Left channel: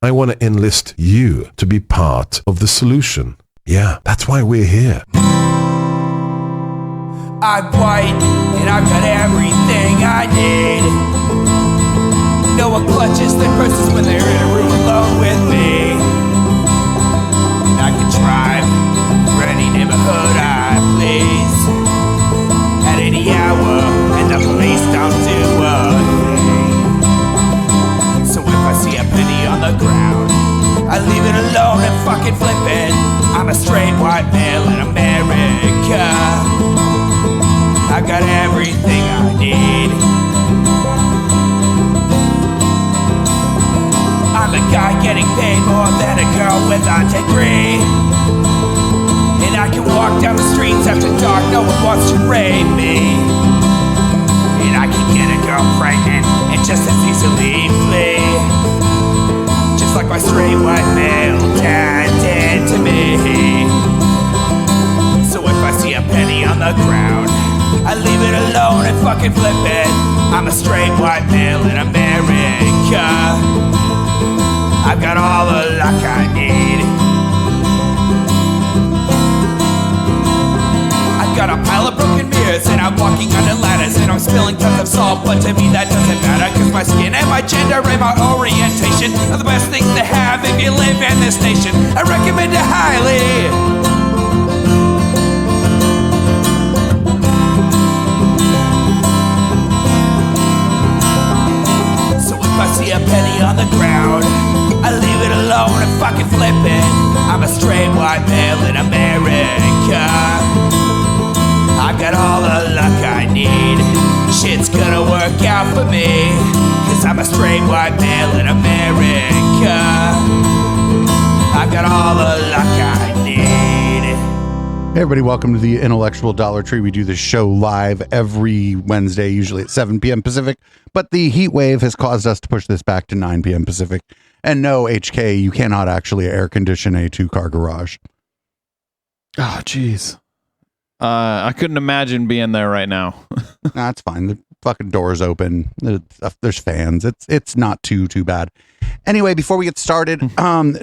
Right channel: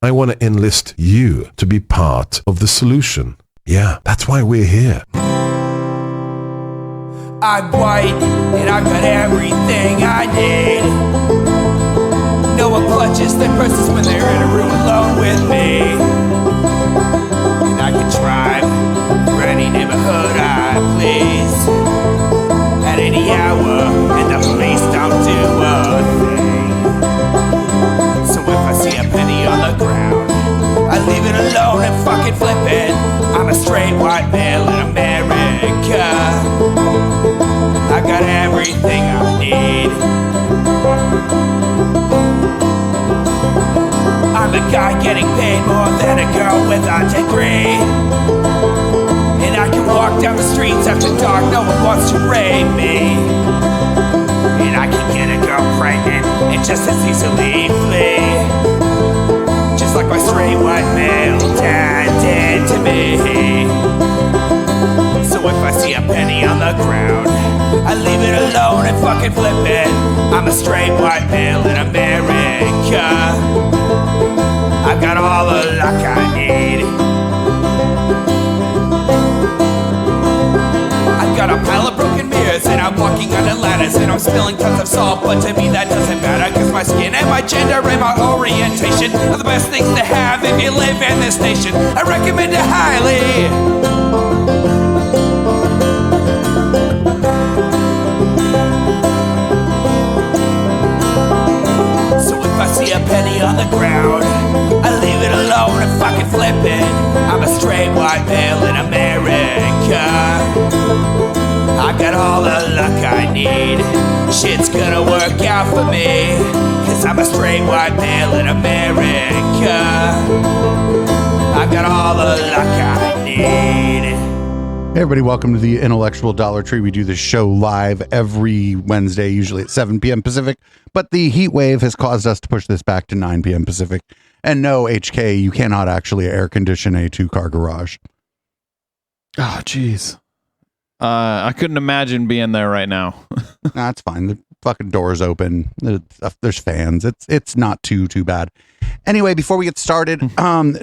I want to enlist you to be part of the solution. Yeah, that's why we're here. I'm white, and I've got everything I need. No one clutches their purses when they're in a room alone with me. And I can drive for any neighborhood I please at any hour, and the police don't do a thing. So if I see a penny on the ground, I leave it alone and fucking flip it. I'm a straight white male in America. I've got everything I need. I'm a guy getting paid more than a girl with a degree. And I can walk down the streets after dark, no one wants to rape me. And I can get a girl pregnant and just as easily flee. Just like my straight white male dad did to me. So if I see a penny on the ground, I leave it alone and fucking flip it. I'm a straight white male in America. I've got all the luck I need. I've got a pile of broken mirrors and I'm walking under ladders and I'm spilling tons of salt, but to me that doesn't matter, cause my skin and my gender and my orientation are the best things to have if you live in this nation. I recommend it highly. If I see a penny on the ground, I leave it alone and fucking flip it. I'm a straight white male in America. I've got all the luck I need. Shit's gonna work out for me, cause I'm a straight white male in America. I've got all the luck I need. Hey everybody, welcome to the Intellectual Dollar Tree. We do this show live every Wednesday, usually at 7 p.m. Pacific, but the heat wave has caused us to push this back to 9 p.m. Pacific. And no, HK, you cannot actually air condition a two-car garage. Oh, jeez. I couldn't imagine being there right now. That's fine. The fucking door's open. There's fans. It's not too bad. Anyway, before we get started,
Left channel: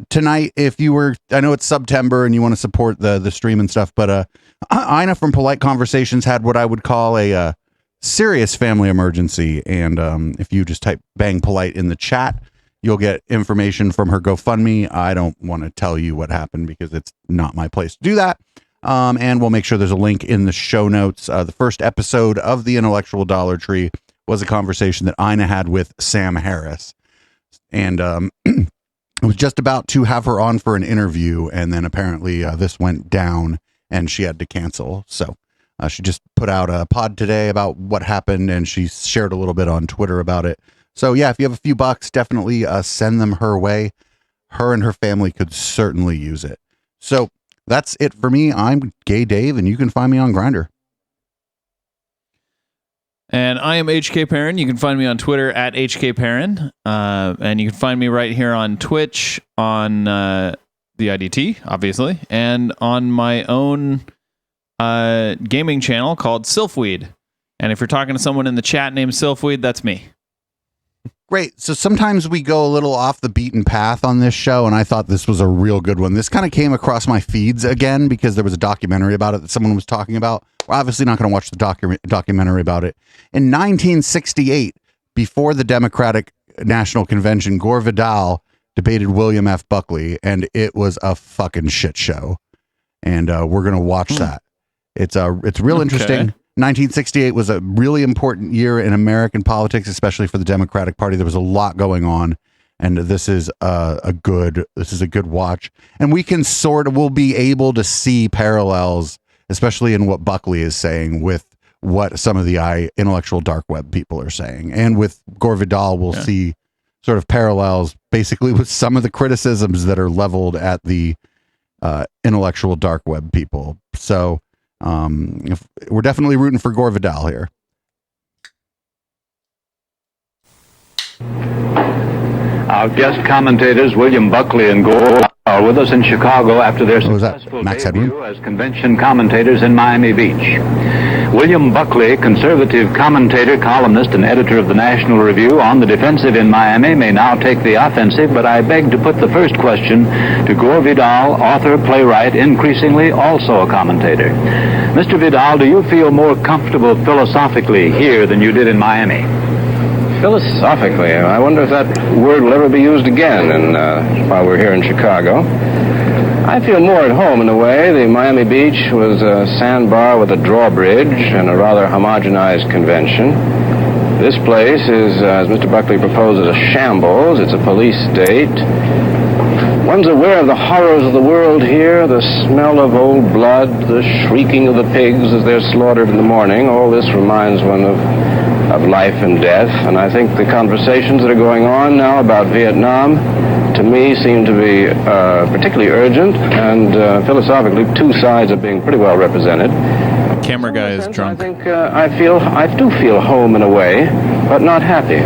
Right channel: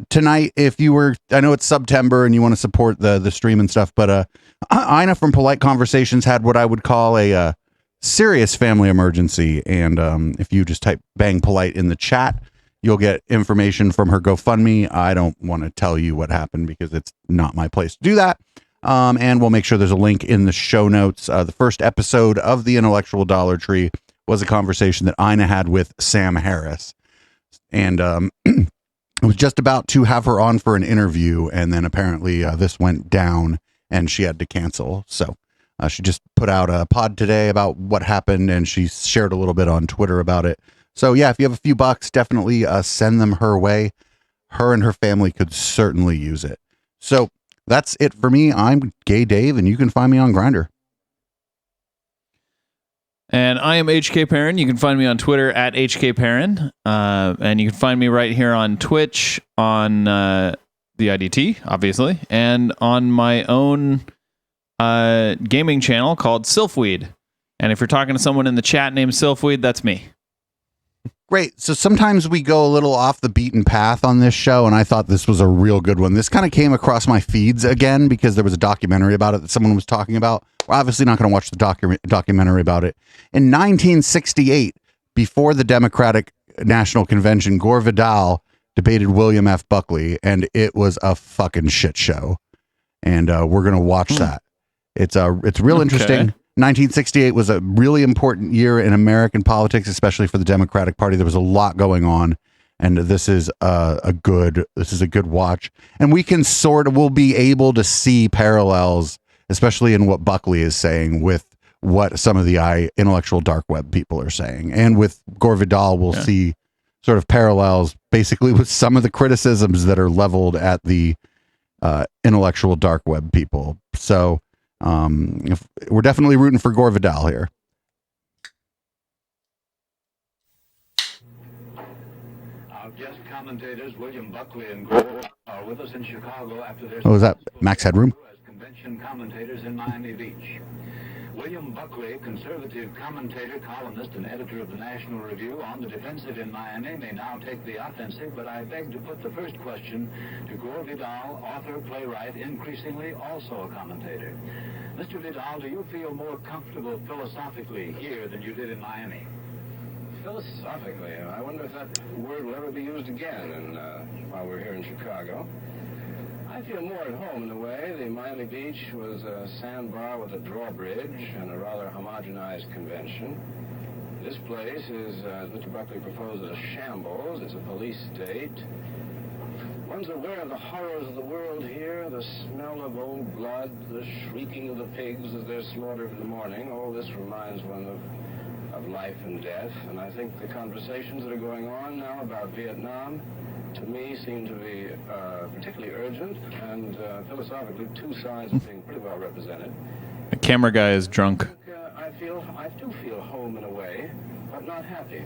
tonight, if you were, I know it's September and you want to support the stream and stuff, but Ina from Polite Conversations had what I would call a serious family emergency. And if you just type bang polite in the chat, you'll get information from her GoFundMe. I don't want to tell you what happened because it's not my place to do that. And we'll make sure there's a link in the show notes. The first episode of the Intellectual Dollar Tree was a conversation that Ina had with Sam Harris. And I was just about to have her on for an interview, and then apparently this went down and she had to cancel. So she just put out a pod today about what happened, and she shared a little bit on Twitter about it. So yeah, if you have a few bucks, definitely send them her way. Her and her family could certainly use it. So that's it for me. I'm Gay Dave, and you can find me on Grindr. And I am HK Perrin. You can find me on Twitter at HK Perrin. And you can find me right here on Twitch, on the IDT, obviously, and on my own gaming channel called Sylphweed. And if you're talking to someone in the chat named Sylphweed, that's me. Great. So sometimes we go a little off the beaten path on this show, and I thought this was a real good one. This kind of came across my feeds again because there was a documentary about it that someone was talking about. We're obviously not going to watch the documentary about it. In 1968, before the Democratic National Convention, Gore Vidal debated William F. Buckley, and it was a fucking shit show. And we're going to watch that. It's real interesting. 1968 was a really important year in American politics, especially for the Democratic Party. There was a lot going on, and this is a good watch. And we'll be able to see parallels, especially in what Buckley is saying, with what some of the intellectual dark web people are saying, and with Gore Vidal, we'll see sort of parallels, basically with some of the criticisms that are leveled at the intellectual dark web people. So. If we're definitely rooting for Gore Vidal here. Our guest commentators, William Buckley and Gore, are with us in Chicago after their successful debut Max Headroom as convention commentators in Miami Beach. William Buckley, conservative commentator, columnist, and editor of the National Review, on the defensive in Miami, may now take the offensive, but I beg to put the first question to Gore Vidal, author, playwright, increasingly also a commentator. Mr. Vidal, do you feel more comfortable philosophically here than you did in Miami? Philosophically, I wonder if that word will ever be used again while we're here in Chicago. I feel more at home in a way. The Miami Beach was a sandbar with a drawbridge and a rather homogenized convention. This place is, as Mr. Buckley proposes, a shambles. It's a police state. One's aware of the horrors of the world here, the smell of old blood, the shrieking of the pigs as they're slaughtered in the morning. All this reminds one of life and death. And I think the conversations that are going on now about Vietnam, to me, seem to be particularly urgent, and philosophically, two sides are being pretty well represented. The camera guy is drunk. I think I do feel home in a way, but not happy.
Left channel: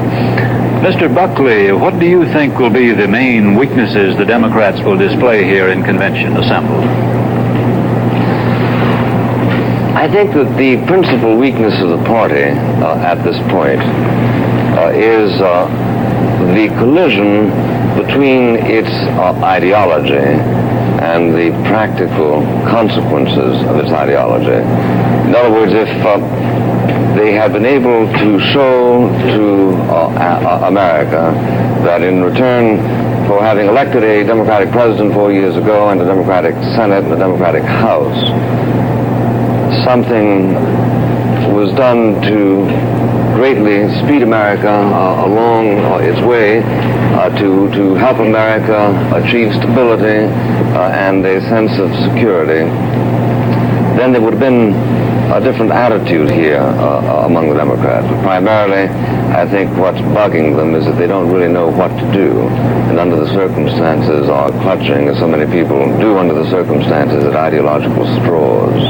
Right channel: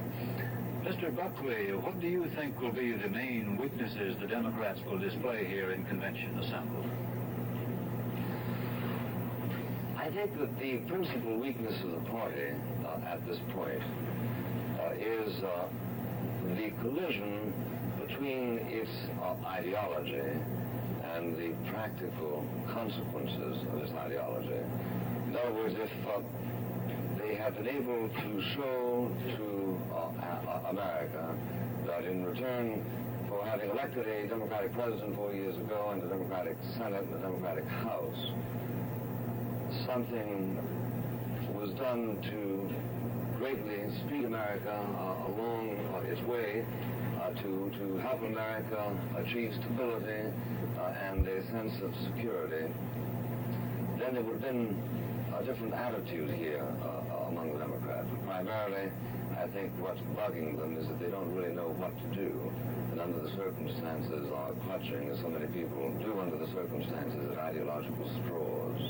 Mr. Buckley, what do you think will be the main weaknesses the Democrats will display here in convention assembled? I think that the principal weakness of the party at this point is the collision between its ideology and the practical consequences of its ideology. In other words, if they had been able to show to America that in return for having elected a Democratic president 4 years ago and a Democratic Senate and a Democratic House, something was done to greatly speed America along its way to help America achieve stability and a sense of security, then there would have been a different attitude here among the Democrats. But primarily, I think what's bugging them is that they don't really know what to do, and under the circumstances are clutching, as so many people do under the circumstances, at ideological straws.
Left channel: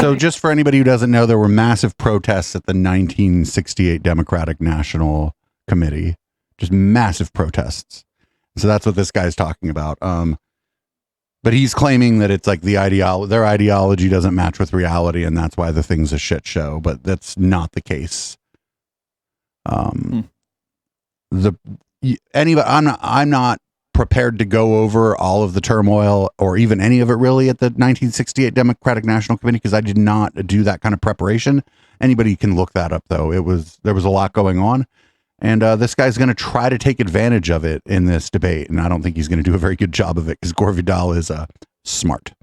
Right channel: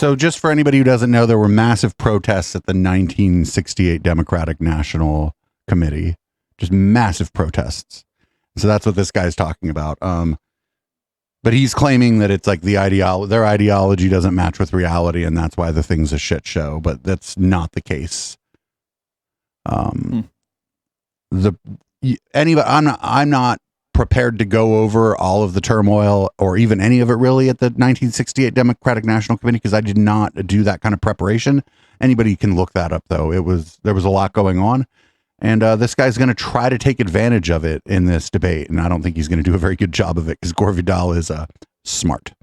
So just for anybody who doesn't know, there were massive protests at the 1968 Democratic National Committee. Just massive protests. So that's what this guy's talking about. But he's claiming that it's like their ideology doesn't match with reality, and that's why the thing's a shit show. But that's not the case. I'm not prepared to go over all of the turmoil or even any of it really at the 1968 Democratic National Committee, because I did not do that kind of preparation. Anybody can look that up though. There was a lot going on, and this guy's going to try to take advantage of it in this debate, and I don't think he's going to do a very good job of it because Gore Vidal is smart.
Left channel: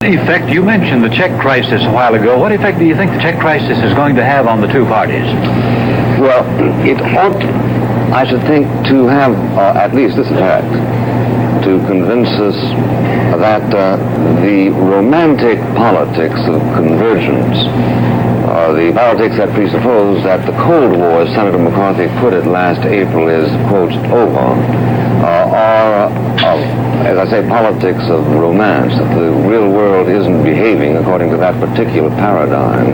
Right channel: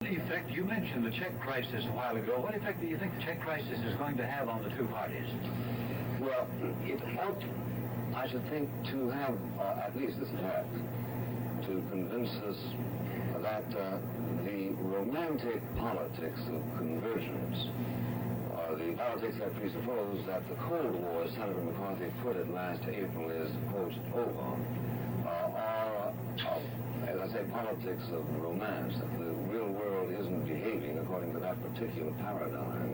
In effect, you mentioned the Czech crisis a while ago. What effect do you think the Czech crisis is going to have on the two parties? Well, it ought, I should think, to have at least this effect, to convince us that the romantic politics of convergence, the politics that presuppose that the Cold War, as Senator McCarthy put it last April, is, quote, over, are, as I say, politics of romance, that the real world isn't behaving according to that particular paradigm,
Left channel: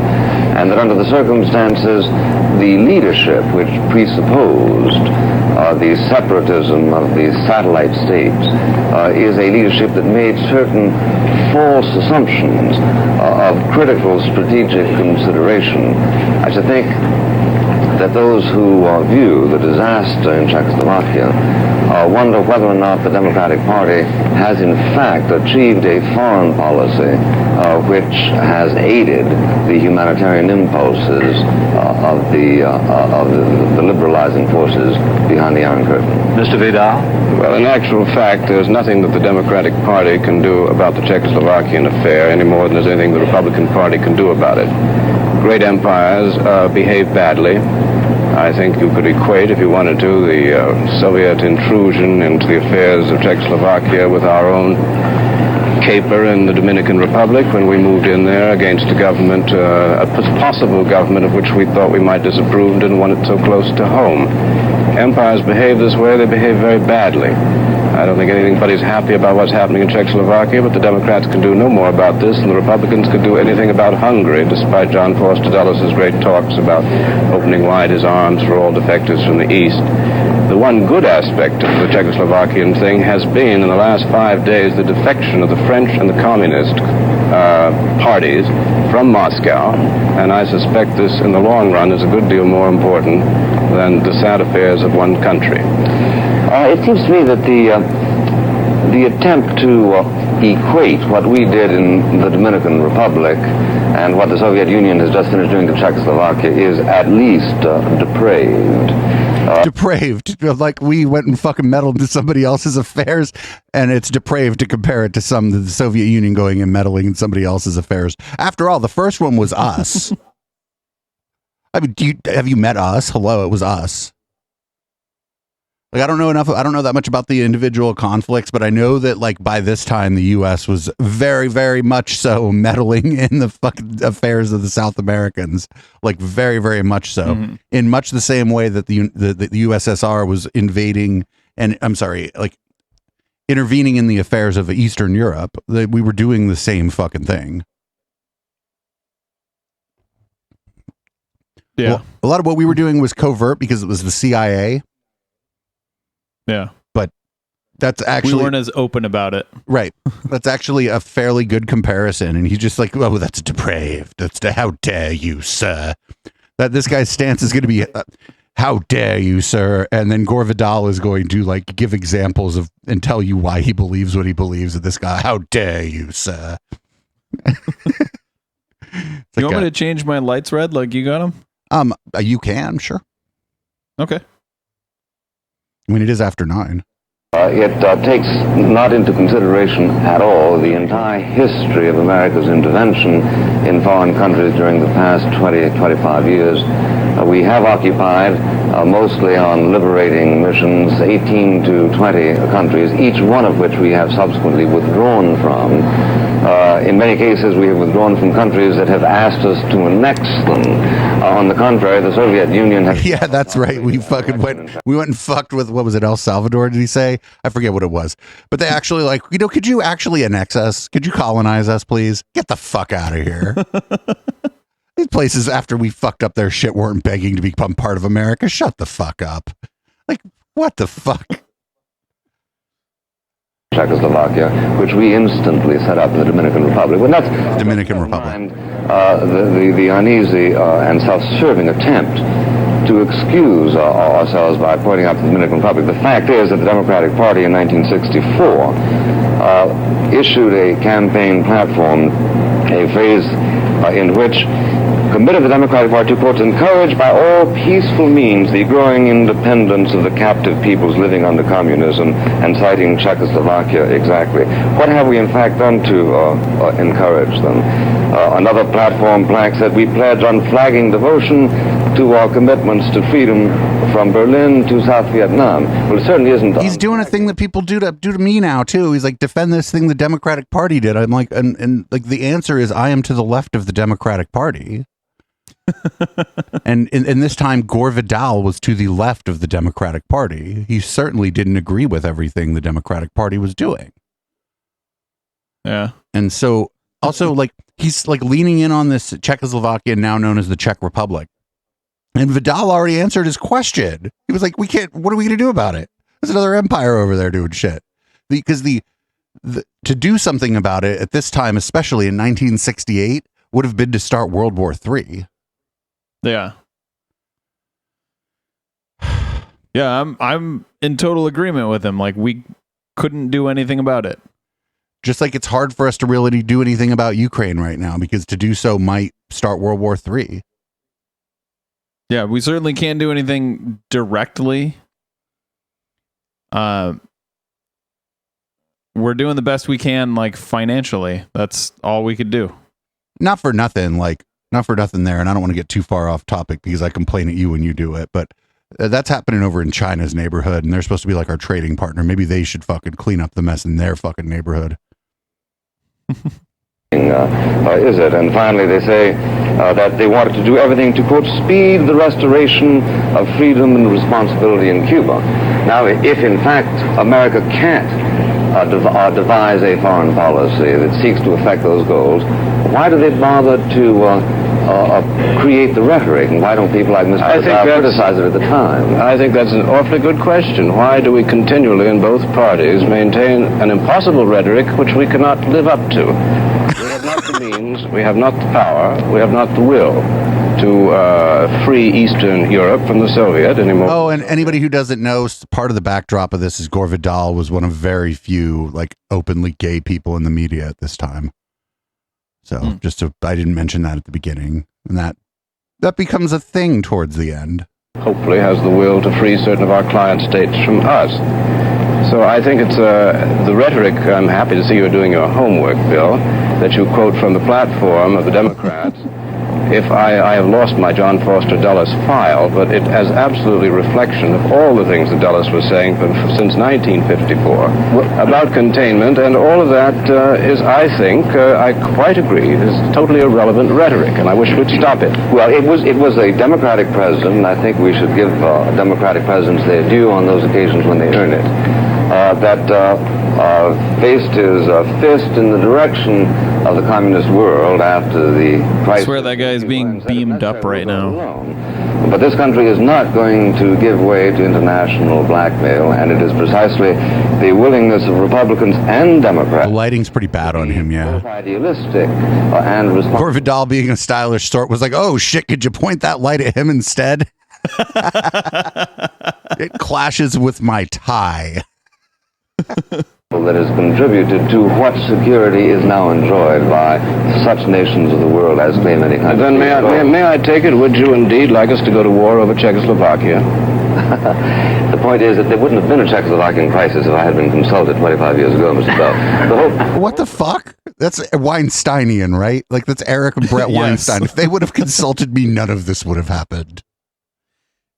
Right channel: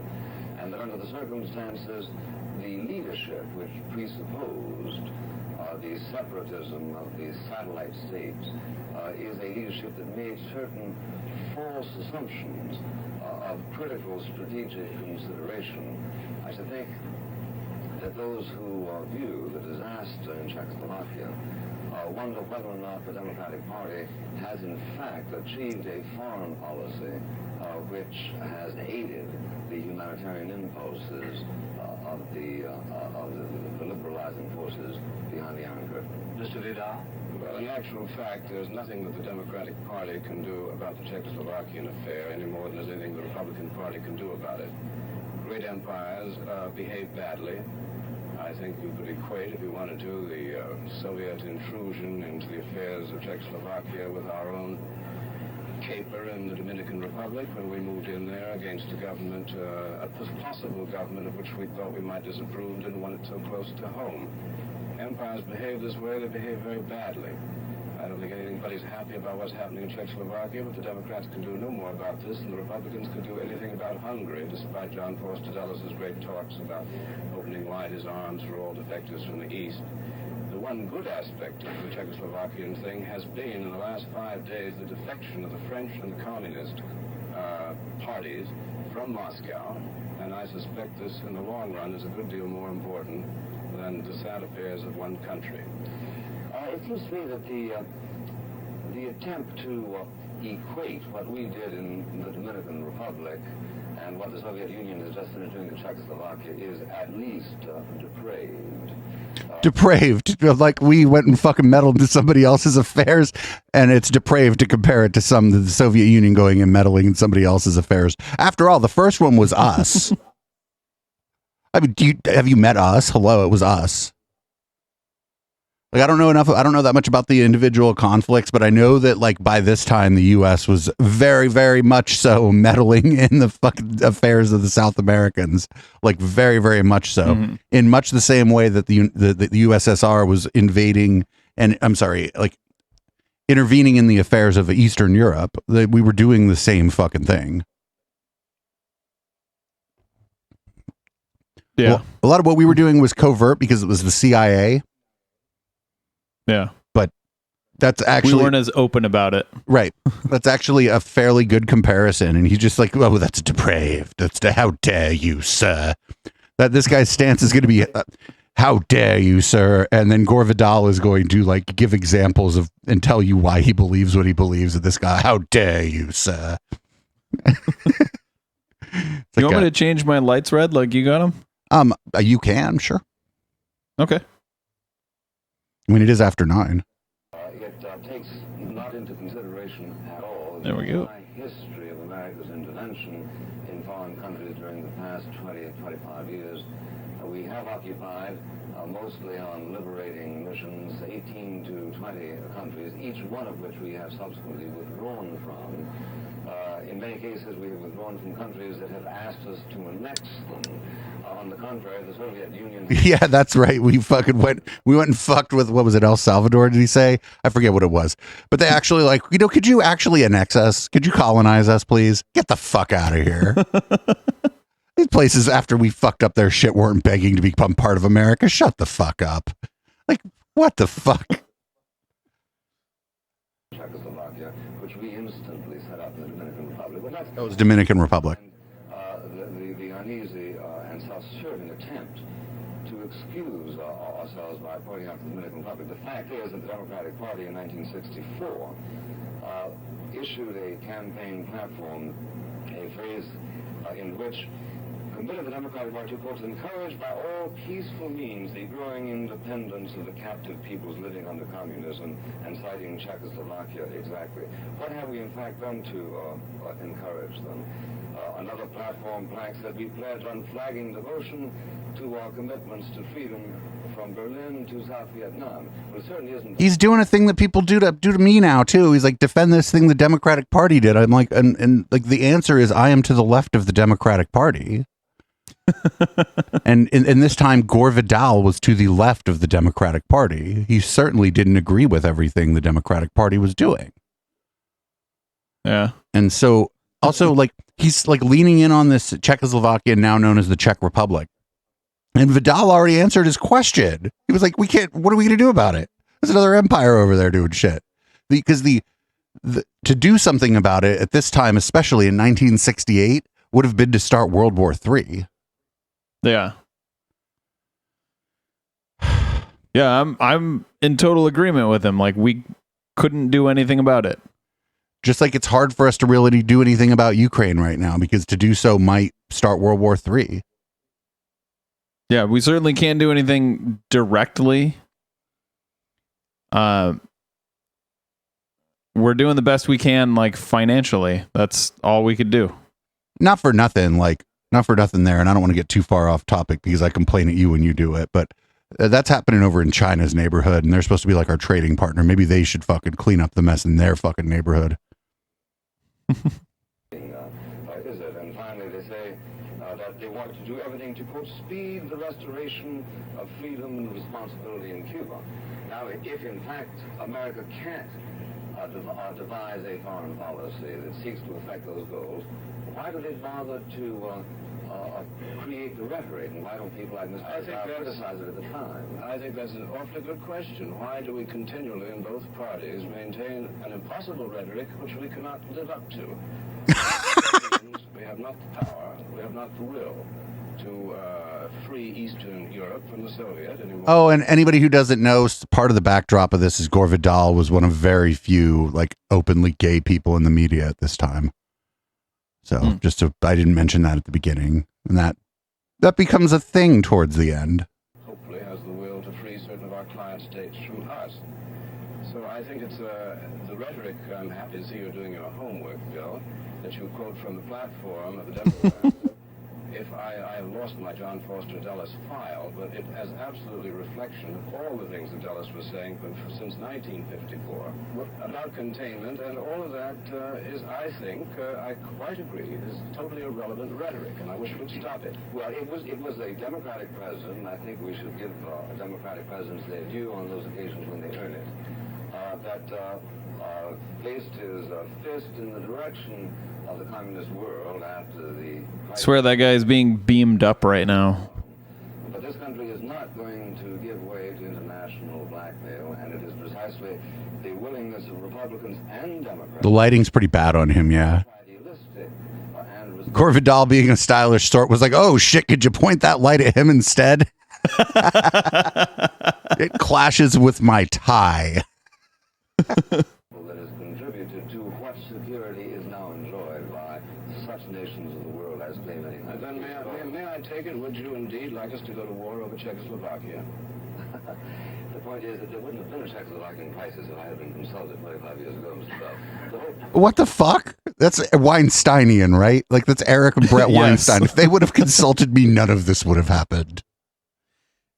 and that under the circumstances, the leadership which presupposed the separatism of the satellite states is a leadership that made certain false assumptions of critical strategic consideration. I should think that those who view the disaster in Czechoslovakia wonder whether or not the Democratic Party has in fact achieved a foreign policy which has aided the humanitarian impulses of the liberalizing forces behind the Iron Curtain. Mr. Vidal? Well, in actual fact, there's nothing that the Democratic Party can do about the Czechoslovakian affair any more than there's anything the Republican Party can do about it. Great empires behave badly. I think you could equate, if you wanted to, the Soviet intrusion into the affairs of Czechoslovakia with our own caper in the Dominican Republic when we moved in there against a government, a possible government of which we thought we might disapprove and didn't want it so close to home. Empires behave this way, they behave very badly. I don't think anybody's happy about what's happening in Czechoslovakia, but the Democrats can do no more about this than the Republicans could do anything about Hungary, despite John Foster Dulles' great talks about opening wide his arms for all defectors from the East. The one good aspect of the Czechoslovakian thing has been, in the last 5 days, the defection of the French and the Communists parties from Moscow, and I suspect this in the long run is a good deal more important than the sad affairs of one country. It seems to me that the attempt to equate what we did in the Dominican Republic and what the Soviet Union has just finished doing to Czechoslovakia is at least depraved. Depraved, like we went and fucking meddled into somebody else's affairs, and it's depraved to compare it to the Soviet Union going and meddling in somebody else's affairs. After all, the first one was us. I mean, have you met us? Hello, it was us. Like, I don't know that much about the individual conflicts, but I know that, like, by this time, the U.S. was very, very much so meddling in the fucking affairs of the South Americans. Like, very, very much so. Mm-hmm. In much the same way that the USSR was intervening in the affairs of Eastern Europe. We were doing the same fucking thing. Yeah. Well, a lot of what we were doing was covert because it was the CIA. Yeah. But that's actually... We weren't as open about it. Right. That's actually a fairly good comparison. And he's just like, oh, that's depraved. How dare you, sir? That this guy's stance is going to be, how dare you, sir? And then Gore Vidal is going to, like, give examples of and tell you why he believes what he believes of this guy. How dare you, sir? You want me to change my lights red like you got them? You can, sure. Okay. I mean, it is after 9. It takes not into consideration at all the entire history of America's intervention in foreign countries during the past 25 years. We have occupied, mostly on liberating missions, 18 to 20 countries, each one of which we have subsequently withdrawn from. In many cases, we have withdrawn from countries that have asked us to annex them. On the contrary, the Soviet Union has... Yeah, that's right. We went and fucked with, what was it, El Salvador, did he say? I forget what it was. But they actually, like, could you actually annex us? Could you colonize us, please? Get the fuck out of here. These places, after we fucked up their shit, weren't begging to become part of America. Shut the fuck up. Like, what the fuck? Czechoslovakia, which we instantly set up in the Dominican Republic. When that's Dominican Republic. The uneasy and self-serving attempt to excuse ourselves by pointing out the Dominican Republic. The fact is that the Democratic Party in 1964 issued a campaign platform, a phrase in which committed the Democratic Party to, quote, encourage by all peaceful means the growing independence of the captive peoples living under communism, and citing Czechoslovakia exactly. What have we in fact done to encourage them? Another platform plank said, we pledge unflagging devotion to our commitments to freedom from Berlin to South Vietnam. Well, it certainly isn't. He's doing a thing that people do to me now too. He's like, defend this thing the Democratic Party did. I'm like, and like the answer is, I am to the left of the Democratic Party. And in this time, Gore Vidal was to the left of the Democratic Party. He certainly didn't agree with everything the Democratic Party was doing. Yeah. And so also, like, he's like leaning in on this Czechoslovakia, now known as the Czech Republic. And Vidal already answered his question. He was like, what are we going to do about it? There's another empire over there doing shit. Because to do something about it at this time, especially in 1968, would have been to start World War III. Yeah. Yeah, I'm in total agreement with him. Like, we couldn't do anything about it. Just like it's hard for us to really do anything about Ukraine right now, because to do so might start World War III. Yeah, we certainly can't do anything directly. We're doing the best we can, like, financially. That's all we could do. Not for nothing there, and I don't want to get too far off topic because I complain at you when you do it, but that's happening over in China's neighborhood, and they're supposed to be like our trading partner. Maybe they should fucking clean up the mess in their fucking neighborhood. Is it? And finally, they say that they wanted to do everything to, quote, speed the restoration of freedom and responsibility in Cuba. Now, if in fact America can't devise a foreign policy that seeks to affect those goals, why do they bother to create the rhetoric? And why don't people like Mr. Vidal criticize it at the time? I think that's an awfully good question. Why do we continually in both parties maintain an impossible rhetoric which we cannot live up to? We have not We have not the power, we have not the will to free Eastern Europe from the Soviet anymore. Oh, and anybody who doesn't know, part of the backdrop of this is Gore Vidal was one of very few like openly gay people in the media at this time. So I didn't mention that at the beginning, and that becomes a thing towards the end. Hopefully has the will to free certain of our client states from us. So I think it's the rhetoric. I'm happy to see you're doing your homework, Bill, that you quote from the platform of the Democrats. If I have lost my John Foster Dulles file, but it has absolutely reflection of all the things that Dulles was saying since 1954 about containment, and all of that is, I think, I quite agree, is totally irrelevant rhetoric, and I wish we'd stop it. Well, it was a Democratic president, and I think we should give Democratic presidents their due on those occasions when they earn it. That faced his fist in the direction of the communist world after the crisis. I swear that guy is being beamed up right now. But this country is not going to give way to international blackmail, and it is precisely the willingness of Republicans and Democrats. The lighting's pretty bad on him, yeah. Idealistic and responsible. Gore Vidal, being a stylish sort, was like, "Oh shit, could you point that light at him instead?" It clashes with my tie. That has contributed to what security is now enjoyed by such nations of the world as claim any country. Then may I take it, would you indeed like us to go to war over Czechoslovakia? The point is that there wouldn't have been a Czechoslovakian crisis if I had been consulted 25 years ago, Mr. Bell. What the fuck? That's Weinsteinian, right? Like, that's Eric and Brett Weinstein. If they would have consulted me, none of this would have happened.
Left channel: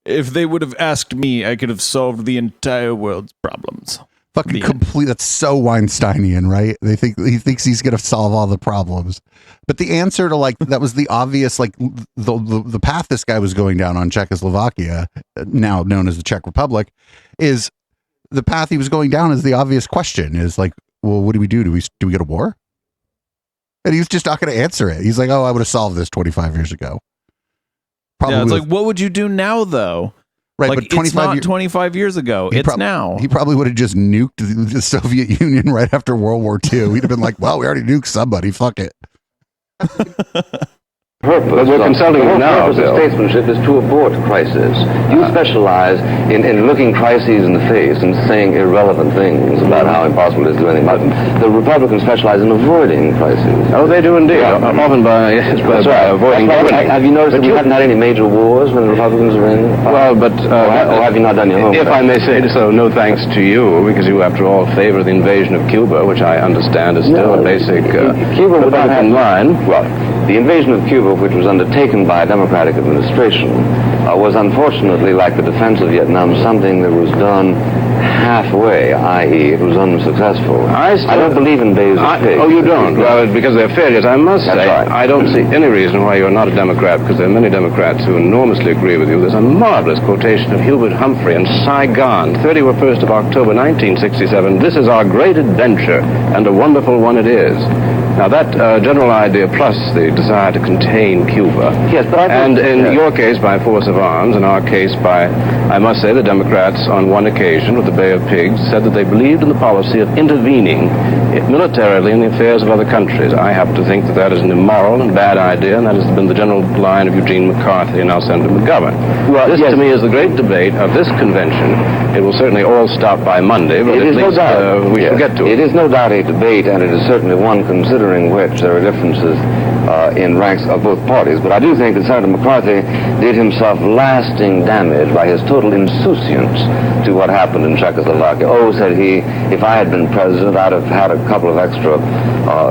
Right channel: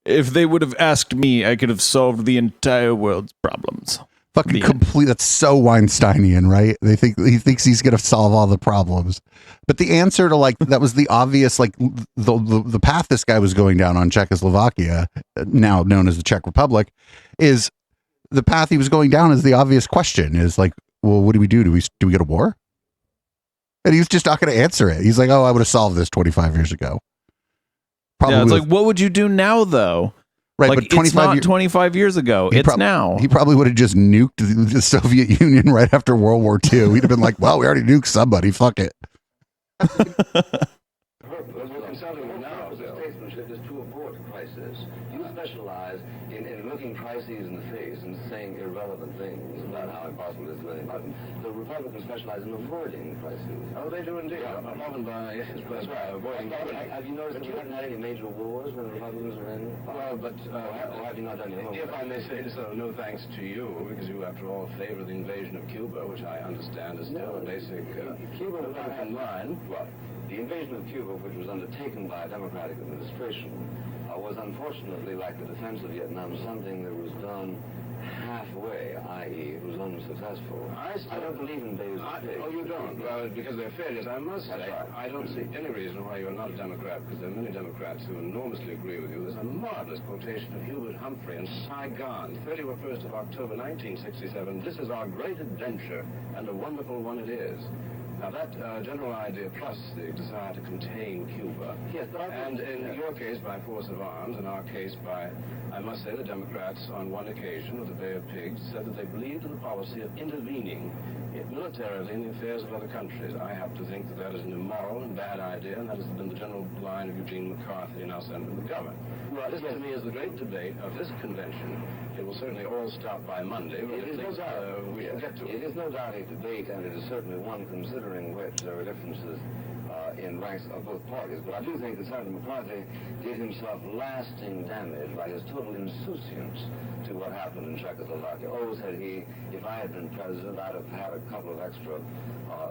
If they would have asked me, I could have solved the entire world's problems. Fucking complete. That's so Weinsteinian, right? He thinks he's going to solve all the problems. But the answer to, like, that was the obvious, like, the path this guy was going down on Czechoslovakia, now known as the Czech Republic, is the path he was going down is the obvious question is like, well, what do we do? Do we go to war? And he's just not going to answer it. He's like, oh, I would have solved this 25 years ago. Probably it's like, what would you do now, though? Right, like, but 25 25 years ago. It's now. He probably would have just nuked the Soviet Union right after World War II. He'd have been like, well, we already nuked somebody. Fuck it. But we're consulting you now, purpose of statesmanship is to abort crisis. You specialize in looking crises in the face and saying irrelevant things about how impossible it is to do anything about them. The Republicans specialize in avoiding crises. Oh, they do indeed. Yeah. Often by avoiding. Have you noticed that we haven't had any major wars when the Republicans are in? Well, but or have you not done your homework? If I may say so, no thanks to you, because you, after all, favor the invasion of Cuba, which I understand is still a basic Cuba Republican line. Well, the invasion of Cuba, which was undertaken by a Democratic administration, was unfortunately, like the defense of Vietnam, something that was done halfway, i.e. it was unsuccessful. I don't believe in bays of pigs. Oh, you don't? Well, because they're failures. I must say, right. I don't see any reason why you're not a Democrat, because there are many Democrats who enormously agree with you. There's a marvelous quotation of Hubert Humphrey in Saigon, 31st of October, 1967. This is our great adventure, and a wonderful one it is. Now, that general idea, plus the desire to contain Cuba, yes, but and in your case by force of arms, in our case by, I must say, the Democrats on one occasion with the Bay of Pigs said that they believed in the policy of intervening militarily in the affairs of other countries. I happen to think that that is an immoral and bad idea, and that has been the general line of Eugene McCarthy and now Senator McGovern. Well, this, to me, is the great debate of this convention. It will certainly all stop by Monday, but at least we shall get to it. It is no doubt a debate, and it is certainly one considering which there are differences in ranks of both parties. But I do think that Senator McCarthy did himself lasting damage by his total insouciance to what happened in Czechoslovakia. Oh, said he, if I had been president, I'd have had a couple of extra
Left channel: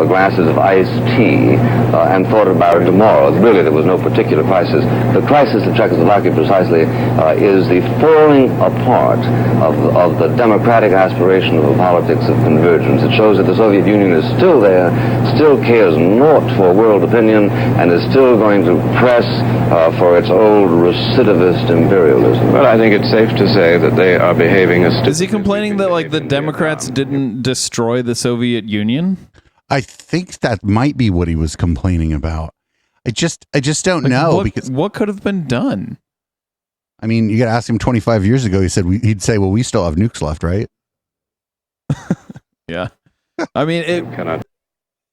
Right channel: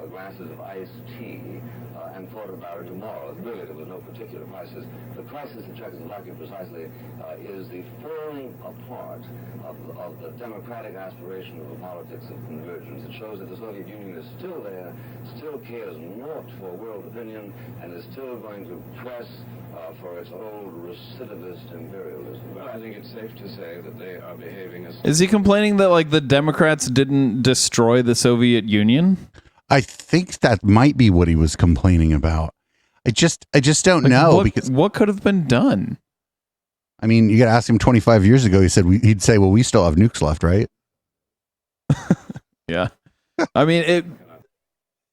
glasses of iced tea and thought about it tomorrow. Really, there was no particular crisis. The crisis of Czechoslovakia precisely is the falling apart of the democratic aspiration of the politics of convergence. It shows that the Soviet Union is still there, still cares naught for world opinion, and is still going to press for its old recidivist imperialism. Well, I think it's safe to say that they are behaving as... Is he complaining that, like, the Democrats didn't destroy the Soviet Union? I think that might be what he was complaining about. I just don't know, because what could have been done? I mean, you got to ask him 25 years ago. He'd say, well, we still have nukes left, right? Yeah. I mean,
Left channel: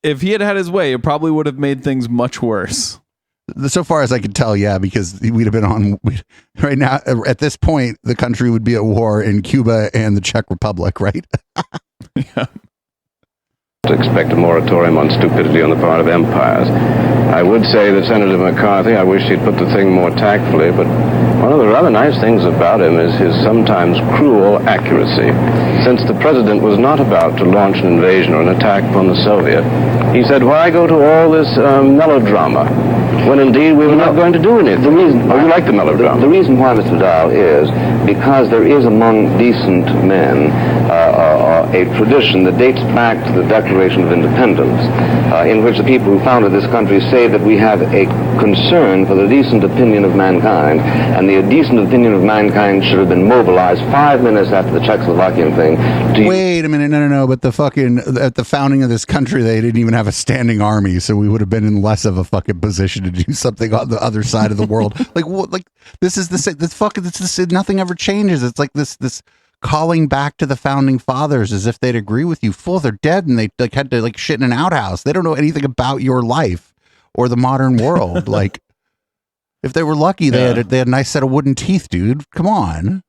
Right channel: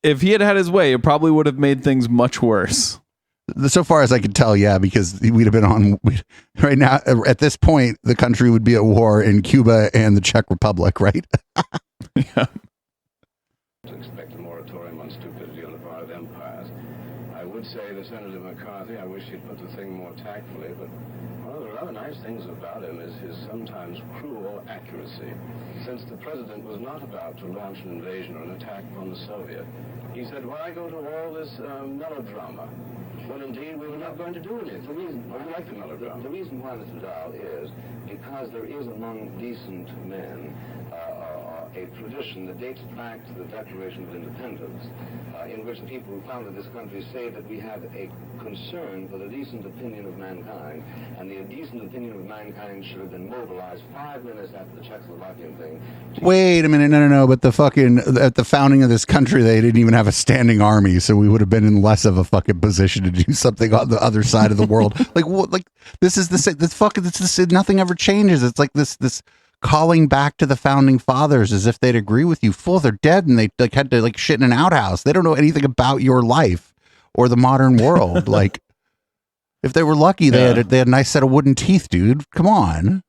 if he had had his way, it probably would have made things much worse. So far as I could tell, yeah, because we'd have been on right now. At this point, the country would be at war in Cuba and the Czech Republic, right? Yeah. To expect a moratorium on stupidity on the part of empires. I would say that Senator McCarthy, I wish he'd put the thing more tactfully, but one of the rather nice things about him is his sometimes cruel accuracy. Since the president was not about to launch an invasion or an attack upon the Soviet, he said, why go to all this melodrama, when indeed we were not going to do anything? The reason, you like the melodrama? The reason why, Mr. Vidal, is because there is among decent men a tradition that dates back to the Declaration of Independence, in which the people who founded this country say that we have a concern for the decent opinion of mankind, and the decent opinion of mankind should have been mobilized 5 minutes after the Czechoslovakian thing. Wait a minute, no. But at the founding of this country, they didn't even have a standing army, so we would have been in less of a fucking position to do something on the other side of the world. Like what? Like this is nothing ever changes. It's like this calling back to the founding fathers as if they'd agree with you. Fool, they're dead, and they like had to like shit in an outhouse. They don't know anything about your life or the modern world. Like if they were lucky, they had a nice set of wooden teeth, dude. Come on.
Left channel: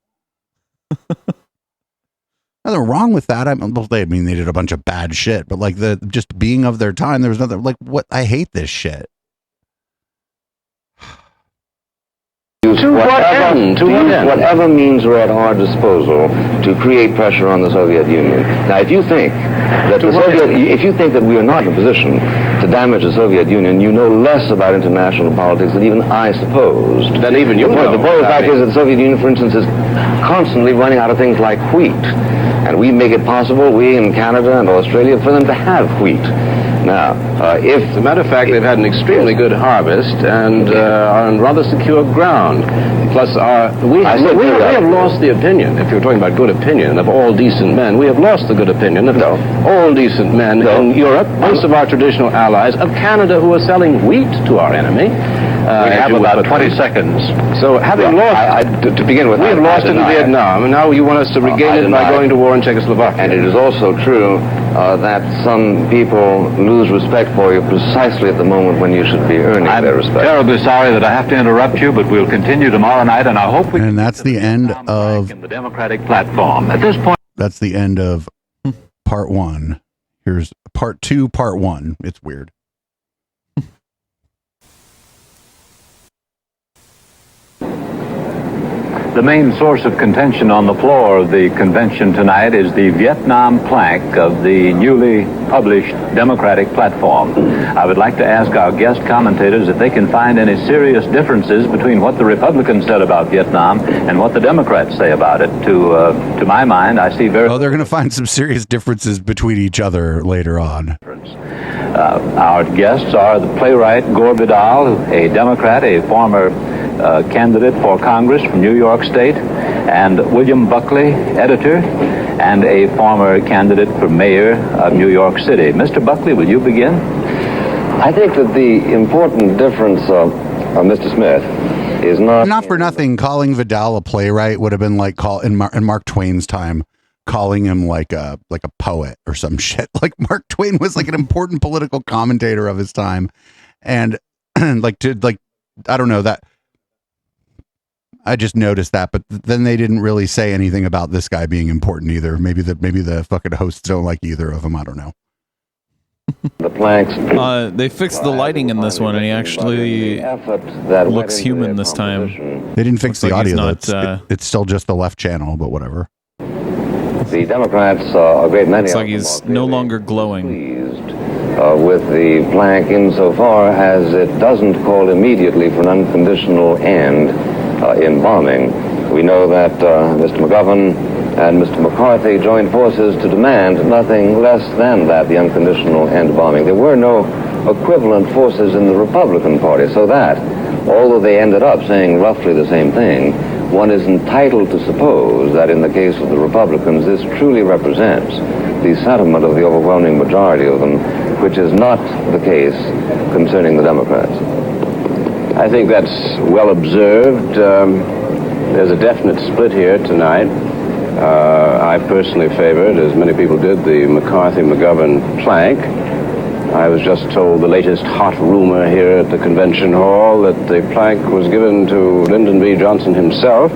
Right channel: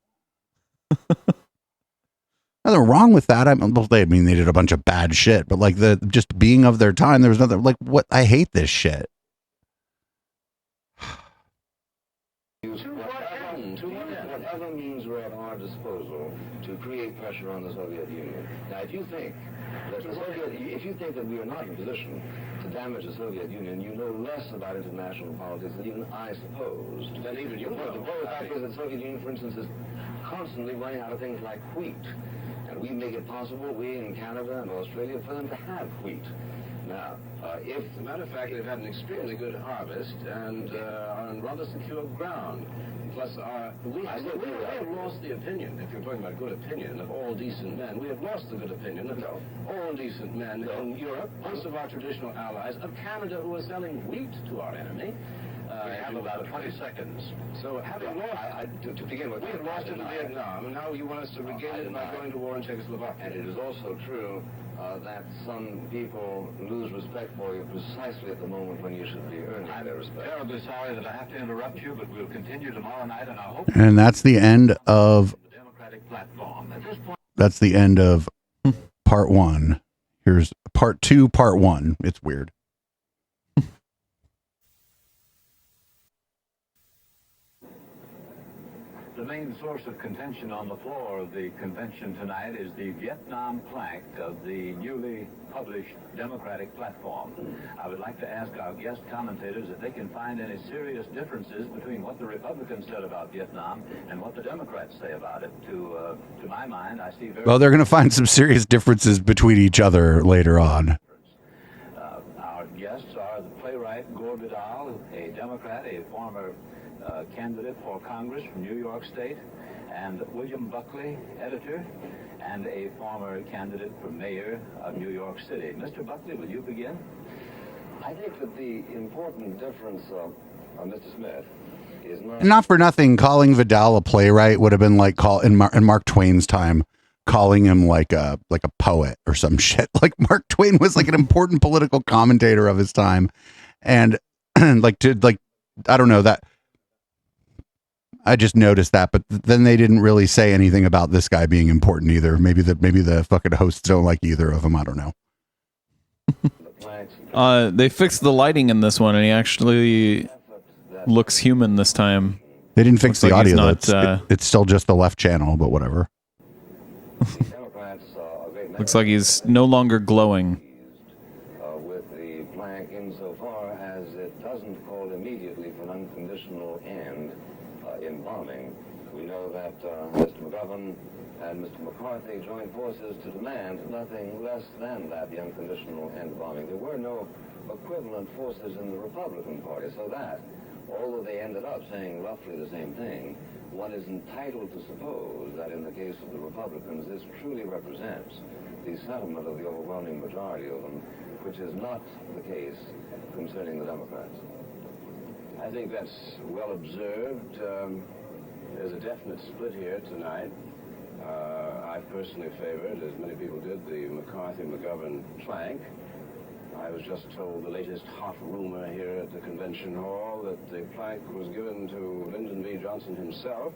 Nothing wrong with that. I mean, they did a bunch of bad shit, but like the just being of their time, there was nothing like what. I hate this shit. Whatever means are at our disposal to create pressure on the Soviet Union. Now, if you think that we are not in a position to damage the Soviet Union, you know less about international politics than even I supposed. Then even you know. The point of the fact is that the Soviet Union, for instance, is constantly running out of things like wheat. And we make it possible, we in Canada and Australia, for them to have wheat. Now, as a matter of fact, they've had an extremely good harvest and are on rather secure ground. Plus, we have lost the opinion, if you're talking about good opinion, of all decent men. We have lost the good opinion of all decent men in Europe, most of our traditional allies, of Canada, who are selling wheat to our enemy. We have about 20 seconds. So having lost, to begin with, we have lost it in Vietnam, and now you want us to regain it by going to war in Czechoslovakia. And it is also true that some people lose respect for you precisely at the moment when you should be earning their respect. I'm terribly sorry that I have to interrupt you, but we'll continue tomorrow night, and I hope we And that's the end of the Democratic platform. At this point, that's the end of part 1. Here's part 2, part 1. It's weird. the main source of contention on the floor of the convention tonight is the Vietnam plank of the newly published Democratic platform. I would like to ask our guest commentators if they can find any serious differences between what the Republicans said about Vietnam and what the Democrats say about it. To my mind, I see very... Oh, they're going to find some serious differences between each other later on. Our guests are the playwright Gore Vidal, a Democrat, a former candidate for Congress from New York State, and William Buckley, editor, and a former candidate for mayor of New York City. Mr. Buckley, will you begin? I think that the important difference, Mr. Smith, is not for nothing. Calling Vidal a playwright would have been like in Mark Twain's time, calling him like a poet or some shit. Like Mark Twain was like an important political commentator of his time, and I don't know that. I just noticed that, but then they didn't really say anything about this guy being important either. Maybe the fucking hosts don't like either of them. I don't know. The planks. They fixed the lighting in this one, and he actually looks human this time. They didn't fix the audio. It's still just the left channel, but whatever. The Democrats, a great many. It's like he's no longer glowing. With the plank insofar as it doesn't call immediately for an unconditional end in bombing. We know that Mr. McGovern and Mr. McCarthy joined forces to demand nothing less than that, the unconditional end of bombing. There were no equivalent forces in the Republican Party, so that, although they ended up saying roughly the same thing, one is entitled to suppose that in the case of the Republicans, this truly represents the sentiment of the overwhelming majority of them, which is not the case concerning the Democrats. I think that's well observed. There's a definite split here tonight. I personally favored, as many people did, the McCarthy-McGovern plank. I was just told the latest hot rumor here at the convention hall that the plaque was given to Lyndon B. Johnson himself,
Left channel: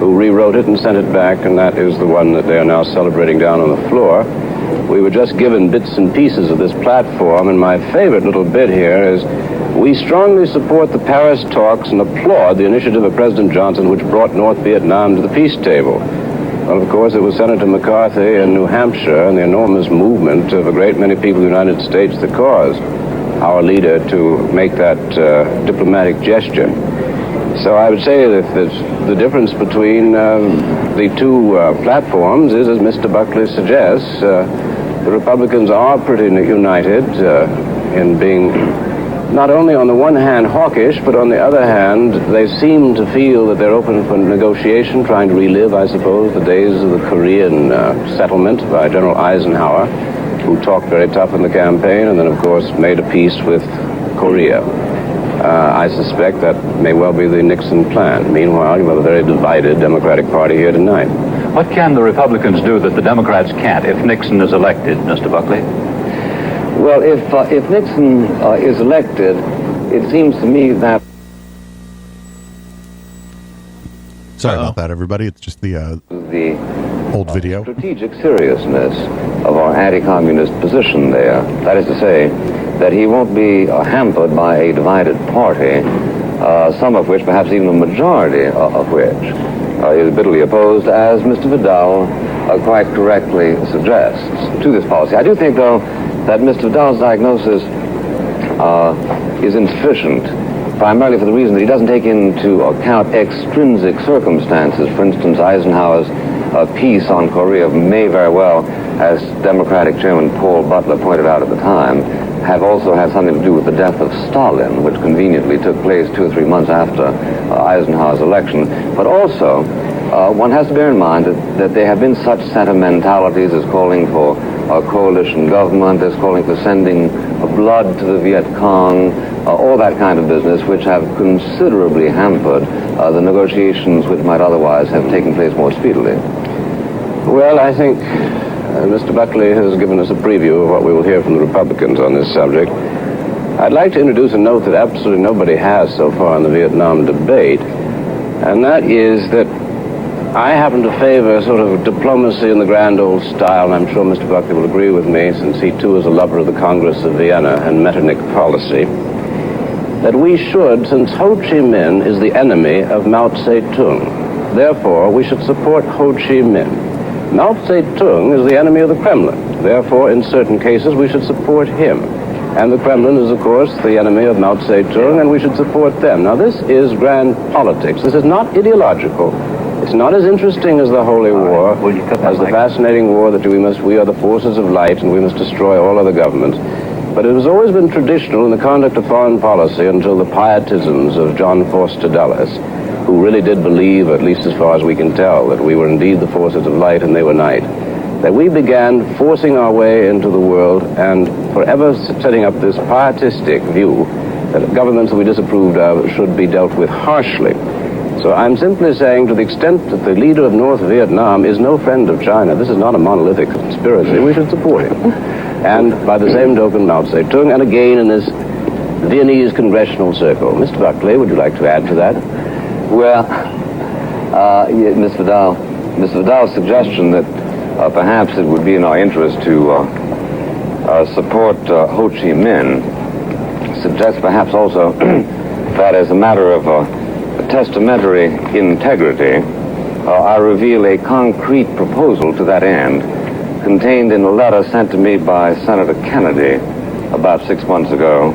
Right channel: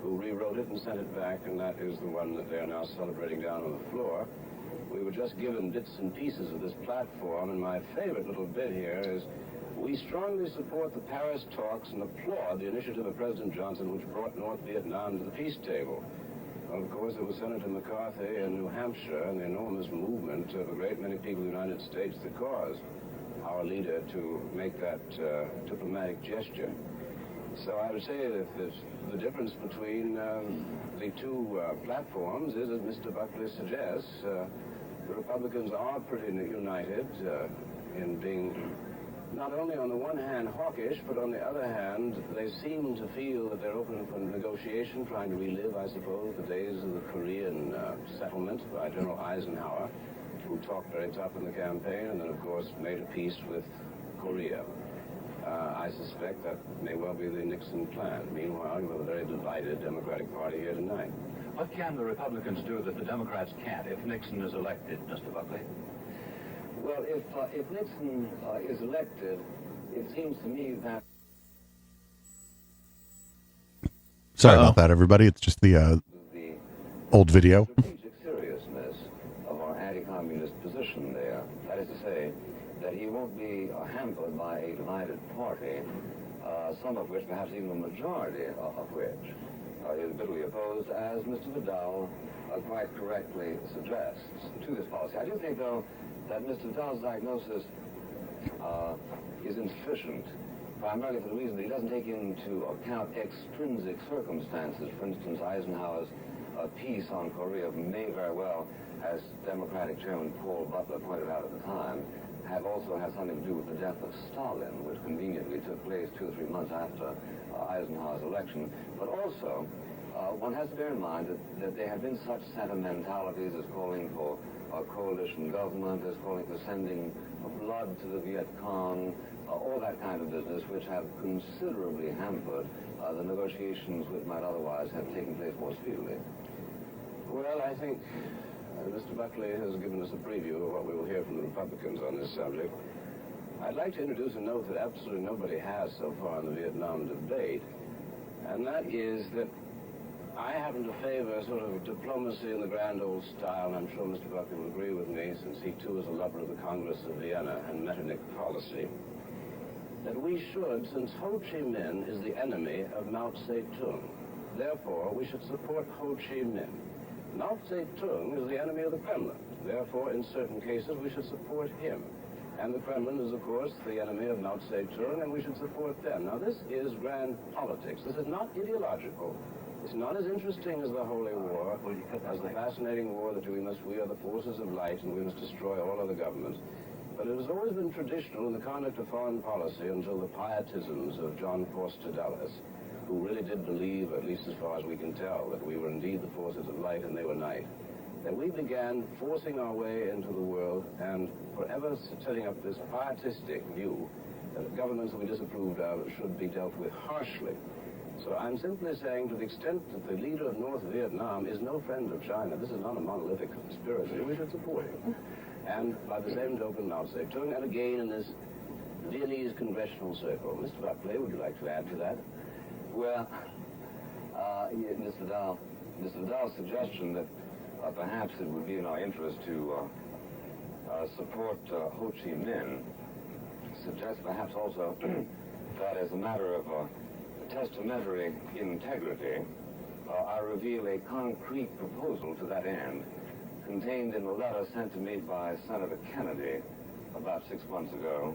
who rewrote it and sent it back, and that is the one that they are now celebrating down on the floor. We were just given bits and pieces of this platform, and my favorite little bit here is, we strongly support the Paris talks and applaud the initiative of President Johnson, which brought North Vietnam to the peace table. Well, of course, it was Senator McCarthy in New Hampshire and the enormous movement of a great many people in the United States that caused our leader to make that diplomatic gesture. So I would say that the difference between the two platforms is, as Mr. Buckley suggests, the Republicans are pretty united in being not only on the one hand hawkish, but on the other hand, they seem to feel that they're open for negotiation, trying to relive, I suppose, the days of the Korean settlement by General Eisenhower, who talked very tough in the campaign and then, of course, made a peace with Korea. I suspect that may well be the Nixon plan. Meanwhile, you have a very divided Democratic Party here tonight. What can the Republicans do that the Democrats can't if Nixon is elected, Mr. Buckley? Well, if Nixon is elected, it seems to me that... Sorry about that, everybody. It's just the old video. Strategic seriousness of our anti-communist position there. That is to say, that he won't be hampered by a divided party, some of which, perhaps even a majority of which, is bitterly opposed, as Mr. Vidal quite correctly suggests, to this policy. I do think, though, that Mr. Vidal's diagnosis is insufficient, primarily for the reason that he doesn't take into account extrinsic circumstances. For instance, Eisenhower's peace on Korea may very well, as Democratic Chairman Paul Butler pointed out at the time, have also had something to do with the death of Stalin, which conveniently took place 2 or 3 months after Eisenhower's election. But also, one has to bear in mind that there have been such sentimentalities as calling for a coalition government, as calling for sending blood to the Viet Cong, all that kind of business, which have considerably hampered the negotiations which might otherwise have taken place more speedily. Well, I think Mr. Buckley has given us a preview of what we will hear from the Republicans on this subject. I'd like to introduce a note that absolutely nobody has so far in the Vietnam debate, and that is that I happen to favor sort of diplomacy in the grand old style, and I'm sure Mr. Buckley will agree with me, since he too is a lover of the Congress of Vienna and Metternich policy, that we should, since Ho Chi Minh is the enemy of Mao Zedong, therefore we should support Ho Chi Minh. Mao Zedong is the enemy of the Kremlin. Therefore, in certain cases, we should support him. And the Kremlin is, of course, the enemy of Mao Zedong, and we should support them. Now, this is grand politics. This is not ideological. It's not as interesting as the Holy War, as the fascinating war that we are the forces of light and we must destroy all other governments. But it has always been traditional in the conduct of foreign policy until the pietisms of John Foster Dulles, who really did believe, at least as far as we can tell, that we were indeed the forces of light and they were night, that we began forcing our way into the world and forever setting up this pietistic view that governments that we disapproved of should be dealt with harshly. So I'm simply saying, to the extent that the leader of North Vietnam is no friend of China, this is not a monolithic conspiracy, we should support him. And by the same token, Mao Zedong, and again in this Viennese congressional circle. Mr. Buckley, would you like to add to that? Well, Mr. Vidal's suggestion that perhaps it would be in our interest to support Ho Chi Minh suggests perhaps also that as a matter of testamentary integrity, I reveal a concrete proposal to that end contained in a letter sent to me by Senator Kennedy about 6 months ago.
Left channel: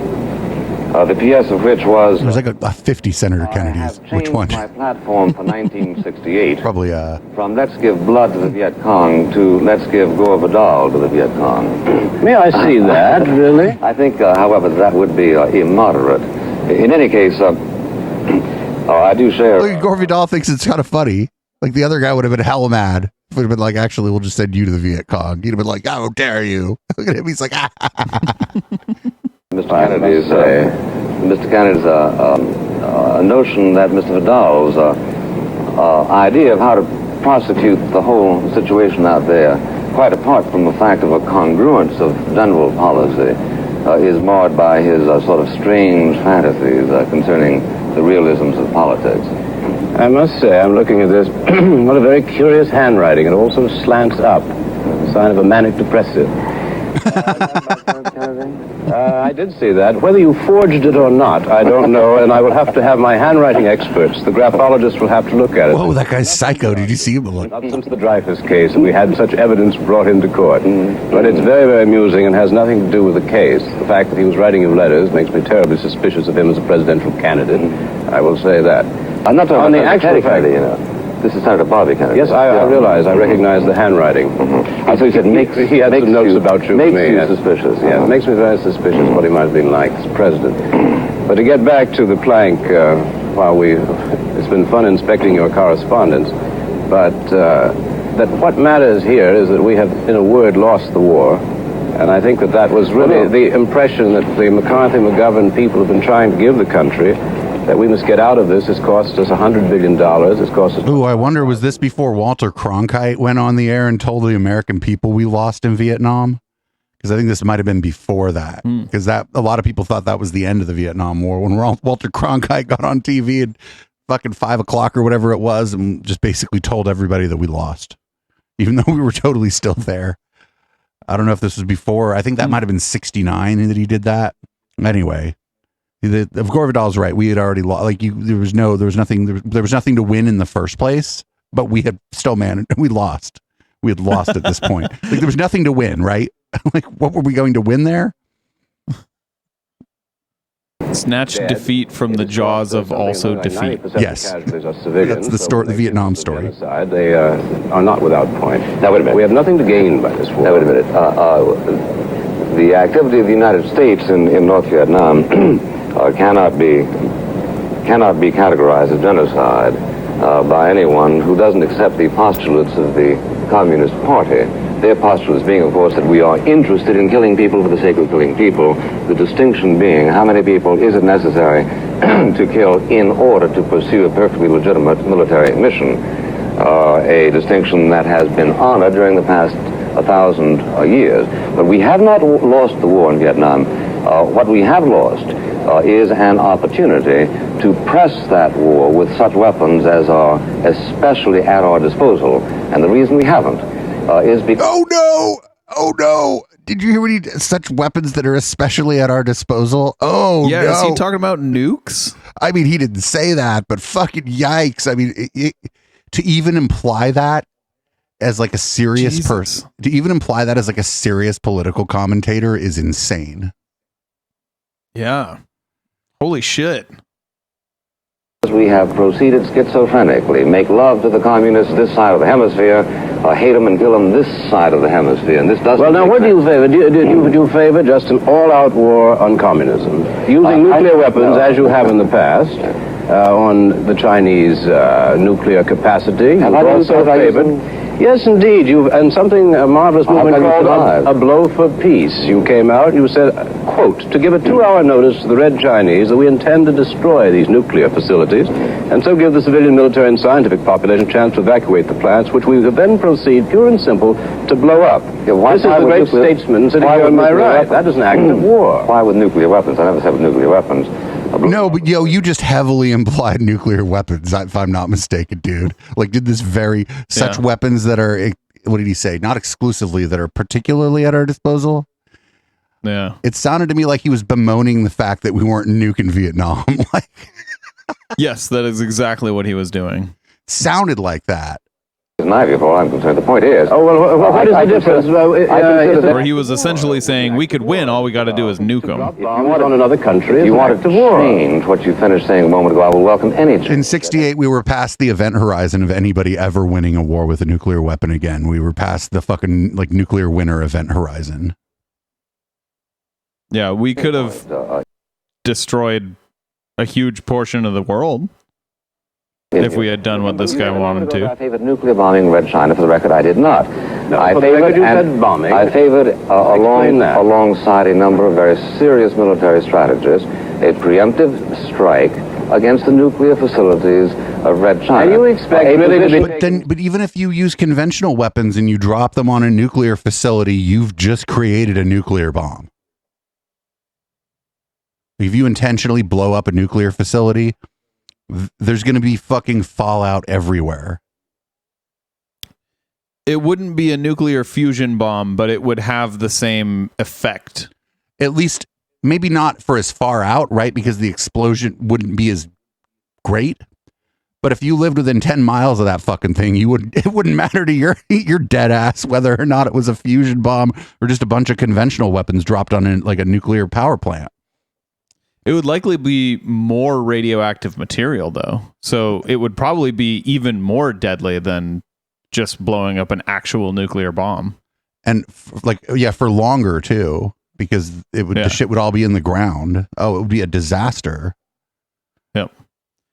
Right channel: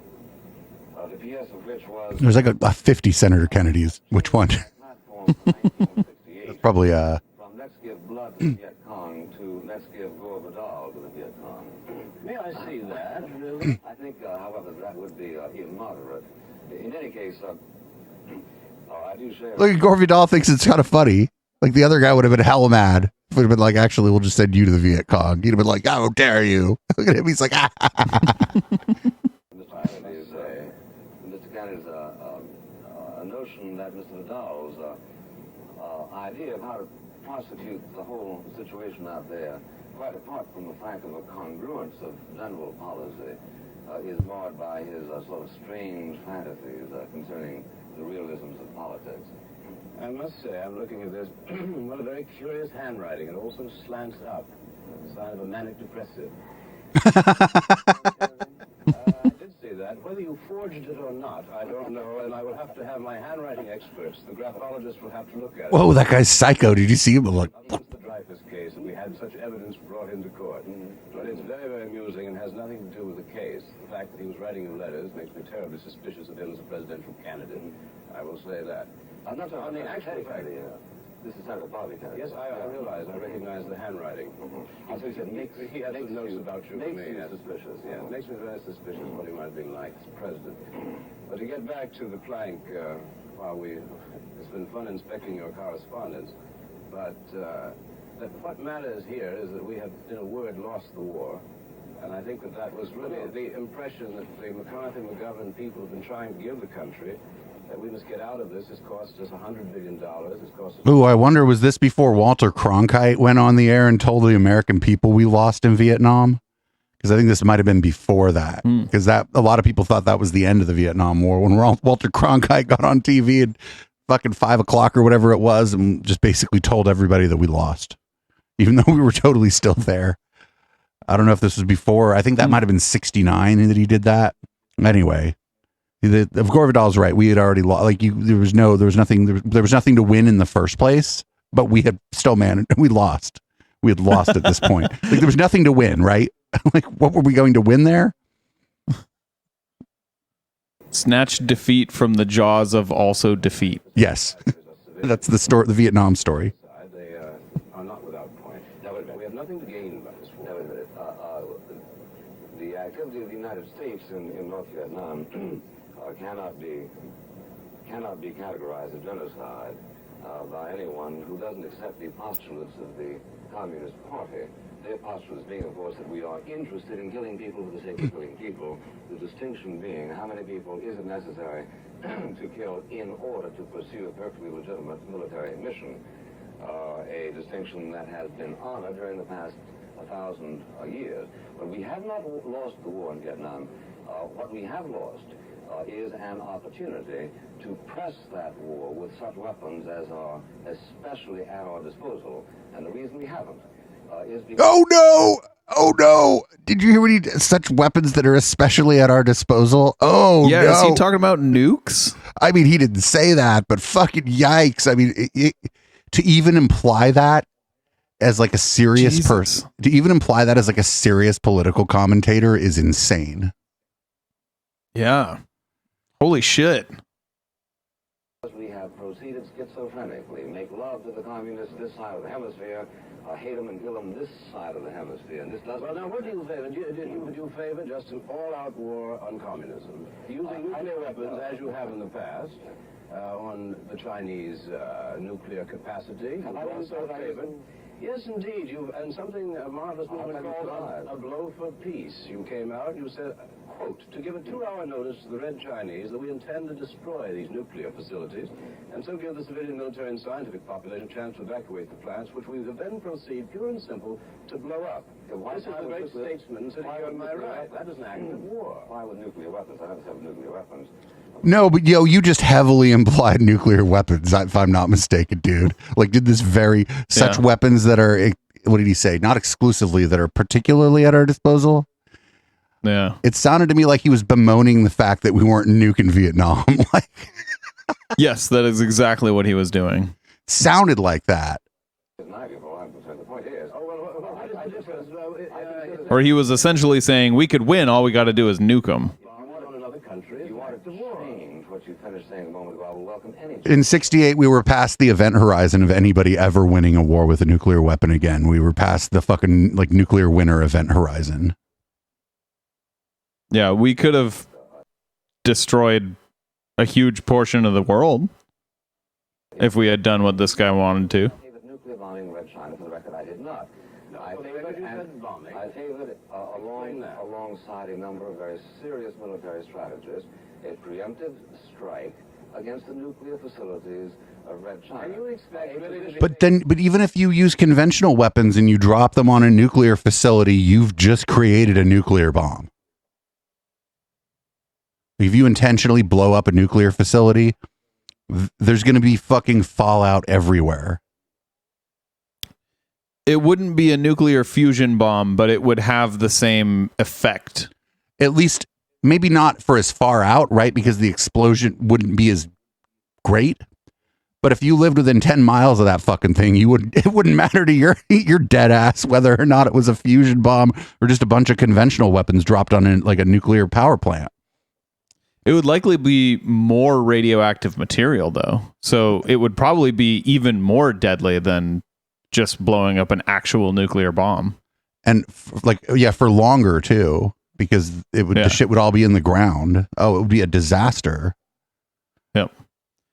The PS of which was... There's like a 50 Senator Kennedys. Which one? My platform for 1968. Probably, From let's give blood to the Viet Cong to let's give Gore Vidal to the Viet Cong. May I see that, really? I think, however, that would be immoderate. In any case, I do share... Look, Gore Vidal thinks it's kind of funny. Like, the other guy would have been hella mad. If it would have been like, actually, we'll just send you to the Viet Cong. He'd have been like, how dare you? Look at him. He's like, Mr. Kennedy's notion that Mr. Vidal's idea of how to prosecute the whole situation out there, quite apart from the fact of a congruence of general policy, is marred by his sort of strange fantasies concerning the realisms of politics. I must say, I'm looking at this. What a very curious handwriting. It also slants up. Sign of a manic depressive. I did see that. Whether you forged it or not, I don't know, and I will have to have my handwriting experts, the graphologists, will have to look at it. Whoa, that guy's psycho. Did you see him? Look. Not since the Dreyfus case have we had such evidence brought into court. But it's very, very amusing and has nothing to do with the case. The fact that he was writing you letters makes me terribly suspicious of him as a presidential candidate. I will say that. I'm not talking On the about actual Kennedy, fact, you know. This is Senator Bobby Kennedy. Yes, I realize. I recognize the handwriting. So he said, He had some notes about you for me. Makes you yes. suspicious. Yeah, it makes me very suspicious what he might have been like as president. But to get back to the plank, it's been fun inspecting your correspondence, but that what matters here is that we have, in a word, lost the war. And I think that was really the impression that the McCarthy-McGovern people have been trying to give the country, that we must get out of this. Has cost us $100 billion. It's cost us... Ooh, I wonder, was this before Walter Cronkite went on the air and told the American people we lost in Vietnam? Because I think this might have been before that. Because a lot of people thought that was the end of the Vietnam War when Walter Cronkite got on TV at fucking 5 o'clock or whatever it was and just basically told everybody that we lost, even though we were totally still there. I don't know if this was before. I think that might have been 69 that he did that. Anyway. Gore Vidal's right. We had already lost. Like there was nothing to win in the first place. But we had still managed. We lost. We had lost at this point. Like there was nothing to win, right? Like what were we going to win there? Snatch defeat from the jaws of also defeat. Yes, that's the story. The Vietnam story. They are not without point. Now wait a minute. We have nothing to gain by this war. Now wait a minute. The activity of the United States in North Vietnam cannot be categorized as genocide by anyone who doesn't accept the postulates of the Communist Party. Their postulates being, of course, that we are interested in killing people for the sake of killing people. The distinction being how many people is it necessary to kill in order to pursue a perfectly legitimate military mission. A distinction that has been honored during the past 1,000 years. But we have not lost the war in Vietnam. What we have lost is an opportunity to press that war with such weapons as are especially at our disposal. And the reason we haven't is because... Oh no! Did you hear what such weapons that are especially at our disposal? Oh yeah, no! Is he talking about nukes? I mean, he didn't say that, but fucking yikes! I mean, to even imply that as like a serious person, to even imply that as like a serious political commentator is insane. Yeah. Holy shit. We have proceeded schizophrenically, make love to the communists this side of the hemisphere, hate them and kill them this side of the hemisphere, and this doesn't... Well, now, what do you favor? Do you favor just an all-out war on communism, using nuclear weapons, as you have in the past, on the Chinese nuclear capacity? You've also favored... Yes, indeed. And something a marvelous movement called a blow for peace. You came out, you said, quote, to give a 2-hour notice to the Red Chinese that we intend to destroy these nuclear facilities, and so give the civilian, military, and scientific population a chance to evacuate the plants, which we will then proceed, pure and simple, to blow up. Yeah, this is the great statesman sitting here on my right. That is an act of war. Why with nuclear weapons? I never said with nuclear weapons. No, but you just heavily implied nuclear weapons, if I'm not mistaken, dude. Like, did this such weapons that are, what did he say? Not exclusively, that are particularly at our disposal? Yeah. It sounded to me like he was bemoaning the fact that we weren't nuking Vietnam. Like, yes, that is exactly what he was doing. Sounded like that. In my view, for all I'm concerned, the point is... Oh, well, what is the difference? Or he was essentially saying, we could win, all we got to do is nuke them. Bombs on another country. You want to change what you finished saying a moment ago. I will welcome any... In 68, we were past the event horizon of anybody ever winning a war with a nuclear weapon again. We were past the fucking, like, nuclear winter event horizon. Yeah, we could have destroyed a huge portion of the world. If we had done what this guy wanted to. I favored nuclear bombing in Red China. For the record, I did not. No, I favored you said bombing. I favored alongside a number of very serious military strategies, a preemptive strike against the nuclear facilities of Red China. And you expect really but even if you use conventional weapons and you drop them on a nuclear facility, you've just created a nuclear bomb. If you intentionally blow up a nuclear facility, there's going to be fucking fallout everywhere. It wouldn't be a nuclear fusion bomb, but it would have the same effect. At least, maybe not for as far out, right? Because the explosion wouldn't be as great. But if you lived within 10 miles of that fucking thing, it wouldn't matter to your dead ass whether or not it was a fusion bomb or just a bunch of conventional weapons dropped on like a nuclear power plant. It would likely be more radioactive material, though. So it would probably be even more deadly than just blowing up an actual nuclear bomb. And for longer too, because the shit would all be in the ground. Oh, it would be a disaster. Yep.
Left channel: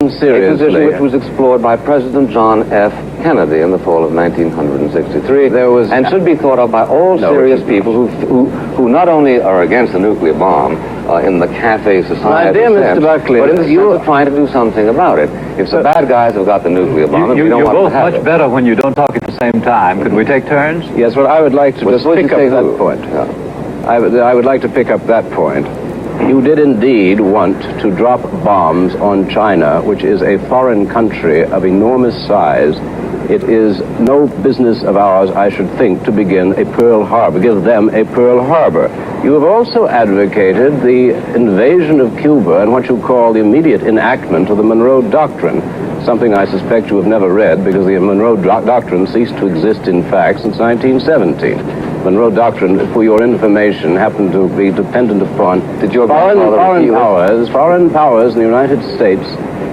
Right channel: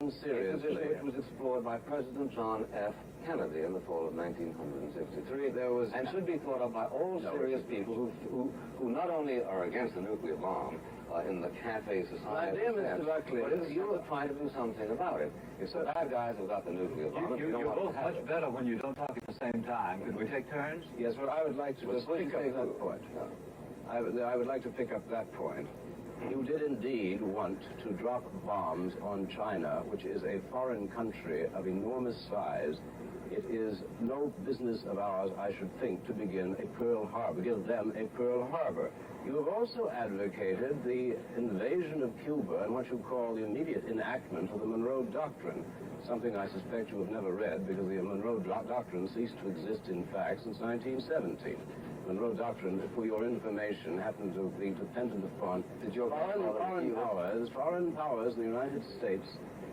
Seriously, which was explored by President John F. Kennedy in the fall of 1963. There was, and should be thought of by all serious people who not only are against the nuclear bomb in the cafe society, dear Mr. Buckley, but in the sense of trying to do something about it. If the bad guys have got the nuclear bomb, we don't want to have it. You're both much better when you don't talk at the same time. Could we take turns? Yes, well, I would like to just pick up that point. Yeah. I would like to pick up that point. You did indeed want to drop bombs on China, which is a foreign country of enormous size. It is no business of ours, I should think, to begin a Pearl Harbor, give them a Pearl Harbor. You have also advocated the invasion of Cuba and what you call the immediate enactment of the Monroe Doctrine, something I suspect you have never read because the Monroe Doctrine ceased to exist in fact since 1917. Monroe Doctrine, for your information, happened to be dependent upon foreign powers in the United States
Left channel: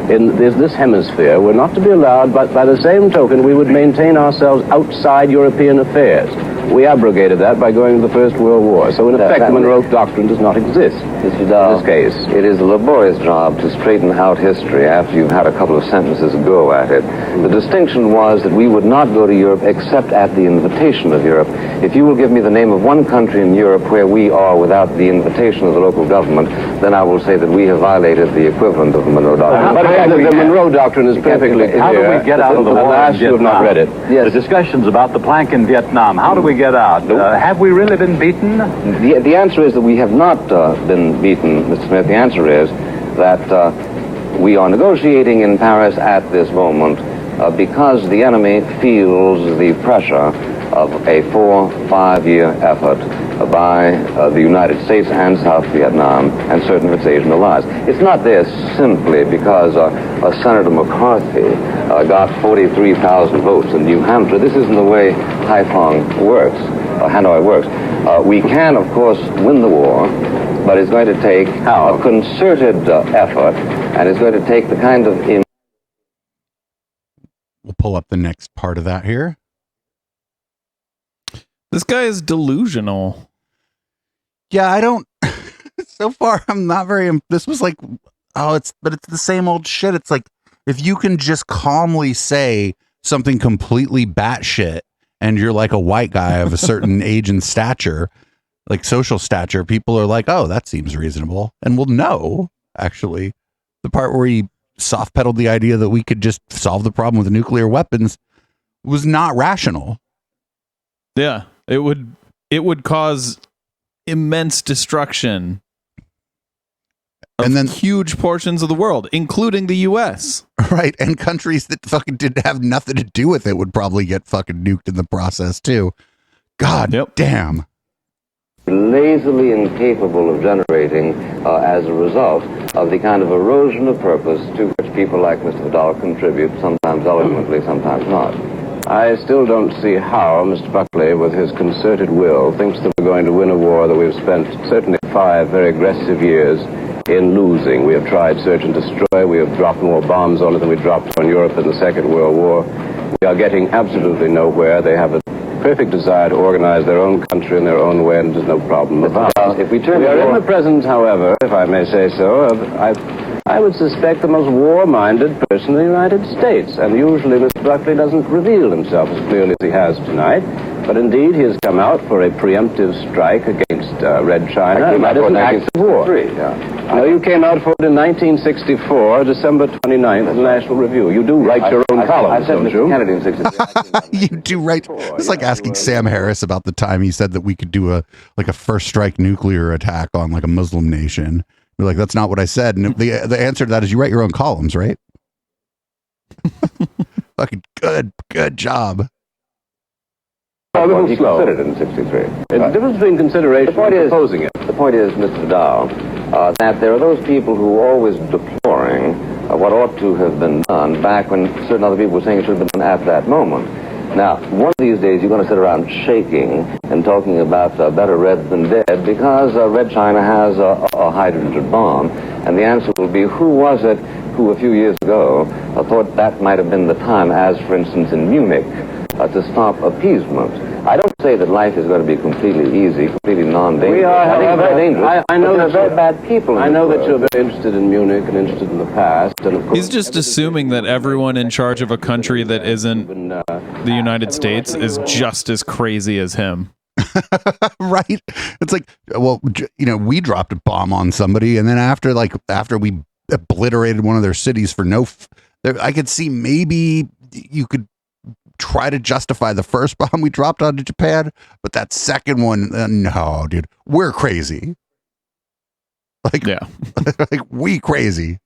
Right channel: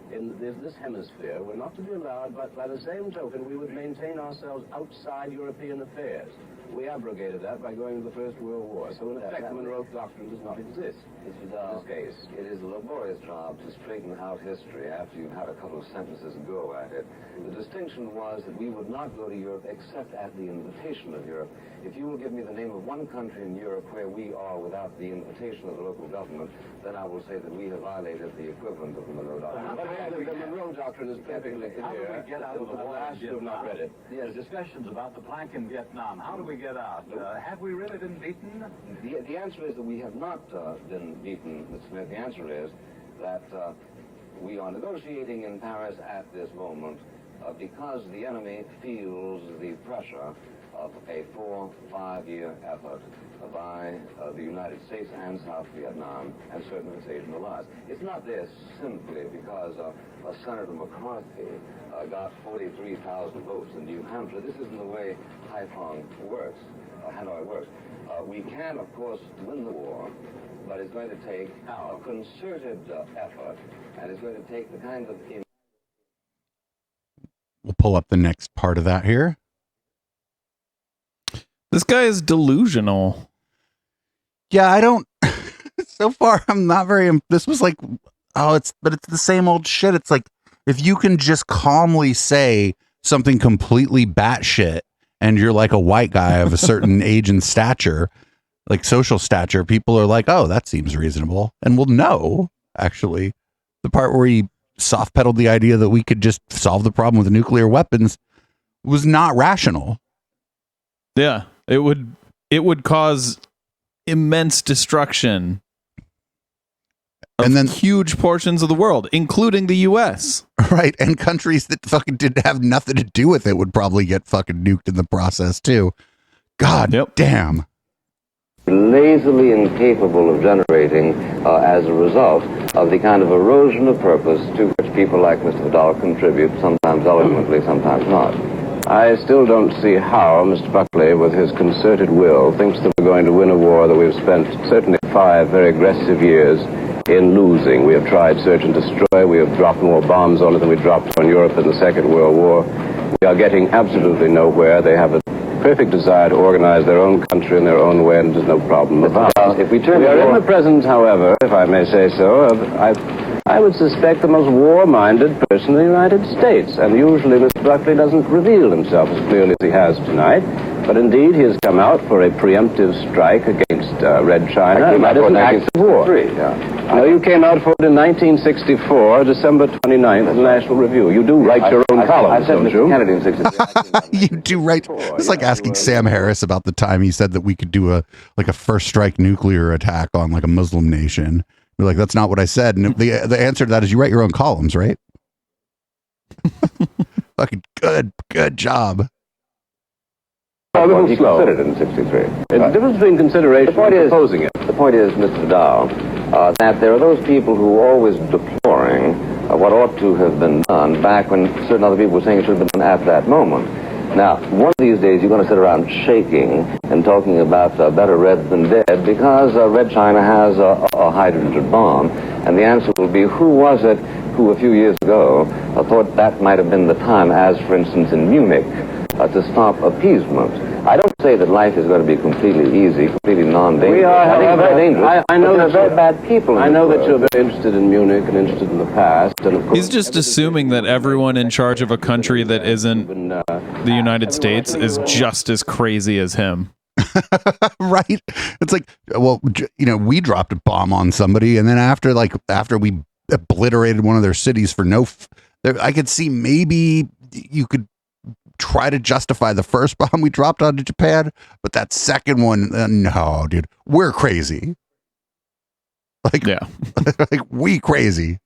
in this hemisphere were not to be allowed, but by the same token, we would maintain ourselves outside European affairs. We abrogated that by going to the First World War. So, in effect, the Monroe Doctrine does not exist in this case. It is a laborious job to straighten out history after you've had a couple of sentences go at it. The distinction was that we would not go to Europe except at the invitation of Europe. If you will give me the name of one country in Europe where we are without the invitation of the local government, then I will say that we have violated the equivalent of the Monroe Doctrine. But the Monroe Doctrine is perfectly clear. How do we get out of the war in Alas, you have not read it. Yes. The discussions about the plank in Vietnam, how do we get out? Have we really been beaten? The answer is that we have not been beaten, Mr. Smith. The answer is that we are negotiating in Paris at this moment because the enemy feels the pressure of a 4-5 year effort by the United States and South Vietnam and certain of its Asian allies. It's not there simply because Senator McCarthy got 43,000 votes in New Hampshire. This isn't the way Haiphong works, Hanoi works. We can, of course, win the war, but it's going to take a concerted effort, and it's going to take the kind of... We'll pull up the next part of that here. This guy is delusional. Yeah, I don't... So far, I'm not very... This was like... it's the same old shit. It's like, if you can just calmly say something completely batshit, and you're like a white guy of a certain age and stature, like social stature, people are like, oh, that seems reasonable. And well, no, actually, the part where he soft pedaled the idea that we could just solve the problem with nuclear weapons was not rational. Yeah, it would cause immense destruction of and then huge portions of the world, including the U.S. Right, and countries that fucking didn't have nothing to do with it would probably get fucking nuked in the process too. God damn. Lazily incapable of generating, as a result of the kind of erosion of purpose to which people like Mr. Vidal contribute, sometimes eloquently, sometimes not. I still don't see how Mr. Buckley, with his concerted will, thinks that we're going to win a war that we've spent certainly 5 very aggressive years in losing. We have tried search and destroy. We have dropped more bombs on it than we dropped on Europe in the Second World War. We are getting absolutely nowhere. They have a perfect desire to organize their own country in their own way, and there's no problem about it. If we are in the presence, however, if I may say so, I would suspect the most war-minded person in the United States, and usually Mr. Buckley doesn't reveal himself as clearly as he has tonight. But indeed, he has come out for a preemptive strike against Red China, and that is an act of war. No, you came out for it in 1964, December 29th, in the National Review. You do write your own columns, don't you? Kennedy in 63. You do write. It's like asking Sam Harris about the time he said that we could do a first strike nuclear attack on like a Muslim nation. You're like, that's not what I said. And the answer to that is you write your own columns, right? Fucking good job. A little slow. Considered it in 63. The difference between consideration and proposing it. The point is, Mr. Vidal, that there are those people who are always deploring what ought to have been done back when certain other people were saying it should have been done at that moment. Now, one of these days you're going to sit around shaking and talking about better red than dead because Red China has a hydrogen bomb, and the answer will be, who was it who a few years ago thought that might have been the time, as for instance in Munich, to stop appeasement? I don't say that life is going to be completely easy, completely non-dangerous. We are, however, dangerous. I know that there are very bad people. I know that you're very interested in Munich and interested in the past, and of course, He's just assuming that everyone in charge of a country that isn't the United States is just as crazy as him. Right? It's like, well, we dropped a bomb on somebody, and then after we obliterated one of their cities for I could see maybe you could try to justify the first bomb we dropped onto Japan, but that second one, no, dude, we're crazy. Like, yeah, like we crazy.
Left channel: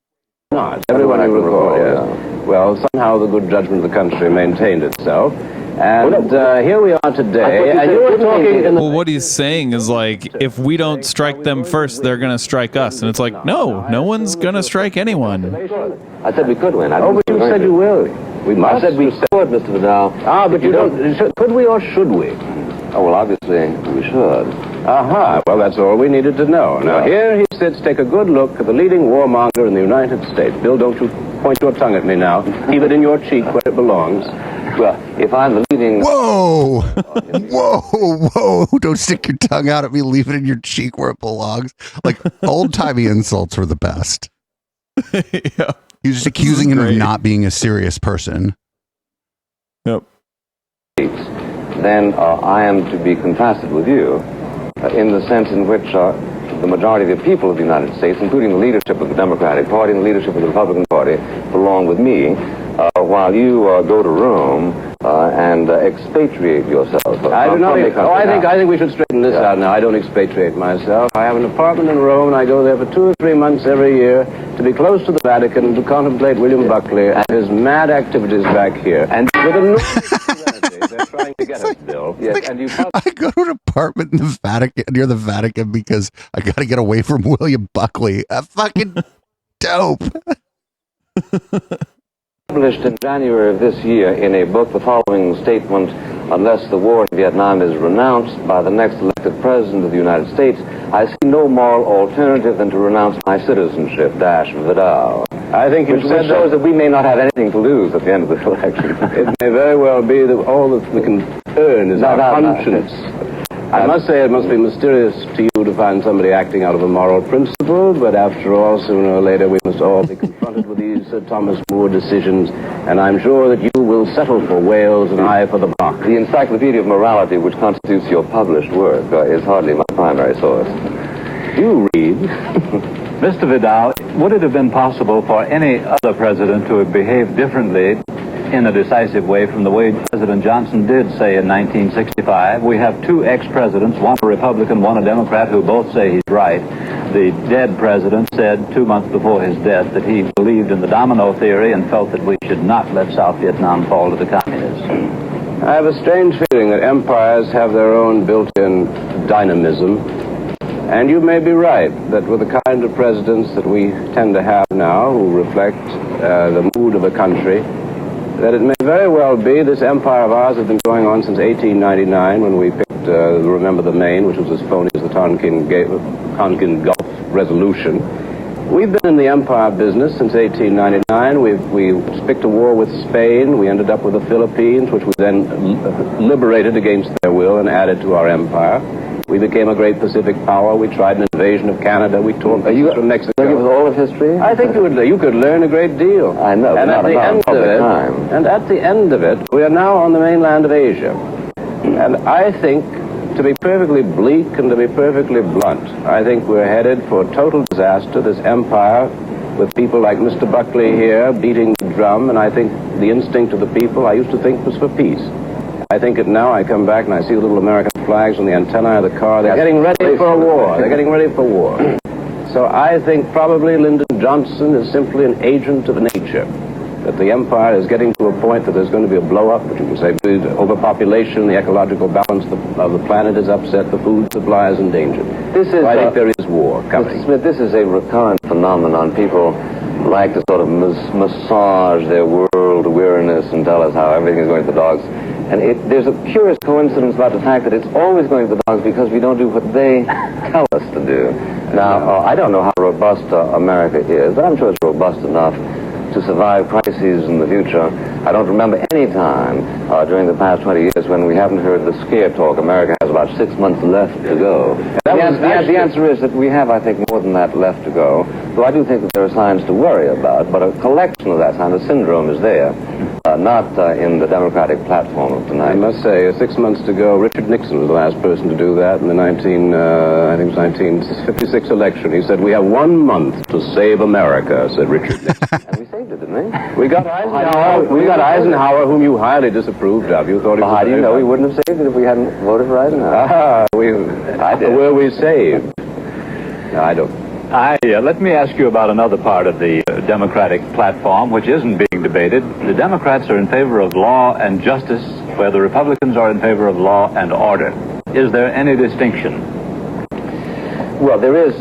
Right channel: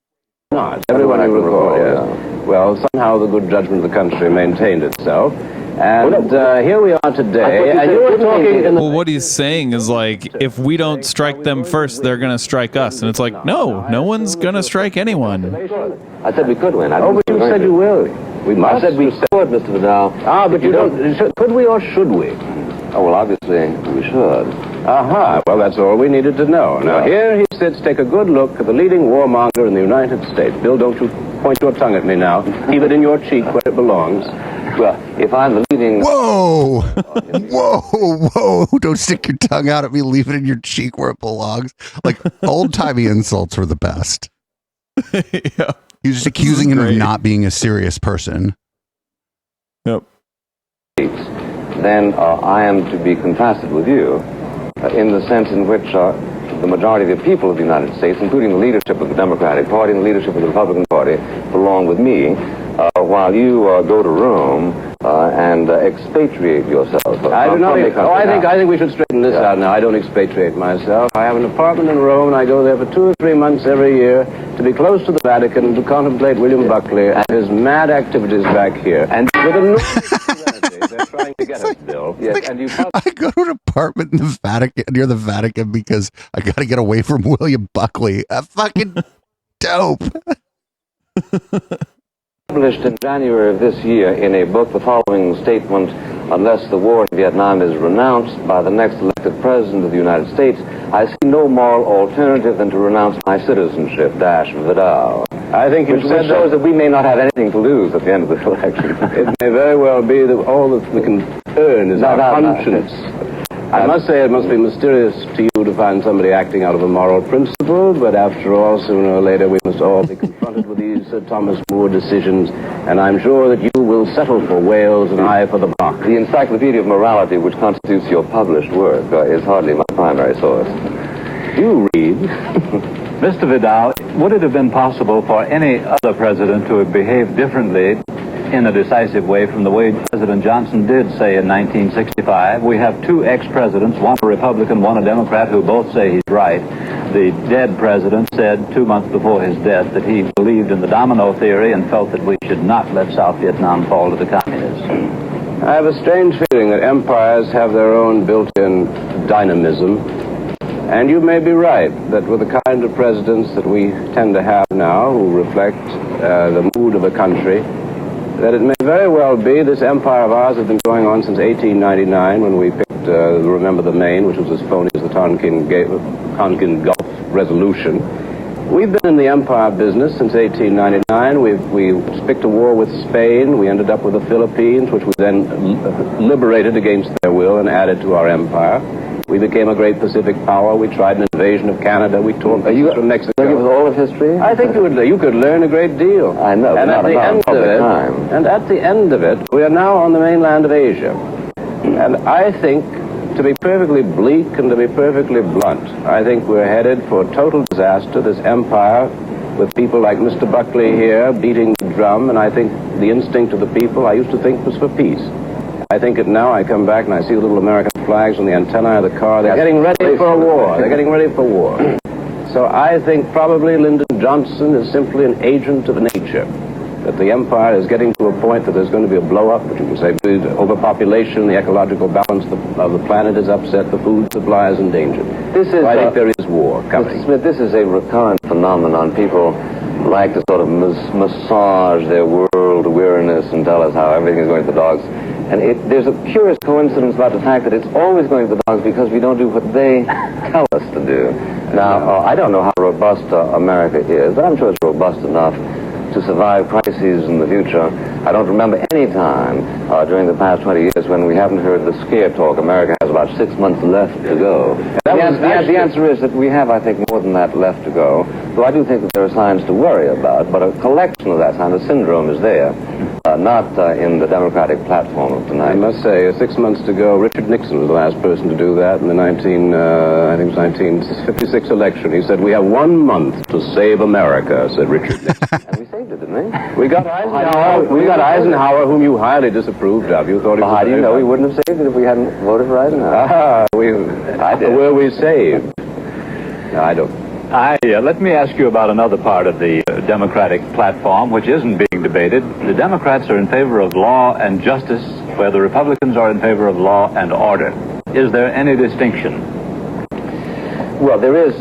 Not everyone I recall. Yeah. Well, somehow the good judgment of the country maintained itself, and here we are today. And you were talking. Well, what he's saying is like, if we don't strike them first, they're gonna strike us, and it's like, no one's gonna strike anyone. I said we could win. But you said you will. We must. I said we could, Mr. Vidal. But you don't. Could we or should we? Oh, well, obviously we should. Aha. Well, that's all we needed to know. Now, here he sits. Take a good look at the leading warmonger in the United States. Bill, don't you point your tongue at me now. Keep it in your cheek where it belongs. Well, if I'm the leading... Whoa! Whoa! Don't stick your tongue out at me. Leave it in your cheek where it belongs. Like, old-timey insults were the best. Yeah. He was just accusing him of not being a serious person. Yep. Then I am to be contrasted with you in the sense in which the majority of the people of the United States, including the leadership of the Democratic Party and the leadership of the Republican Party, belong with me, while you go to Rome and expatriate yourself. I do not. I think we should straighten this out now. I don't expatriate myself. I have an apartment in Rome, and I go there for 2 or 3 months every year to be close to the Vatican and to contemplate William Buckley and his mad activities back here. And with a they're trying to get us, Bill. Yes, and I go to an apartment in the Vatican, near the Vatican, because I got to get away from William Buckley. Fucking dope. Published in January of this year in a book the following statement: unless the war in Vietnam is renounced by the next elected president of the United States, I see no moral alternative than to renounce my citizenship, Vidal. I think which shows that we may not have anything to lose at the end of this election. It may very well be that all that we can earn is our conscience. I must say it must be mysterious to you to find somebody acting out of a moral principle, but after all, sooner or later we must all be confronted with these Thomas More decisions, and I'm sure that you will settle for Wales and I for the Bach. The Encyclopedia of Morality, which constitutes your published work, is hardly my primary source. You read. Mr. Vidal, would it have been possible for any other president to have behaved differently in a decisive way from the way President Johnson did, say, in 1965? We have 2 ex-presidents, one a Republican, one a Democrat, who both say he's right. The dead president said 2 months before his death that he believed in the domino theory and felt that we should not let South Vietnam fall to the communists. I have a strange feeling that empires have their own built-in dynamism. And you may be right that with the kind of presidents that we tend to have now, who reflect the mood of a country, that it may very well be this empire of ours has been going on since 1899, when we picked Remember the Maine, which was as phony as the Tonkin Gulf Resolution. We've been in the empire business since 1899. We picked a war with Spain. We ended up with the Philippines, which we then liberated against their will and added to our empire. We became a great Pacific power. We tried an invasion of Canada. We tore pieces from Mexico. Think it was all of history? I think you could learn a great deal. I know, and at the end of it, we are now on the mainland of Asia. And I think, to be perfectly bleak and to be perfectly blunt, I think we're headed for total disaster, this empire, with people like Mr. Buckley here beating the drum, and I think the instinct of the people, I used to think, was for peace. I think it now. I come back and I see the little American flags on the antennae of the car. They're getting ready for a war. They're getting ready for war. So I think probably Lyndon Johnson is simply an agent of nature. That the empire is getting to a point that there's going to be a blow-up, which you can say the overpopulation, the ecological balance of the planet is upset, the food supply is endangered. I think there is war coming. Mr. Smith, this is a recurrent phenomenon. People like to sort of massage their world weariness and tell us how everything is going to the dogs. And there's a curious coincidence about the fact that it's always going to the dogs because we don't do what they tell us to do. Now, I don't know how robust America is, but I'm sure it's robust enough to survive crises in the future. I don't remember any time during the past 20 years when we haven't heard the scare talk. America has about 6 months left to go. The answer is that we have, I think, more than that left to go. So I do think that there are signs to worry about, but a collection of that kind of syndrome is there, not in the Democratic platform of tonight. I must say, 6 months to go, Richard Nixon was the last person to do that in the 1956 election. He said, "We have 1 month to save America," said Richard Nixon. And we saved it, didn't we? We got Eisenhower, whom you highly disapproved of. You thought he was... How do you know we wouldn't have saved it if we hadn't voted for Eisenhower? I did. Were we saved? No, I don't. Let me ask you about another part of the Democratic platform, which isn't being debated. The Democrats are in favor of law and justice, where the Republicans are in favor of law and order. Is there any distinction? Well, there is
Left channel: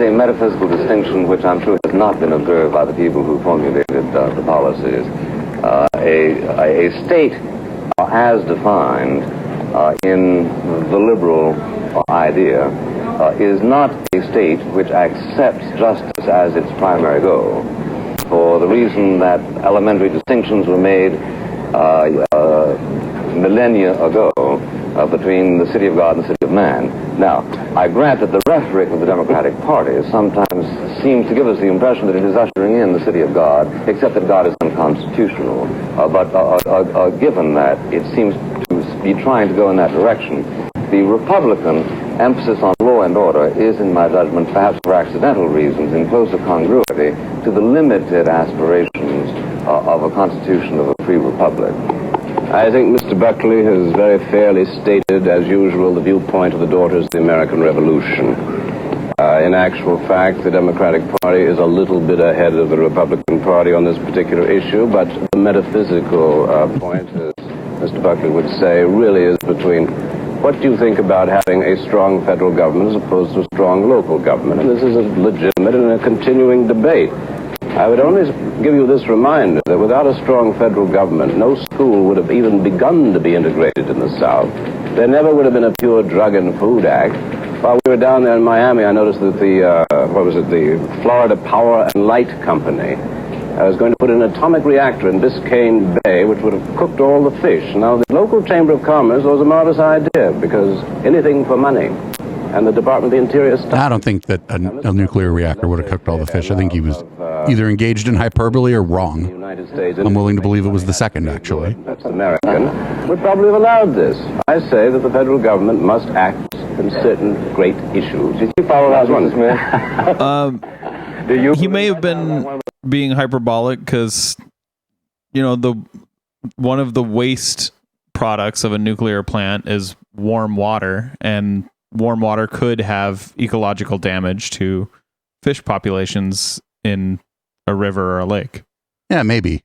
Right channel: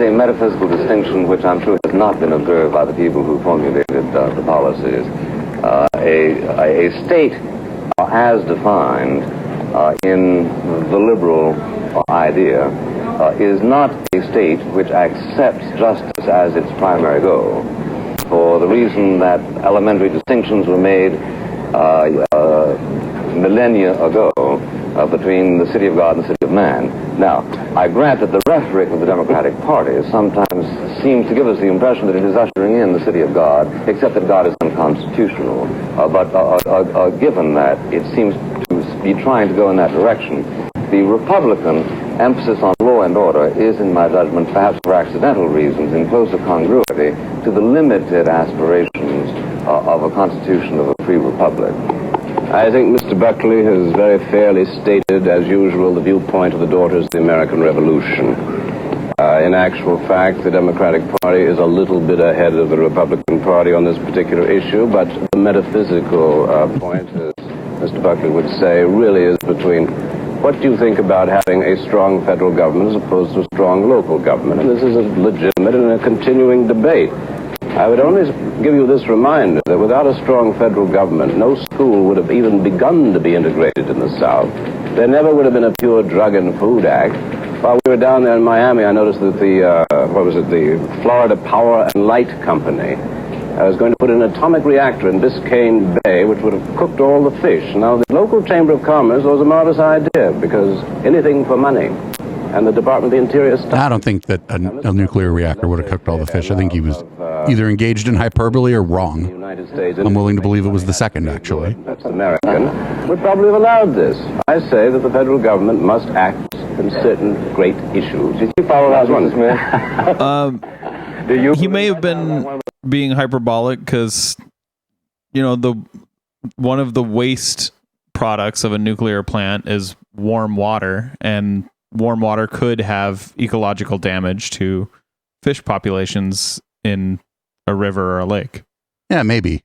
a metaphysical distinction which I'm sure has not been observed by the people who formulated the policies. A state as defined in the liberal idea is not a state which accepts justice as its primary goal, for the reason that elementary distinctions were made millennia ago between the city of God and the city of man. Now, I grant that the rhetoric of the Democratic Party sometimes seems to give us the impression that it is ushering in the city of God, except that God is unconstitutional. But given that it seems to be trying to go in that direction, the Republican emphasis on law and order is, in my judgment, perhaps for accidental reasons, in closer congruity to the limited aspirations of a constitution of a free republic. I think Mr. Buckley has very fairly stated, as usual, the viewpoint of the daughters of the American Revolution. In actual fact, the Democratic Party is a little bit ahead of the Republican Party on this particular issue, but the metaphysical point, as Mr. Buckley would say, really is between what do you think about having a strong federal government as opposed to a strong local government? And this is a legitimate and a continuing debate. I would only give you this reminder that without a strong federal government, no school would have even begun to be integrated in the South. There never would have been a pure drug and food act. While we were down there in Miami, I noticed that the Florida Power and Light Company was going to put an atomic reactor in Biscayne Bay, which would have cooked all the fish. Now, the local Chamber of Commerce was a marvelous idea, because anything for money. And the Department of the Interior stopped. I don't think that a nuclear reactor would have cooked all the fish. I think he was either engaged in hyperbole or wrong. I'm willing to believe it was the second, actually. That's American. Would probably have allowed this. I say that the federal government must act in certain great issues. Did you follow that one, Smith? He may have been being hyperbolic because, one of the waste products of a nuclear plant is warm water, and warm water could have ecological damage to fish populations in a river or a lake. Yeah, maybe.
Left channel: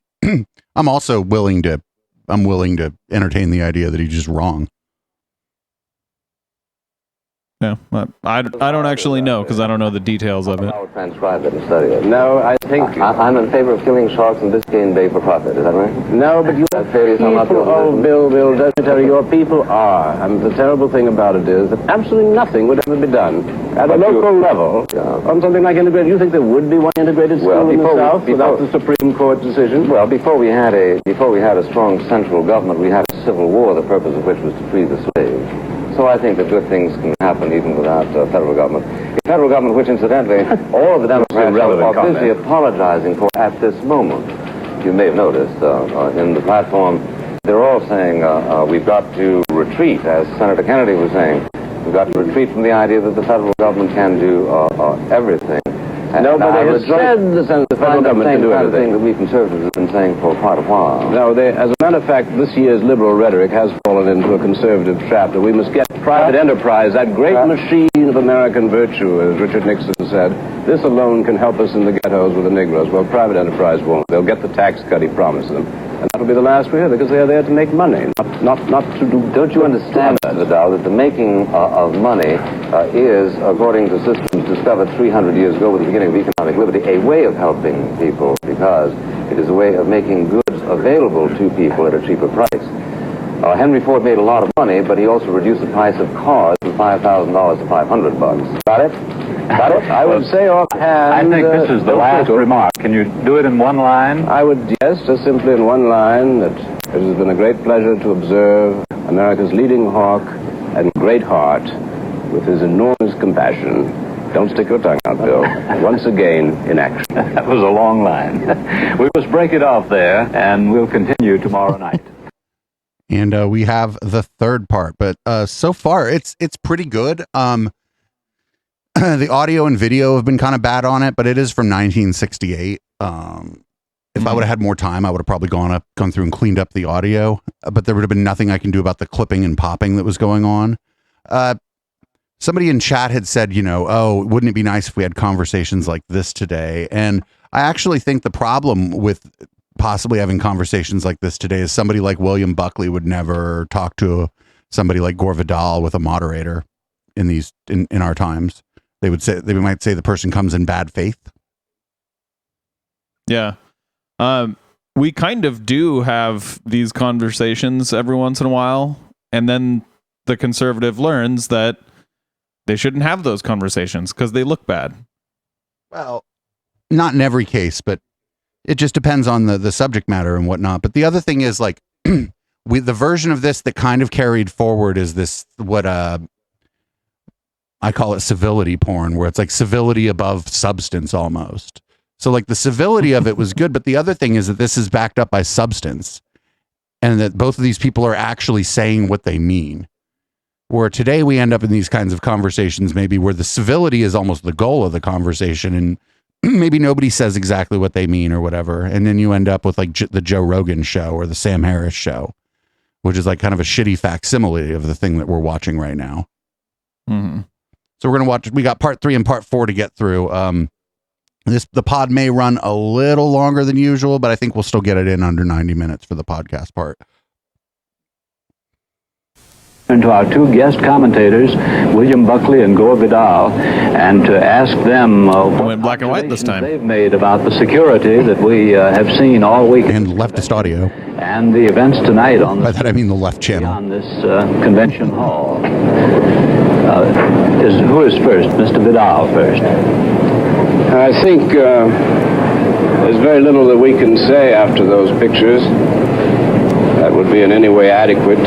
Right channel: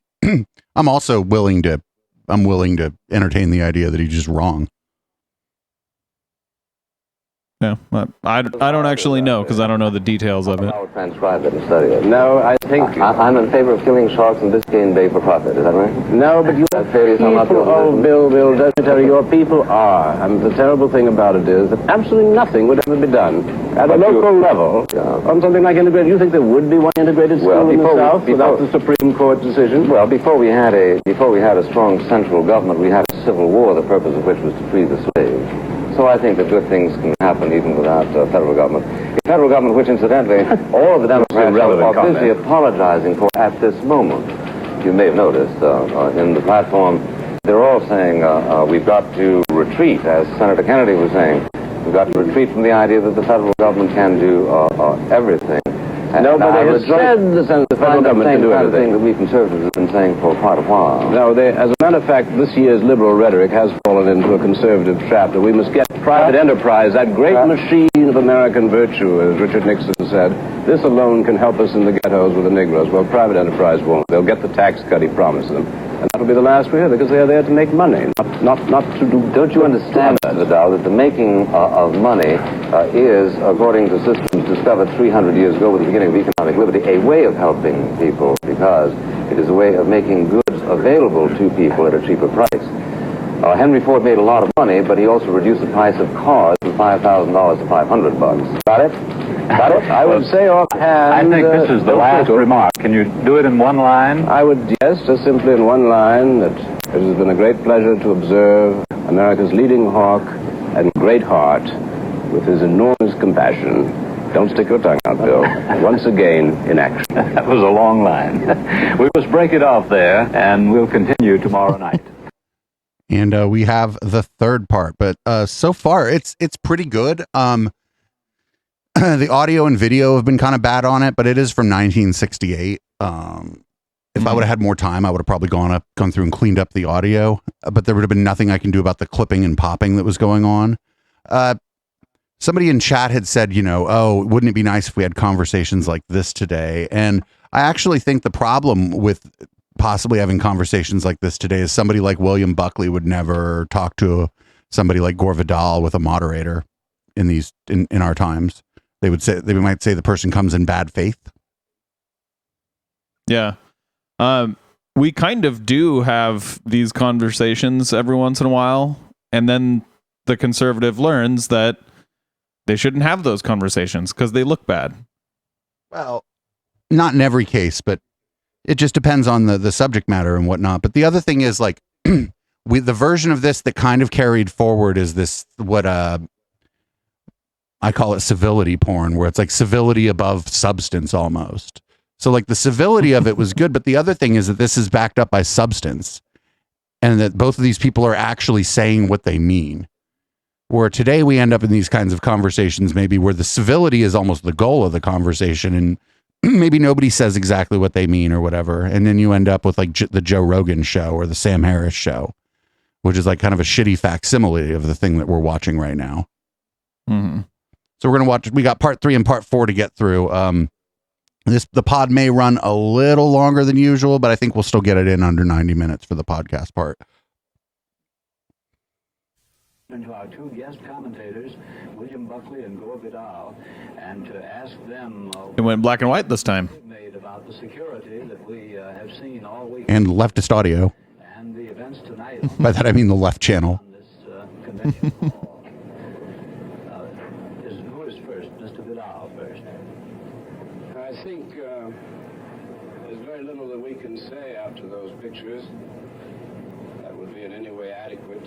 I'm also willing to entertain the idea that he's just wrong. Yeah, I don't actually know because I don't know the details of it. I will transcribe it and study it. No, I think... I'm in favor of killing sharks in Biscayne Bay for profit, is that right? No, but your people... Oh, Bill, let me tell you, your people are. And the terrible thing about it is that absolutely nothing would ever be done at a local level on something like integrated. You think there would be one integrated school in the South without the Supreme Court decision? Well, before we had a strong central government, we had a civil war, the purpose of which was to free the slaves. So I think that good things can happen even without federal government. A federal government which, incidentally, all of the Democrats are busy apologizing for at this moment. You may have noticed in the platform, they're all saying we've got to retreat, as Senator Kennedy was saying. We've got to retreat from the idea that the federal government can do everything. No, but I they would have said the federal government can do kind of everything. thing that we conservatives have been saying for quite a while. No, as a matter of fact, this year's liberal rhetoric has fallen into a conservative trap that we must get private enterprise, that great machine of American virtue, as Richard Nixon said. This alone can help us in the ghettos with the Negroes. Well, private enterprise won't. They'll get the tax cut he promised them. And that'll be the last we hear, because they are there to make money, not to do... Don't you understand, Vidal, that the making of money is, according to systems discovered 300 years ago with the beginning of economic liberty, a way of helping people, because it is a way of making goods available to people at a cheaper price. Henry Ford made a lot of money, but he also reduced the price of cars from $5,000 to $500. Got it? Got it? I would say offhand... I think this is the last remark. Can you do it in one line? I would, yes, just simply in one line, that it has been a great pleasure to observe America's leading hawk and great heart with his enormous compassion. Don't stick your tongue out, Bill. Once again, in action. That was a long line. We must break it off there, and we'll continue tomorrow night. And we have the third part, but so far it's pretty good. The audio and video have been kind of bad on it, but it is from 1968. If I would have had more time, I would have probably gone through and cleaned up the audio, but there would have been nothing I can do about the clipping and popping that was going on. Somebody in chat had said, oh, wouldn't it be nice if we had conversations like this today? And I actually think the problem with possibly having conversations like this today is somebody like William Buckley would never talk to somebody like Gore Vidal with a moderator in our times. They might say the person comes in bad faith. Yeah. We kind of do have these conversations every once in a while, and then the conservative learns that they shouldn't have those conversations because they look bad. Well, not in every case, but it just depends on the subject matter and whatnot. But the other thing is, like, the version of this that kind of carried forward is this, what I call it civility porn, where it's like civility above substance almost. So like the civility of it was good, but the other thing is that this is backed up by substance, and that both of these people are actually saying what they mean. Where today we end up in these kinds of conversations, maybe where the civility is almost the goal of the conversation, and maybe nobody says exactly what they mean or whatever. And then you end up with like the Joe Rogan show or the Sam Harris show, which is like kind of a shitty facsimile of the thing that we're watching right now. Mm-hmm. So we're going to we got part 3 and part 4 to get through. The pod may run a little longer than usual, but I think we'll still get it in under 90 minutes for the podcast part. And to our two guest commentators, William Buckley and Gore Vidal, and to ask them it went black and white this time. They've made about the security that we have seen all week, and leftist audio, and the events tonight on. By that I mean the left channel on this convention hall. Who is first? Mr. Vidal first. I think there's very little that we can say after those pictures that would be in any way adequate.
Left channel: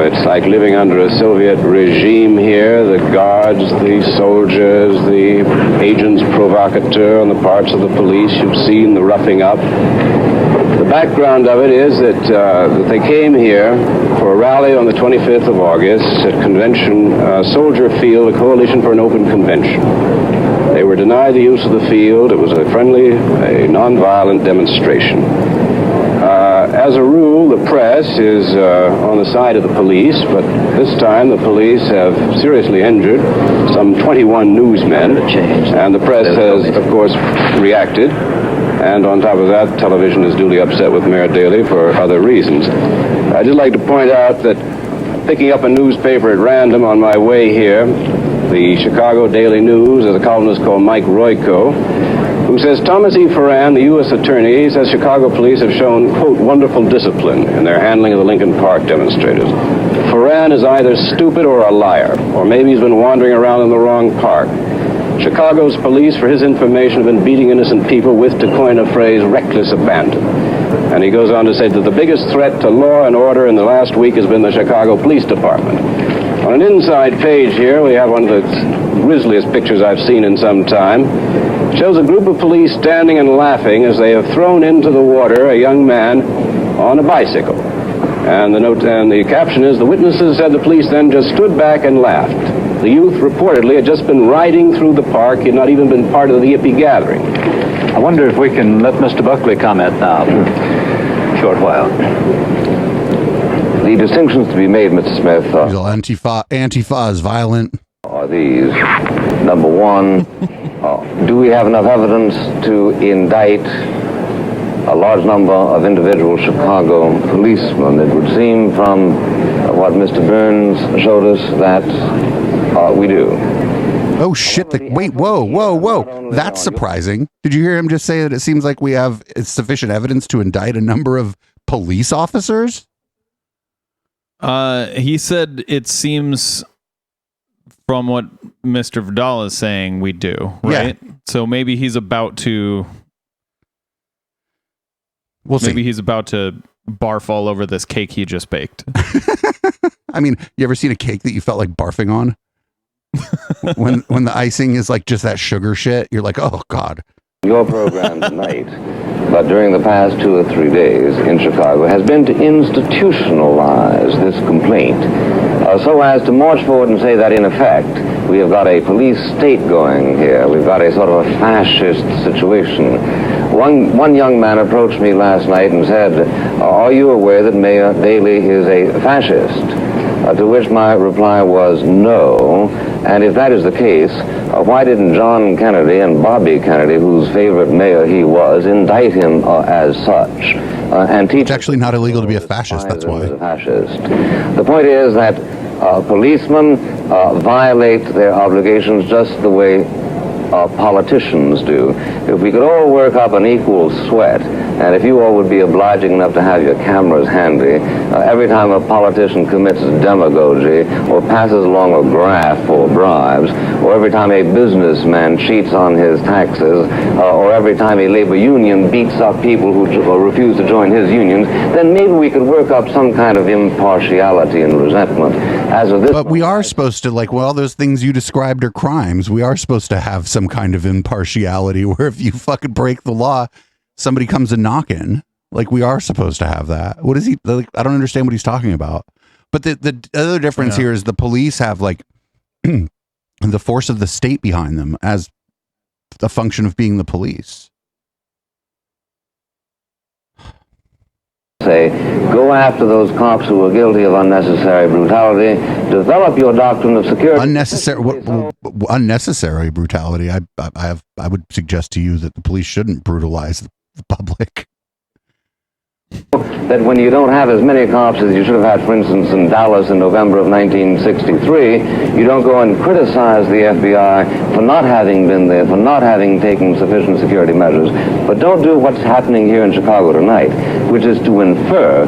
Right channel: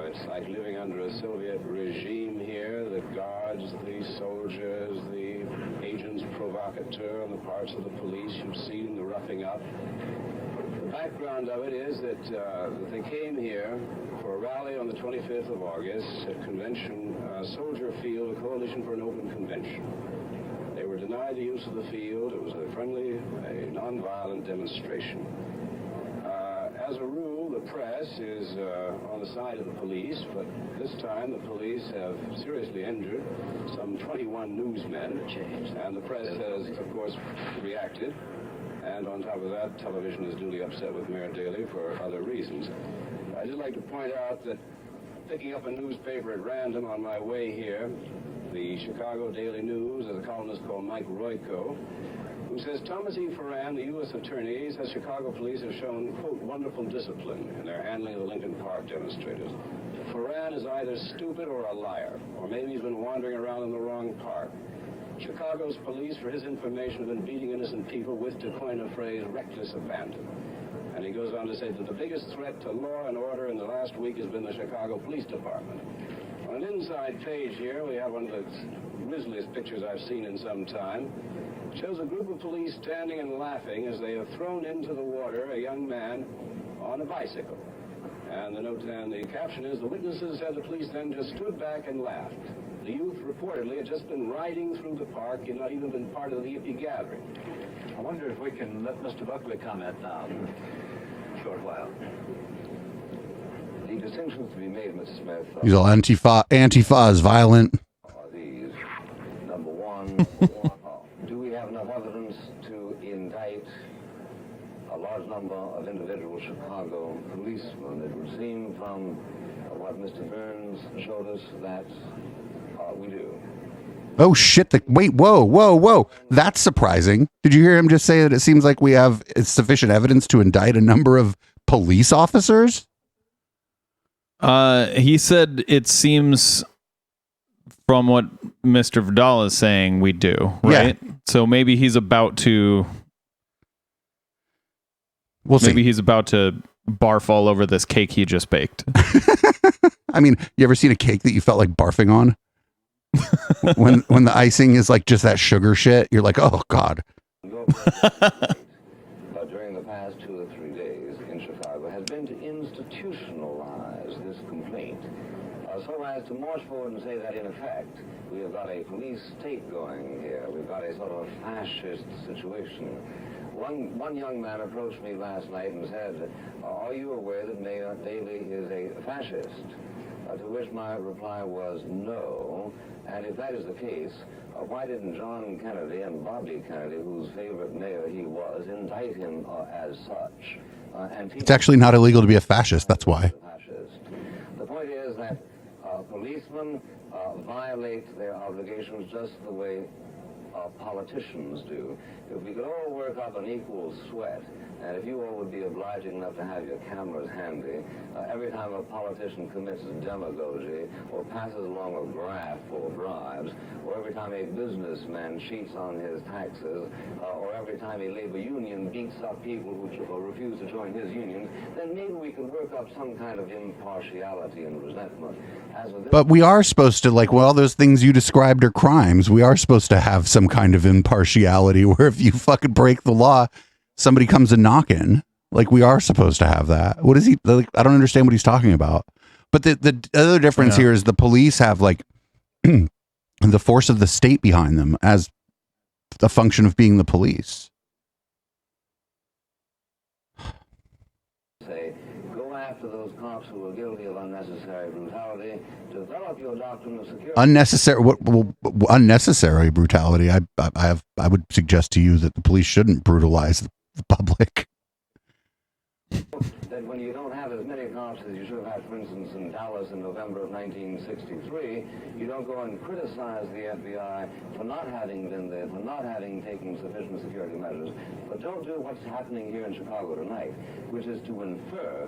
It's like living under a Soviet regime here. The guards, the soldiers, the agents provocateur on the parts of the police. You've seen the roughing up. The background of it is that they came here for a rally on the 25th of August at Convention Soldier Field, a Coalition for an Open Convention. They were denied the use of the field. It was a friendly, a nonviolent demonstration. As a rule, the press is on the side of the police, but this time the police have seriously injured some 21 newsmen, and the press has, of course, reacted. And on top of that, television is duly upset with Mayor Daley for other reasons. I'd just like to point out that picking up a newspaper at random on my way here, the Chicago Daily News, there's a columnist called Mike Royko, who says Thomas E. Foran, the U.S. attorney, says Chicago police have shown, quote, wonderful discipline in their handling of the Lincoln Park demonstrators. Foran is either stupid or a liar, or maybe he's been wandering around in the wrong park. Chicago's police, for his information, have been beating innocent people with, to coin a phrase, reckless abandon. And he goes on to say that the biggest threat to law and order in the last week has been the Chicago Police Department. On an inside page here, we have one of the grisliest pictures I've seen in some time. It shows a group of police standing and laughing as they have thrown into the water a young man on a bicycle. And the caption is, the witnesses said the police then just stood back and laughed. The youth reportedly had just been riding through the park. He had not even been part of the hippie gathering. I wonder if we can let Mr. Buckley comment now for a short while. The distinctions to be made, Mr. Smith, He's all Antifa is violent. are these. Number one, do we have enough evidence to indict a large number of individual Chicago policemen? It would seem from what Mr. Burns showed us that we do. Oh shit! Wait, whoa! That's surprising. Did you hear him just say that it seems like we have sufficient evidence to indict a number of police officers? He said it seems, from what Mr. Vidal is saying, we do, right? Yeah. So maybe he's about to. Maybe he's about to barf all over this cake he just baked. I mean, you ever seen a cake that you felt like barfing on? when the icing is like just that sugar shit, you're like, oh God. Your program tonight, but during the past 2 or 3 days in Chicago, has been to institutionalize this complaint so as to march forward and say that, in effect, we have got a police state going here. We've got a sort of a fascist situation. One young man approached me last night and said, are you aware that Mayor Daley is a fascist? To which my reply was no. And if that is the case, why didn't John Kennedy and Bobby Kennedy, whose favorite mayor he was, indict him as such? And teach. It's actually not illegal to be a fascist, that's why. The point is that policemen violate their obligations just the way politicians do. If we could all work up an equal sweat, and if you all would be obliging enough to have your cameras handy, every time a politician commits demagogy or passes along a graft for bribes, or every time a businessman cheats on his taxes, or every time a labor union beats up people who refuse to join his unions, then maybe we could work up some kind of impartiality and resentment. As of this, but we are supposed to, like, well, those things you described are crimes. We are supposed to have some kind of impartiality where if you fucking break the law, somebody comes a knocking. Like, we are supposed to have that. What is he, like, I don't understand what he's talking about. But the other difference here is the police have, like, the force of the state behind them as a function of being the police. Say, go after those cops who are guilty of unnecessary brutality. Develop your doctrine of security. Unnecessary brutality. I would suggest to you that the police shouldn't brutalize the public. That when you don't have as many cops as you should have had, for instance, in Dallas in November of 1963, you don't go and criticize the FBI for not having been there, for not having taken sufficient security measures. But don't do what's happening here in Chicago tonight, which is to infer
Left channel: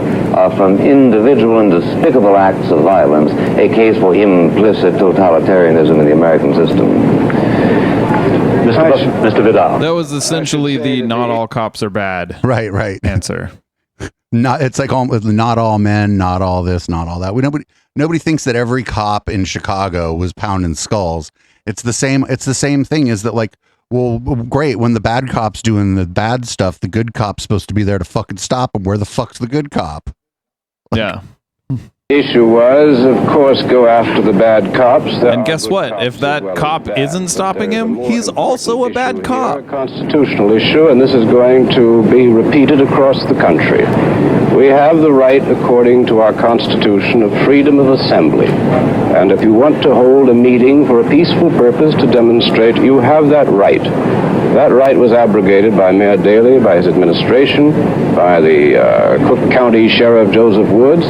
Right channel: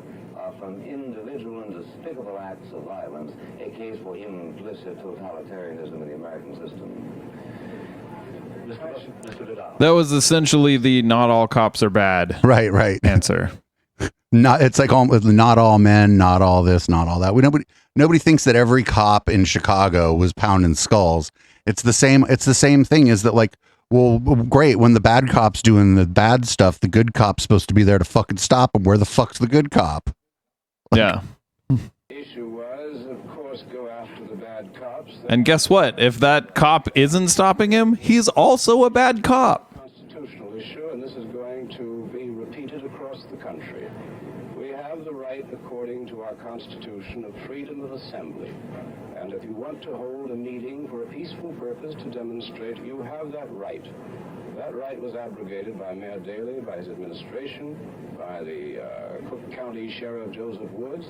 from individual and despicable acts of violence a case for implicit totalitarianism in the American system. Mr. Vidal. That was essentially the not all cops are bad right answer. It's like not all men, not all this, not all that. Nobody thinks that every cop in Chicago was pounding skulls. It's the same thing, is that, like, well, great, when the bad cop's doing the bad stuff, the good cop's supposed to be there to fucking stop him. Where the fuck's the good cop? Yeah. The issue was, of course, go after the bad cops. And guess what? If that cop isn't stopping him, he's also a bad cop. It's a constitutional issue, and this is going to be repeated across the country. We have the right, according to our Constitution, of freedom of assembly. And if you want to hold a meeting for a peaceful purpose to demonstrate, you have that right. That right was abrogated by Mayor Daley, by his administration, by the Cook County Sheriff Joseph Woods.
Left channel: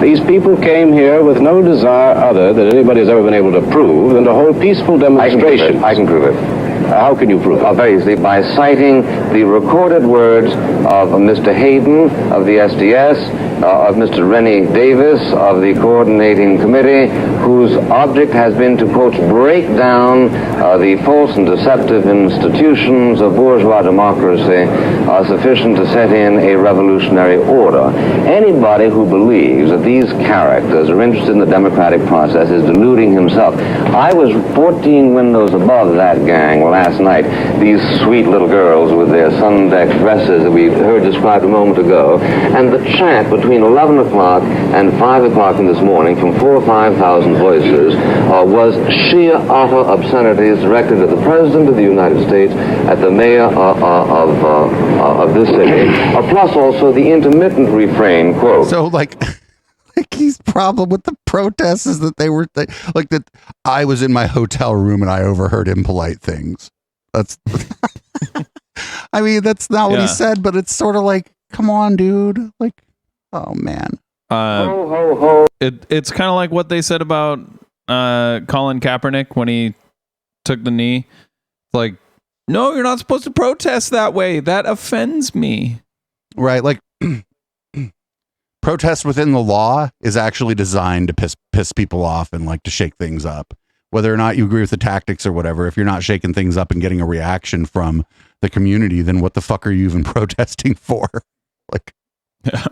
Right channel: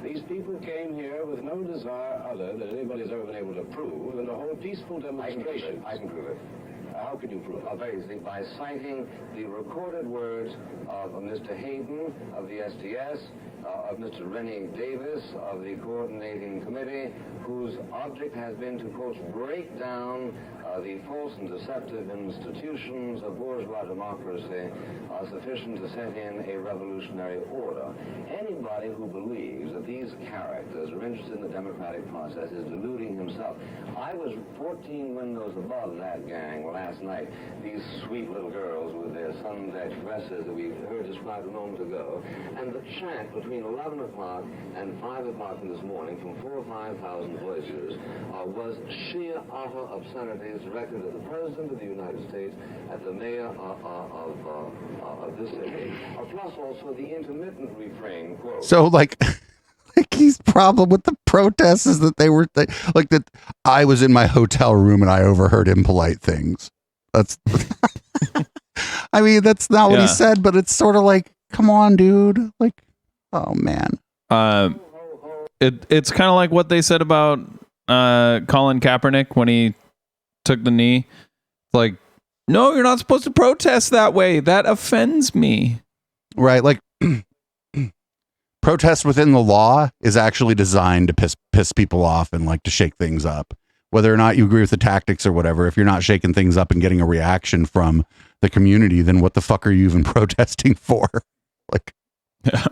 These people came here with no desire other that anybody has ever been able to prove than to hold peaceful demonstrations. I can prove it. How can you prove it? Very easily, by citing the recorded words of Mr. Hayden of the SDS, of Mr. Rennie Davis of the Coordinating Committee, whose object has been to, quote, break down the false and deceptive institutions of bourgeois democracy sufficient to set in a revolutionary order. Anybody who believes that these characters are interested in the democratic process is deluding himself. I was 14 windows above that gang last night. These sweet little girls with their sun-decked dresses that we heard described a moment ago, and the chant between between 11 o'clock and 5 o'clock in this morning from 4,000 or 5,000 voices was sheer utter obscenities directed at the President of the United States, at the mayor of this city, plus also the intermittent refrain, quote. So, like his problem with the protests is that they were like that I was in my hotel room and I overheard impolite things. That's I mean, that's not what he said, but it's sort of like, come on, dude. Like, oh man. It's kind of like what they said about Colin Kaepernick when he took the knee. Like, no, you're not supposed to protest that way. That offends me. Right, like protest within the law is actually designed to piss people off and like to shake things up. Whether or not you agree with the tactics or whatever, if you're not shaking things up and getting a reaction from the community, then what the fuck are you even protesting for? Like, yeah.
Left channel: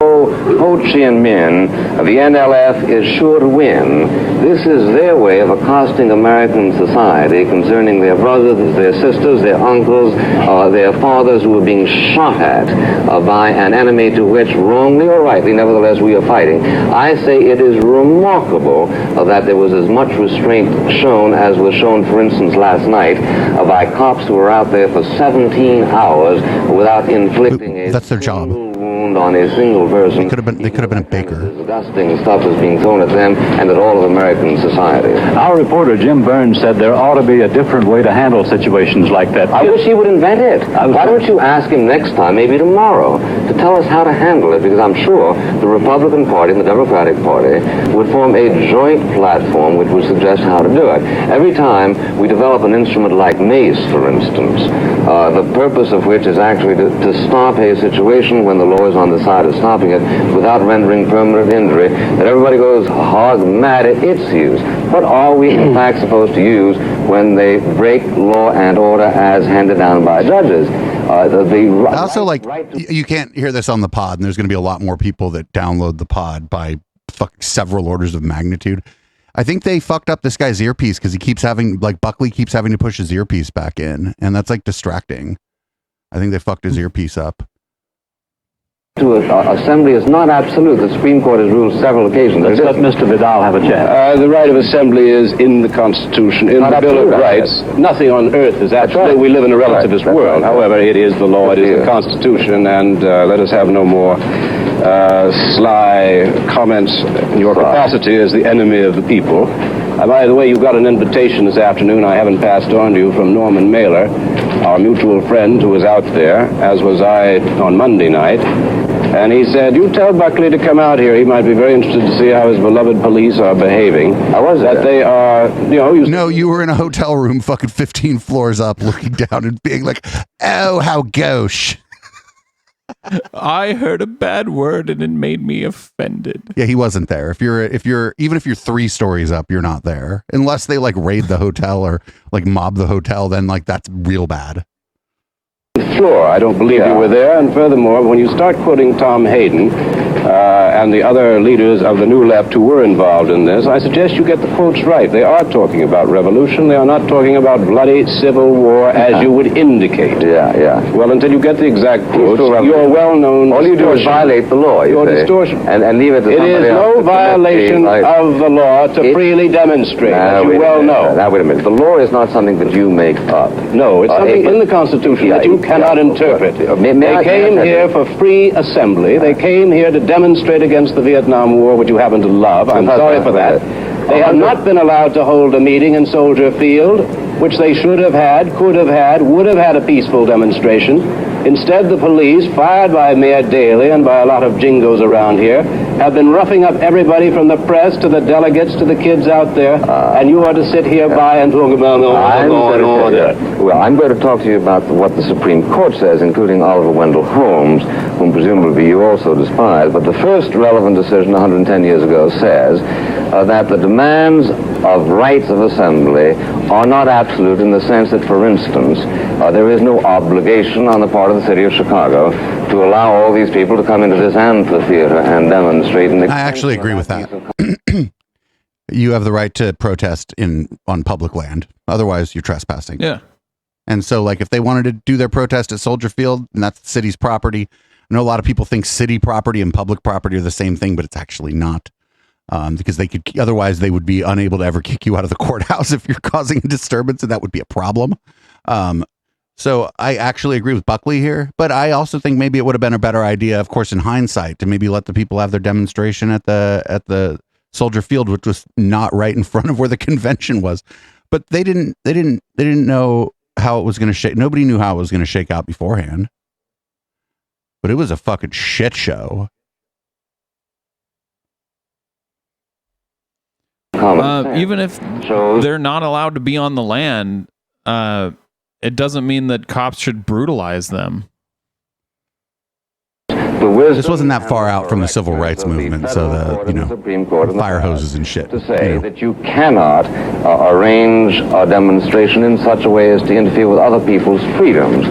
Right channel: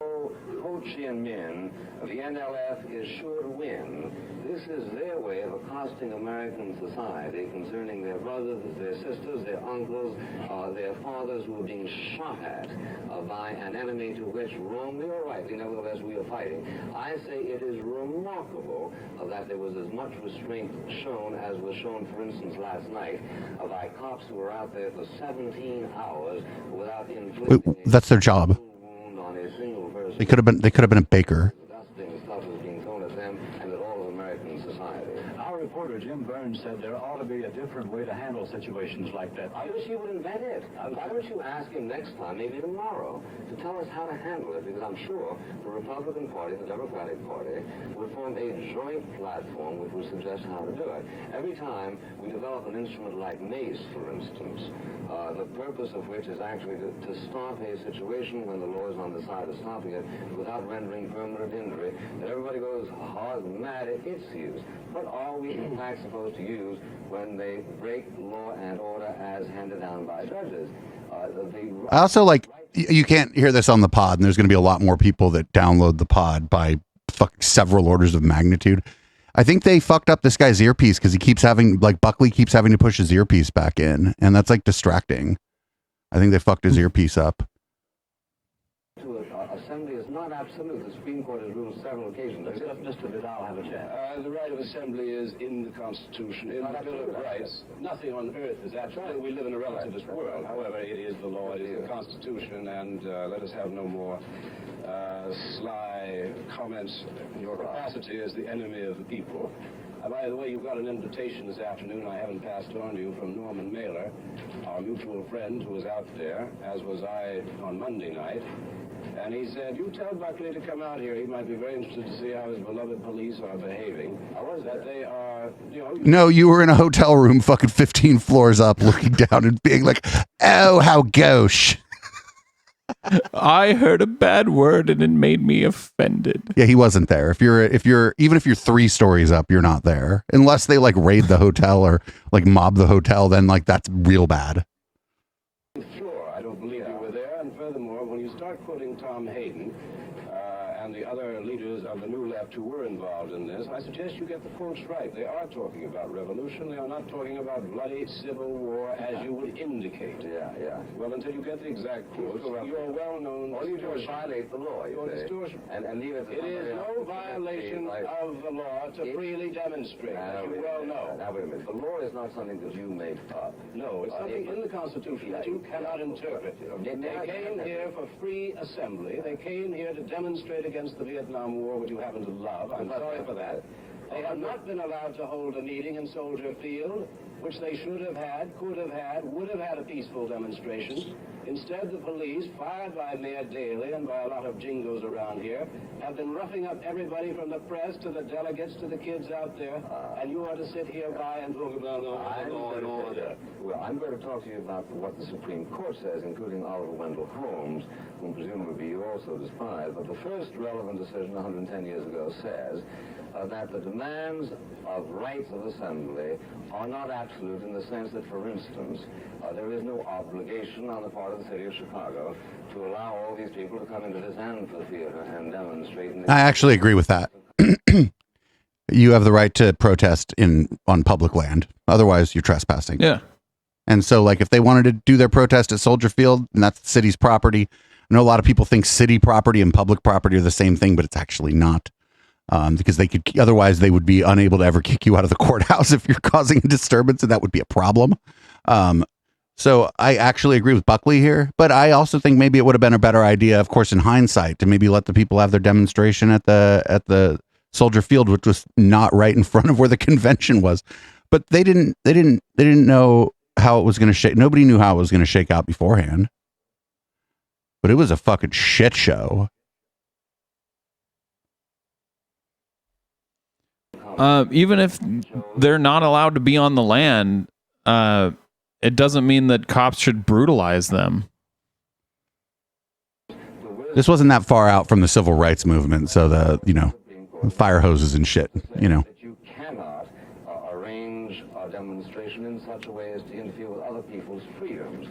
Ho Chi Minh, the NLF is sure to win. This is their way of accosting American society concerning their brothers, their sisters, their uncles, their fathers who are being shot at by an enemy to which, wrongly or rightly, nevertheless, we are fighting. I say it is remarkable that there was as much restraint shown as was shown, for instance, last night by cops who were out there for 17 hours without inflicting that's their job. On a single person. They could have been a baker. Disgusting stuff is being thrown at them and at all of American society. Our reporter Jim Burns said there ought to be a different way to handle situations like that. I wish he would invent it. Why don't you ask him next time, maybe tomorrow, to tell us how to handle it? Because I'm sure the Republican Party and the Democratic Party would form a joint platform which would suggest how to do it. Every time we develop an instrument like mace, for instance, the purpose of which is actually to stop a situation when the law is on the side of stopping it without rendering permanent injury, that everybody goes hog mad at its use. What are we in fact supposed to use when they break law and order as handed down by judges? Also, like, you can't hear this on the pod, and there's going to be a lot more people that download the pod by several orders of magnitude. I think they fucked up this guy's earpiece because he keeps having, like, Buckley keeps having to push his earpiece back in, and that's like distracting. I think they fucked his earpiece up. To assembly is not absolute. The Supreme Court has ruled several occasions. Let's let Mr. Vidal have a chance. The right of assembly is in the Constitution, in the Bill of Rights. Nothing on earth is absolute. Right. We live in a relativist world. However, it is the law, it is the Constitution, and let us have no more sly comments in your capacity as the enemy of the people. By the way, you've got an invitation this afternoon I haven't passed on to you from Norman Mailer, our mutual friend who was out there, as was I on Monday night. And he said, you tell Buckley to come out here. He might be very interested to see how his beloved police are behaving. How was that? They are, No, you were in a hotel room fucking 15 floors up looking down and being like, oh, how gauche. I heard a bad word and it made me offended. Yeah, he wasn't there. Even if you're 3 stories up, you're not there. Unless they like raid the hotel or like mob the hotel, then like that's real bad. Floor. I don't believe you were there. And furthermore, when you start quoting Tom Hayden and the other leaders of the New Left who were involved in this, I suggest you get the quotes right. They are talking about revolution. They are not talking about bloody civil war as you would indicate. Yeah. Well, until you get the exact quotes, your well-known all you do is violate the law. Your distortion. And leave it to somebody else. It is no violation of the law to freely demonstrate, as you well know. Now, wait a minute. The law is not something that you make up. No, it's something in the Constitution that you cannot interpret. They came here for free assembly. They came here to demonstrate against the Vietnam War, which you happen to love. I'm sorry for that. They have not been allowed to hold a meeting in Soldier Field, which they should have had, could have had, would have had a peaceful demonstration. Instead, the police, fired by Mayor Daley and by a lot of jingos around here, have been roughing up everybody from the press to the delegates to the kids out there, and you are to sit here by and talk about law and order. Well, I'm going to talk to you about what the Supreme Court says, including Oliver Wendell Holmes, whom presumably you also despise. But the first relevant decision 110 years ago says that the demands of rights of assembly are not absolute in the sense that, for instance, there is no obligation on the part of the city of Chicago to allow all these people to come into this amphitheater and demonstrate. I actually agree with that. You have the right to protest on public land. Otherwise, you're trespassing. Yeah. And so, like, if they wanted to do their protest at Soldier Field, and that's the city's property, I know a lot of people think city property and public property are the same thing, but it's actually not. Because they could, otherwise they would be unable to ever kick you out of the courthouse if you're causing a disturbance, and that would be a problem. So I actually agree with Buckley here, but I also think maybe it would have been a better idea, of course, in hindsight, to maybe let the people have their demonstration at the Soldier Field, which was not right in front of where the convention was. But they didn't know how it was going to shake. Nobody knew how it was going to shake out beforehand. But it was a fucking shit show. Even if they're not allowed to be on the land, it doesn't mean that cops should brutalize them. This wasn't that far out from the civil rights movement, so the fire hoses and shit. To say that you cannot arrange a demonstration in such a way as to interfere with other people's freedoms.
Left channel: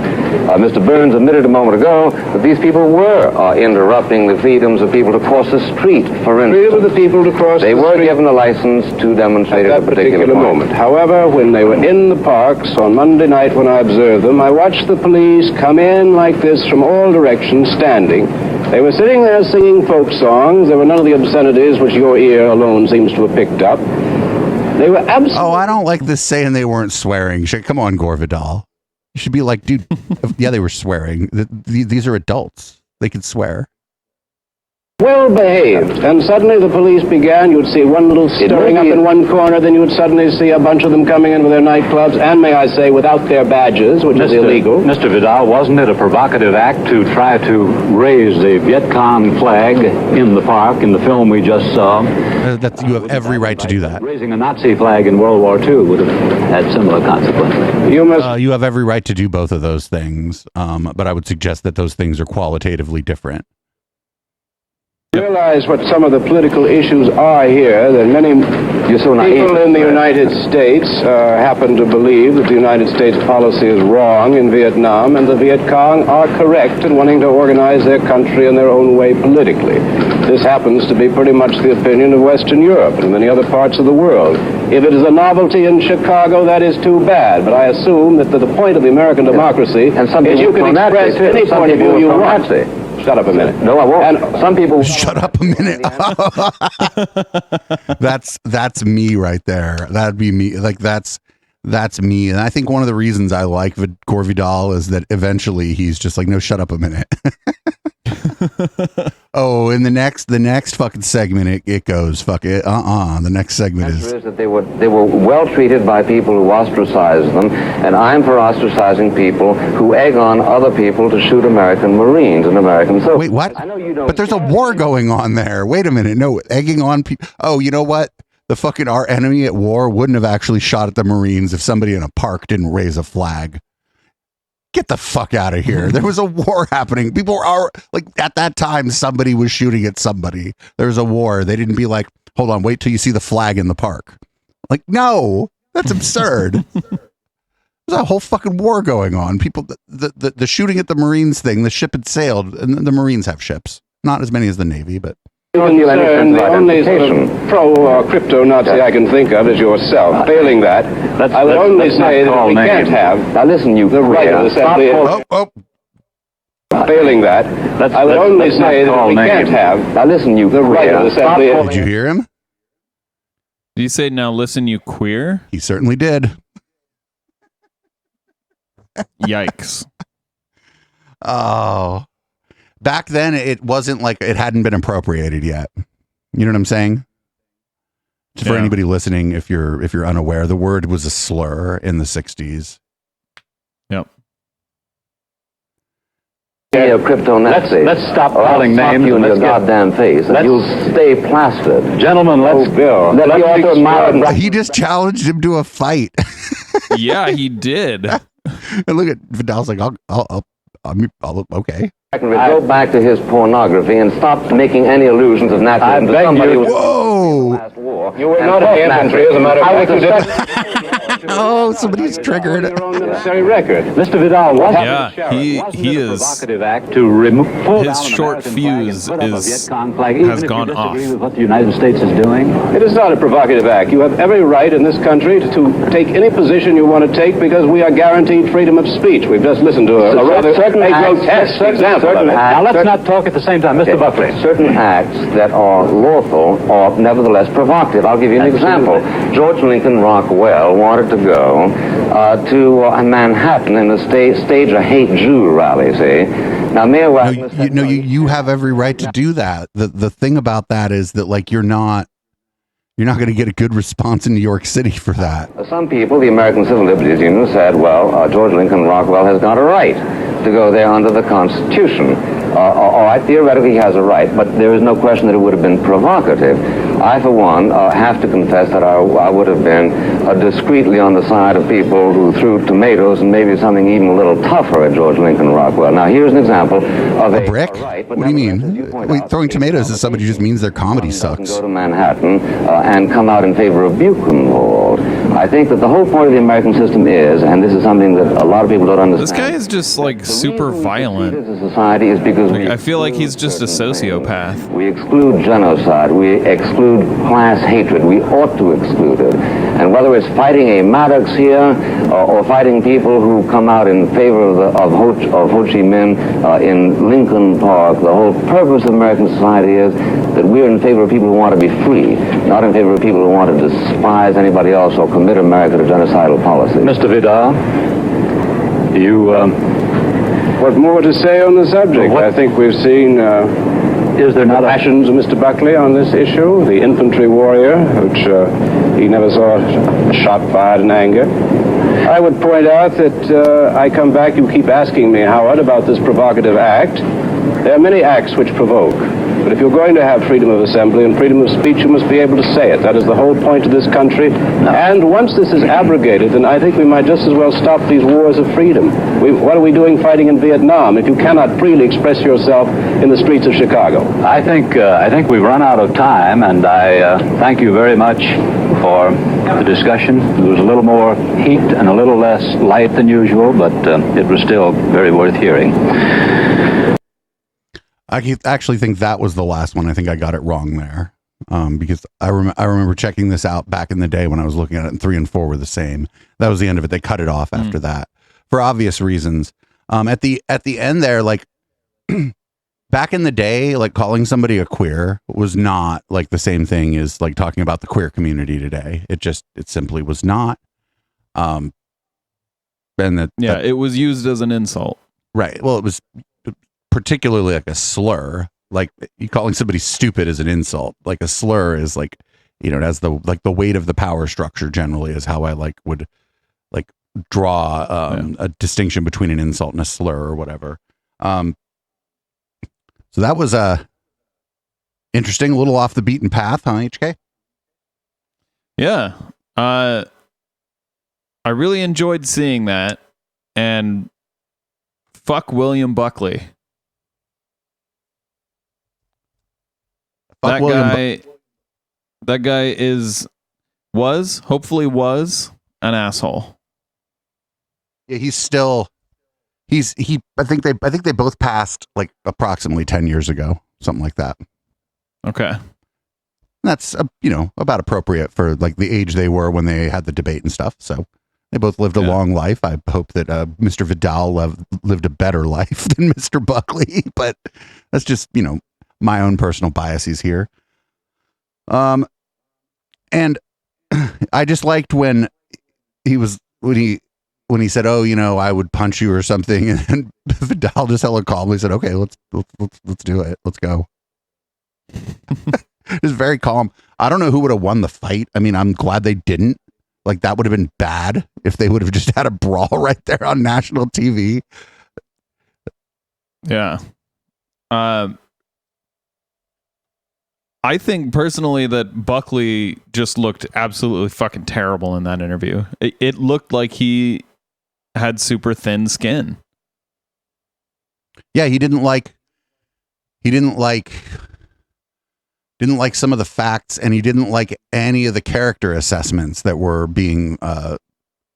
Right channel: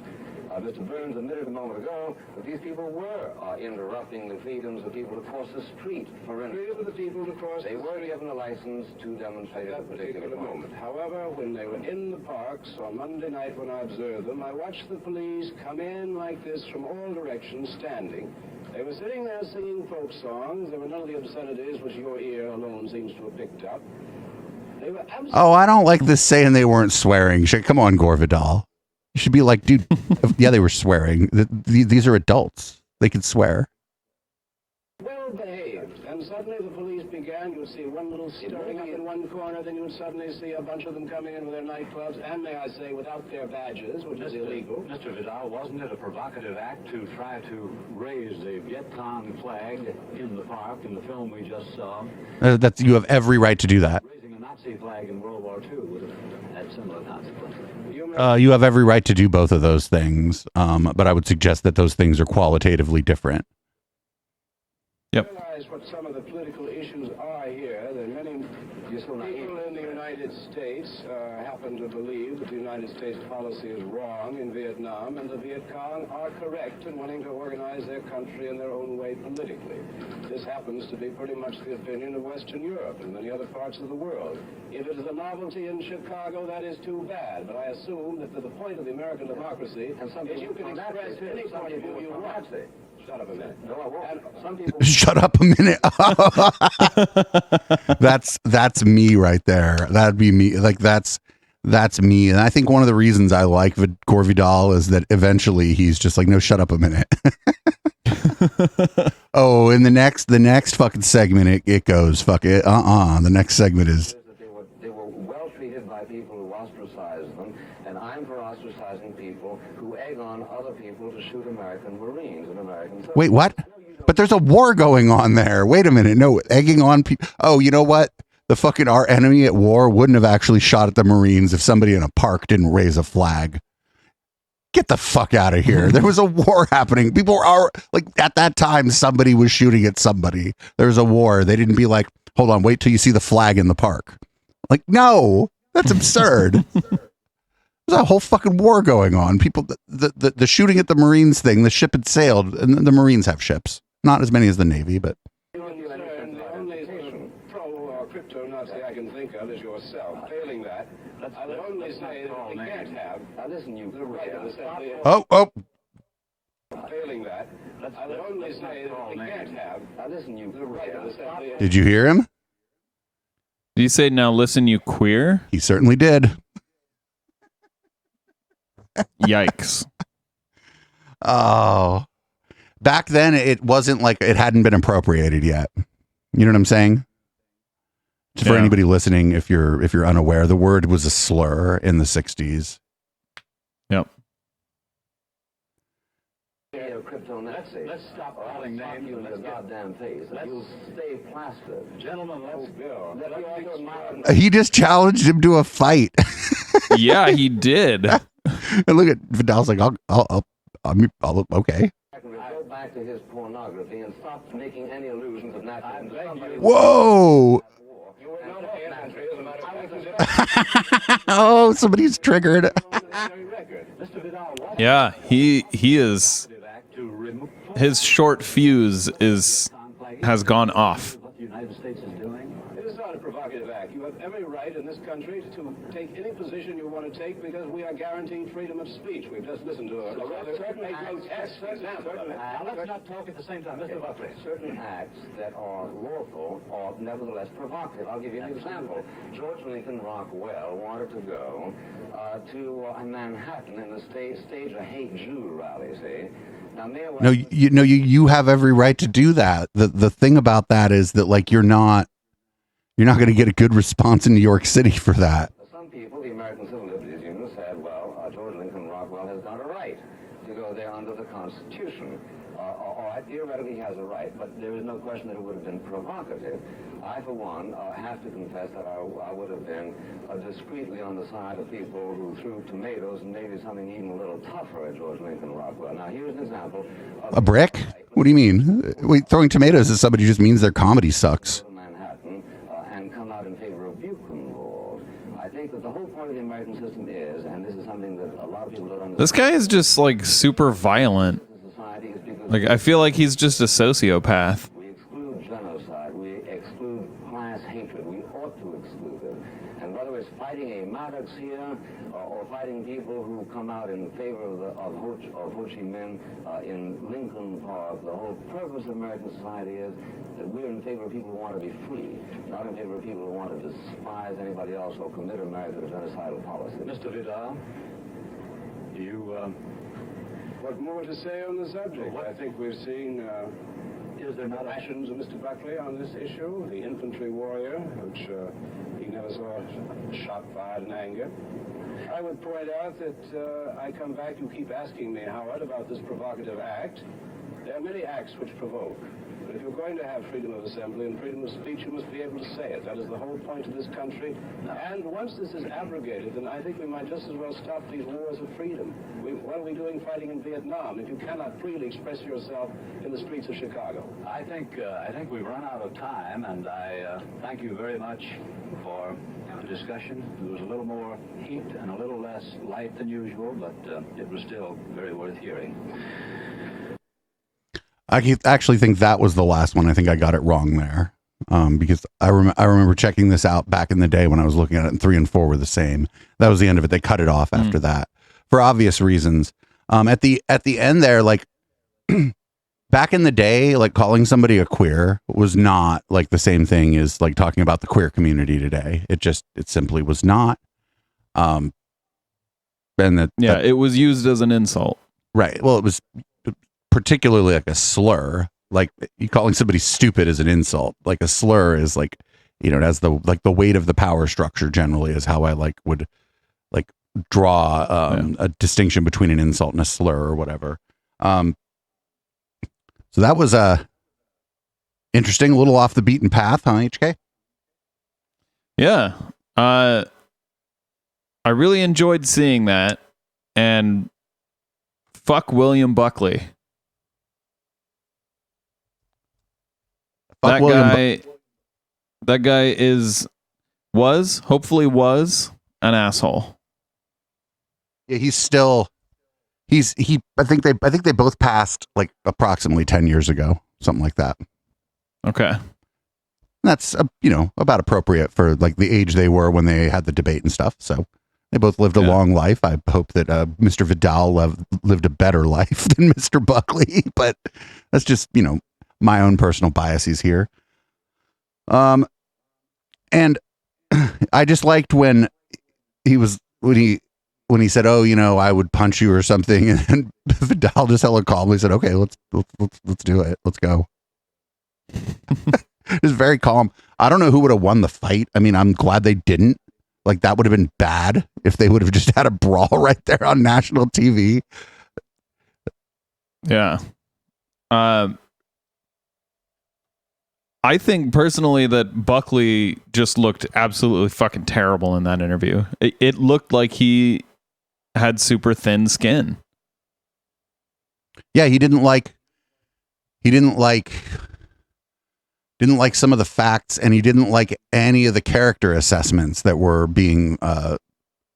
Mr. Burns admitted a moment ago that these people were interrupting the freedoms of people to cross the street, for instance. Freedom of the people to cross They the were street given a license to demonstrate at at a that particular point. moment. However, when they were in the parks on Monday night when I observed them, I watched the police come in like this from all directions, standing. They were sitting there singing folk songs. There were none of the obscenities which your ear alone seems to have picked up. They were absolutely... Oh, I don't like this saying they weren't swearing. Come on, Gore Vidal. You should be like, dude, yeah, they were swearing. These are adults. They can swear. well behaved. And suddenly the police began. You would see one little stirring up in one corner, then you would suddenly see a bunch of them coming in with their nightclubs, and may I say, without their badges, which is illegal. Mr. Vidal, wasn't it a provocative act to try to raise the Viet Cong flag in the park in the film we just saw? You have every right to do that. Raising a Nazi flag in World War II would have had similar consequences. You have every right to do both of those things, but I would suggest that those things are qualitatively different. Realize what some of the political issues are here, that many people in the United States happen to believe that the United States policy is wrong in Vietnam, and the Viet Cong are correct in wanting to organize their country in their own way politically. This happens to be pretty much the opinion of Western Europe and many other parts of the world. If it is a novelty in Chicago, that is too bad, but I assume that the point of the American democracy is you can express any point of view you want. Shut up a minute. No, I won't. And some people... Shut up a minute. That's me right there. That'd be me. Like, that's me. And I think one of the reasons I like Gore Vidal is that eventually he's just like, no, shut up a minute. Oh, in the next fucking segment, it goes, fuck it. The next segment is that they were well treated by people who ostracized them, and I'm for ostracizing people who egg on other people to shoot American Marines and American soldiers. Wait, what? I know you don't. But there's a war going on there. Wait a minute. No, egging on people. Oh, you know what? Our enemy at war wouldn't have actually shot at the Marines if somebody in a park didn't raise a flag. Get the fuck out of here. There was a war happening. People are like, at that time, somebody was shooting at somebody. There was a war. They didn't be like, hold on, wait till you see the flag in the park. Like, no, that's absurd. There's a whole fucking war going on. People, the shooting at the Marines thing, the ship had sailed, and the Marines have ships. Not as many as the Navy, but. The only sort of pro-crypto-Nazi I can think of is yourself. Failing that, I would only say that we can't have Now listen, you the right of assembly. Failing that, I would only say that we can't have Now listen, you the right of assembly. Did you hear him? Did you say, now listen, you queer? He certainly did. Yikes. Oh. Back then, it wasn't like it hadn't been appropriated yet. You know what I'm saying? Just for anybody listening, if you're unaware, the word was a slur in the 60s. Yep. Crypto-Nazi. Let's stop calling names. You in your goddamn face, and you'll stay plastered. Gentlemen, Bill. He just challenged him to a fight. Yeah, he did. And look at Vidal's like, I'll okay. Go back to his pornography and stop making any allusions of naturalism to somebody who was Whoa! You were not in the infantry, as a matter of fact. Oh, somebody's triggered. Record. Mr. Vidal, what Yeah, he is. His short fuse has gone off. What the United States is doing. It is not a provocative act. You have every right in this country to take any position you want to take because we are guaranteed freedom of speech. We've just listened to a rather grotesque example of it. Now, let's not talk at the same time. Mr. Buckley. Certain acts that are lawful are nevertheless provocative. I'll give you an example. George Lincoln Rockwell wanted to go to Manhattan and stage a hate Jew rally, see? Now, Mayor Wagner you have every right to do that. The thing about that is that, like, you're not going to get a good response in New York City for that. Some people, the American Civil Liberties Union, said, well, George Lincoln Rockwell has got a right to go there under the Constitution. All right, theoretically he has a right, but there is no question that it would have been provocative. I, for one, have to confess that I would have been discreetly on the side of people who threw tomatoes and maybe something even a little tougher at George Lincoln Rockwell. Now, here's an example of a brick. What do you mean? Wait, throwing tomatoes at somebody just means their comedy sucks. Go to Manhattan and come out in favor of Buchenwald. I think that the whole point of the American system is, and this is something that a lot of people don't understand. This guy is just like super violent. Society is because I feel like he's just a sociopath. We exclude genocide. We exclude class hatred. We ought to exclude it. And whether it's fighting a Maddox here or fighting people who come out in favor of Ho Chi Minh in Lincoln Park, the whole purpose of American society is that we're in favor of people who want to be free, not in favor of people who want to despise anybody else or commit America to genocidal policy. Mr. Vidal, you... What more to say on the subject? I think we've seen is there not passions of Mr. Buckley on this issue, the infantry warrior, which he never saw a shot fired in anger. I would point out that I come back, you keep asking me, Howard, about this provocative act. There are many acts which provoke. But if you're going to have freedom of assembly and freedom of speech, you must be able to say it. That is the whole point of this country. No. And once this is abrogated, then I think we might just as well stop these wars of freedom. What are we doing fighting in Vietnam if you cannot freely express yourself in the streets of Chicago? I think we've run out of time, and I thank you very much for the discussion. There was a little more heat and a little less light than usual, but it was still very worth hearing. I actually think that was the last one. I think I got it wrong there, because I remember checking this out back in the day when I was looking at it, and 3 and 4 were the same. That was the end of it. They cut it off after that for obvious reasons. At the end there, like back in the day, like calling somebody a queer was not like the same thing as like talking about the queer community today. It simply was not. And it was used as an insult. Right. Well, it was particularly like a slur. Like you calling somebody stupid is an insult. Like a slur is like, it has the weight of the power structure generally is how I would draw a distinction between an insult and a slur or whatever. So that was interesting, a little off the beaten path, huh, HK? Yeah. I really enjoyed seeing that, and fuck William Buckley. That guy hopefully was an asshole. Yeah, I think they both passed like approximately 10 years ago, something like that. Okay. That's about appropriate for like the age they were when they had the debate and stuff. So they both lived a long life. I hope that Mr. Vidal lived a better life than Mr. Buckley, but that's just, my own personal biases here. And I just liked when he said, "Oh, I would punch you or something," and Vidal just hella calmly said, "Okay, let's do it. Let's go." It was very calm. I don't know who would have won the fight. I mean, I'm glad they didn't. Like that would have been bad if they would have just had a brawl right there on national TV. Yeah. I think personally that Buckley just looked absolutely fucking terrible in that interview. It looked like he had super thin skin. Yeah, he didn't like some of the facts, and he didn't like any of the character assessments that were being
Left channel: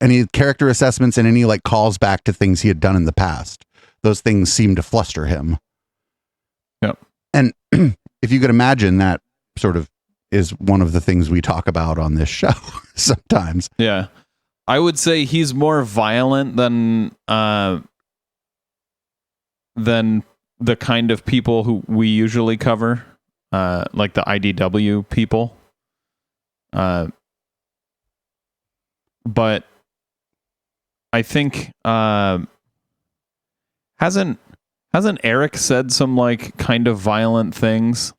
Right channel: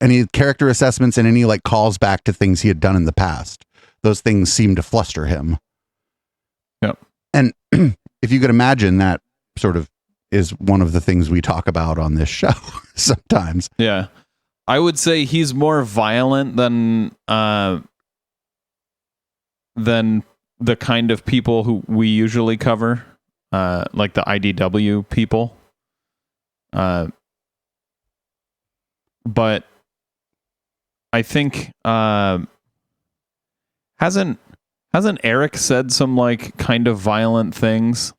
any character assessments and any like calls back to things he had done in the past. Those things seemed to fluster him. Yep. And if you could imagine, that sort of is one of the things we talk about on this show sometimes. Yeah. I would say he's more violent than the kind of people who we usually cover, like the IDW people. But I think hasn't Eric said some like kind of violent things?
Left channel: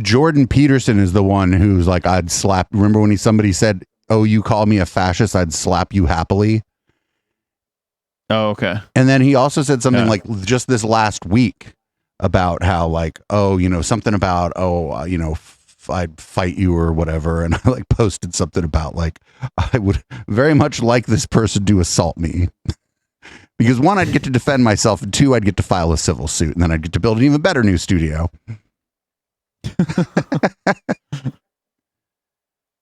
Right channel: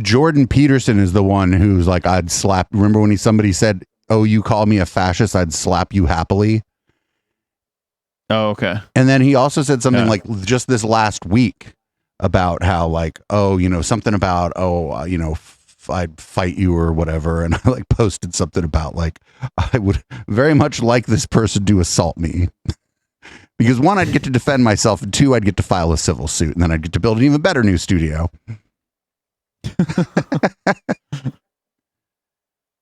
Jordan Peterson is the one who's like, I'd slap. Remember when somebody said, "Oh, you call me a fascist, I'd slap you happily." Oh, okay. And then he also said something like just this last week about how like, oh, you know, something about, oh, you know, I'd fight you or whatever. And I like posted something about like, I would very much like this person to assault me. Because one, I'd get to defend myself, and two, I'd get to file a civil suit, and then I'd get to build an even better new studio.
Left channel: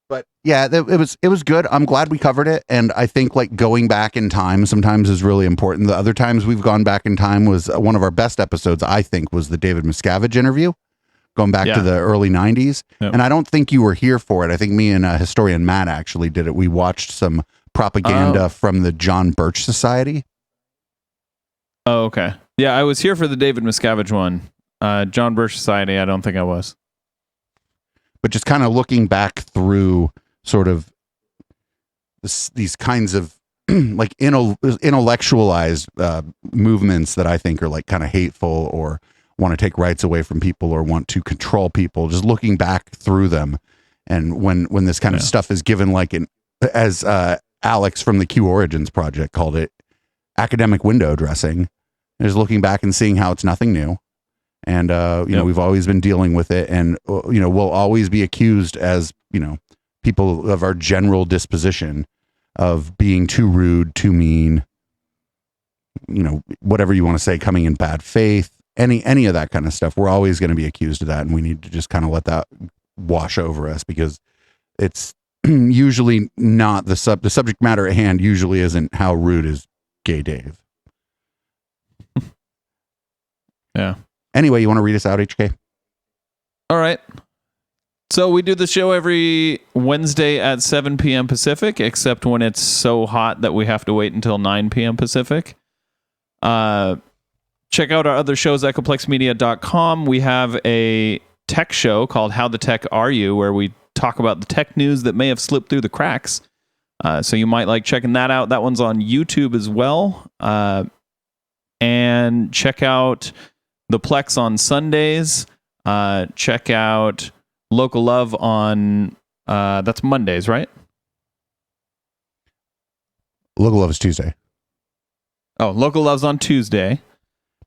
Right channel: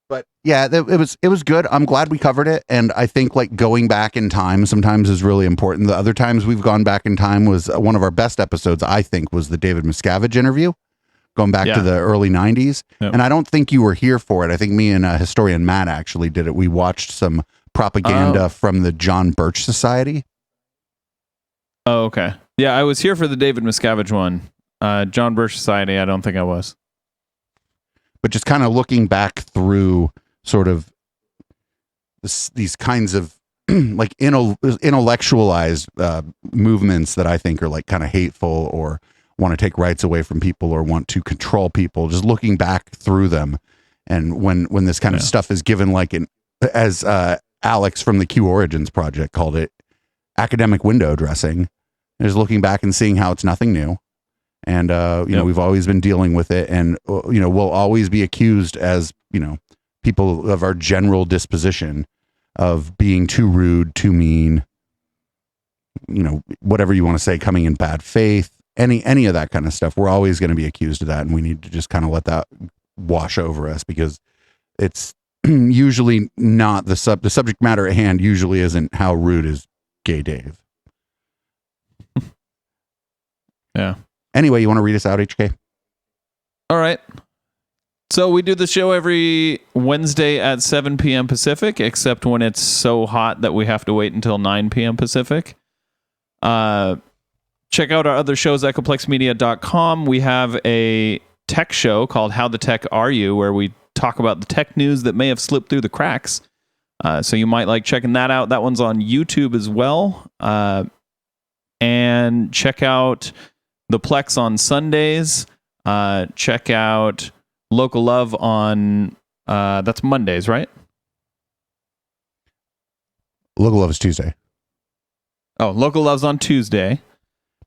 But yeah, it was good. I'm glad we covered it, and I think like going back in time sometimes is really important. The other times we've gone back in time was one of our best episodes. I think was the David Miscavige interview, going back to the early 90s. Yep. And I don't think you were here for it. I think me and historian Matt actually did it. We watched some propaganda from the John Birch Society. Oh, okay. Yeah, I was here for the David Miscavige one. John Birch Society, I don't think I was. But just kind of looking back through sort of these kinds of like intellectualized movements that I think are like kind of hateful or want to take rights away from people or want to control people, just looking back through them. And when this kind of stuff is given, like as Alex from the Q Origins Project called it, academic window dressing, is looking back and seeing how it's nothing new. And, you know, we've always been dealing with it, and, you know, we'll always be accused as, you know, people of our general disposition of being too rude, too mean, you know, whatever you want to say, coming in bad faith, any of that kind of stuff. We're always going to be accused of that. And we need to just kind of let that wash over us, because it's usually not the subject matter at hand usually isn't how rude is Gay Dave. Yeah. Anyway, you want to read us out, HK? All right. So we do the show every Wednesday at 7 p.m. Pacific, except when it's so hot that we have to wait until 9 p.m. Pacific. Check out our other shows at echoplex.media.com. We have a tech show called How the Tech Are You, where we talk about the tech news that may have slipped through the cracks. So you might like checking that out. That one's on YouTube as well. And check out The Plex on Sundays. Check out Local Love on that's Mondays, right? Local Love is Tuesday. Oh, Local Love's on Tuesday.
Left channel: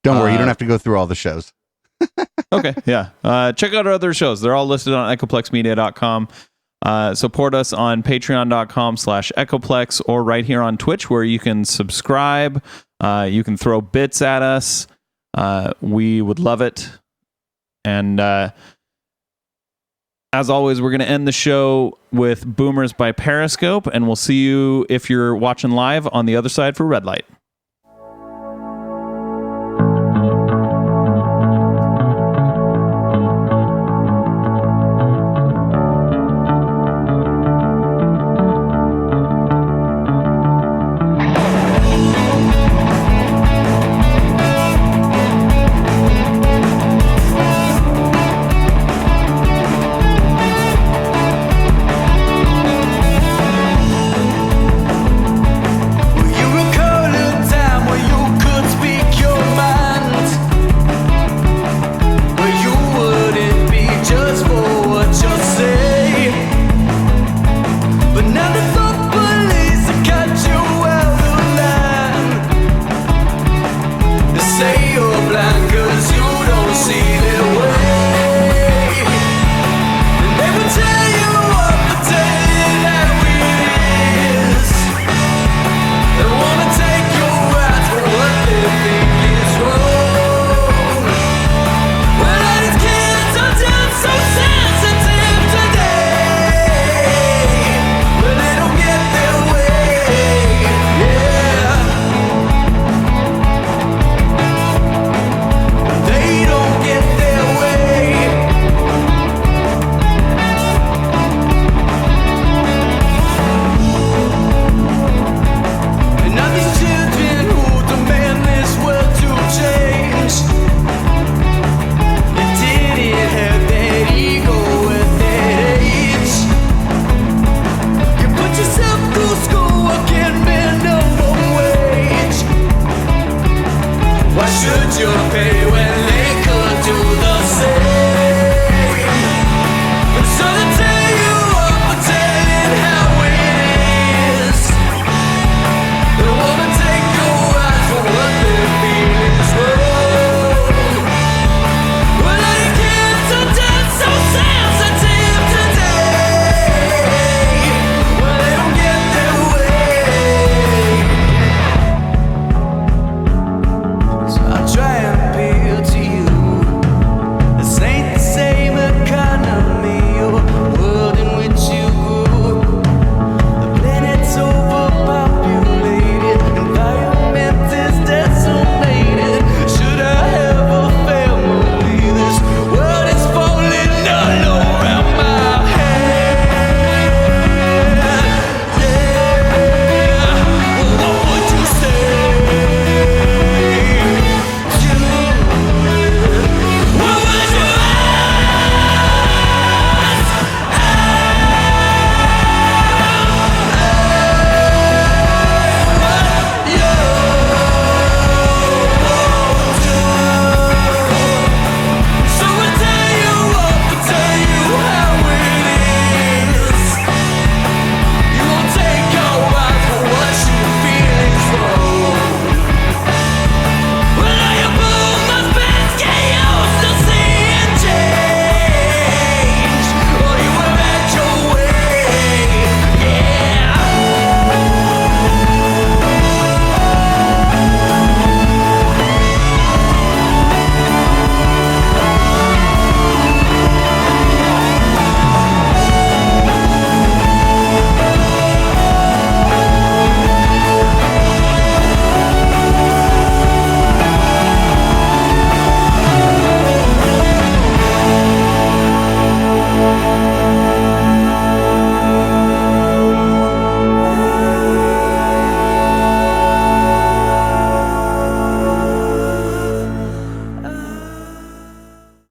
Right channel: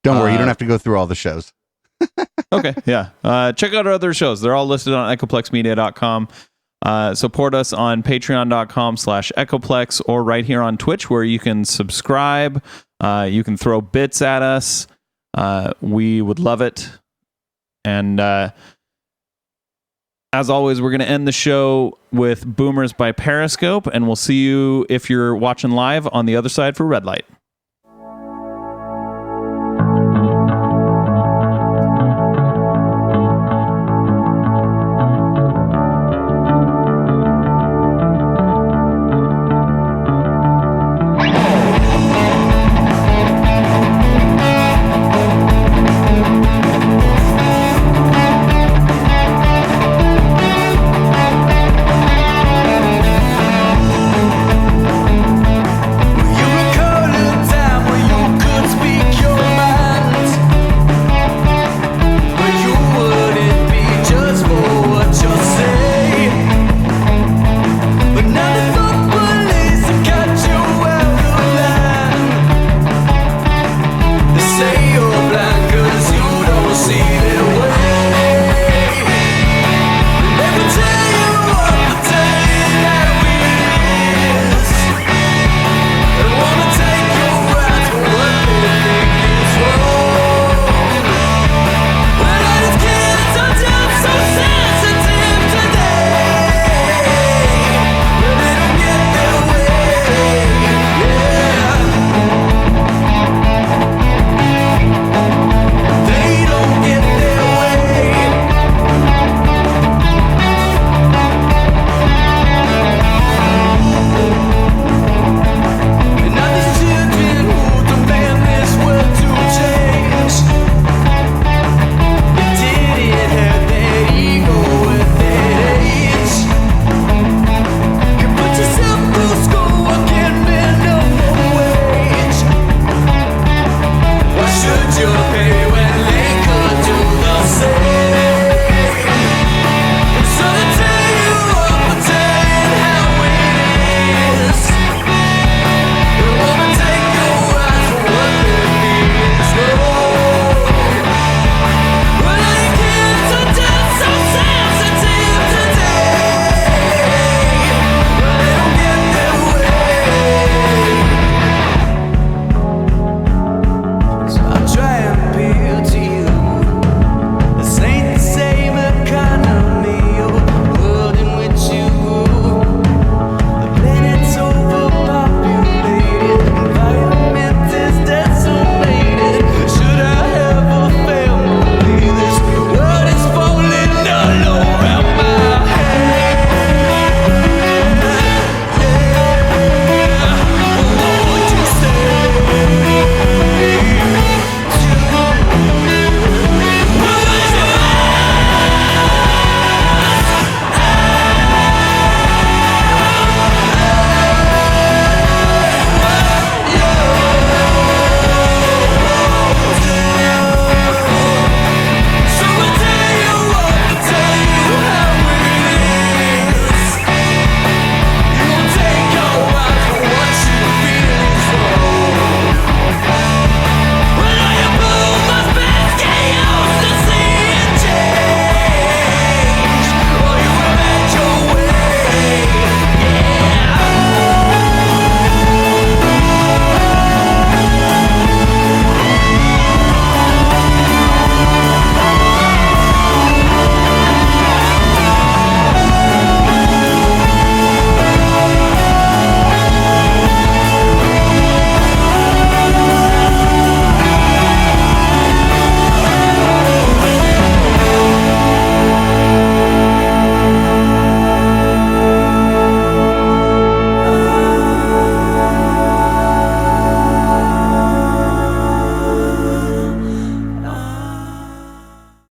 Don't worry, you don't have to go through all the shows. Okay, yeah. Check out our other shows. They're all listed on echoplexmedia.com. Support us on patreon.com/echoplex or right here on Twitch, where you can subscribe. You can throw bits at us. We would love it. And as always, we're going to end the show with Boomers by Periscope, and we'll see you, if you're watching live, on the other side for Red Light.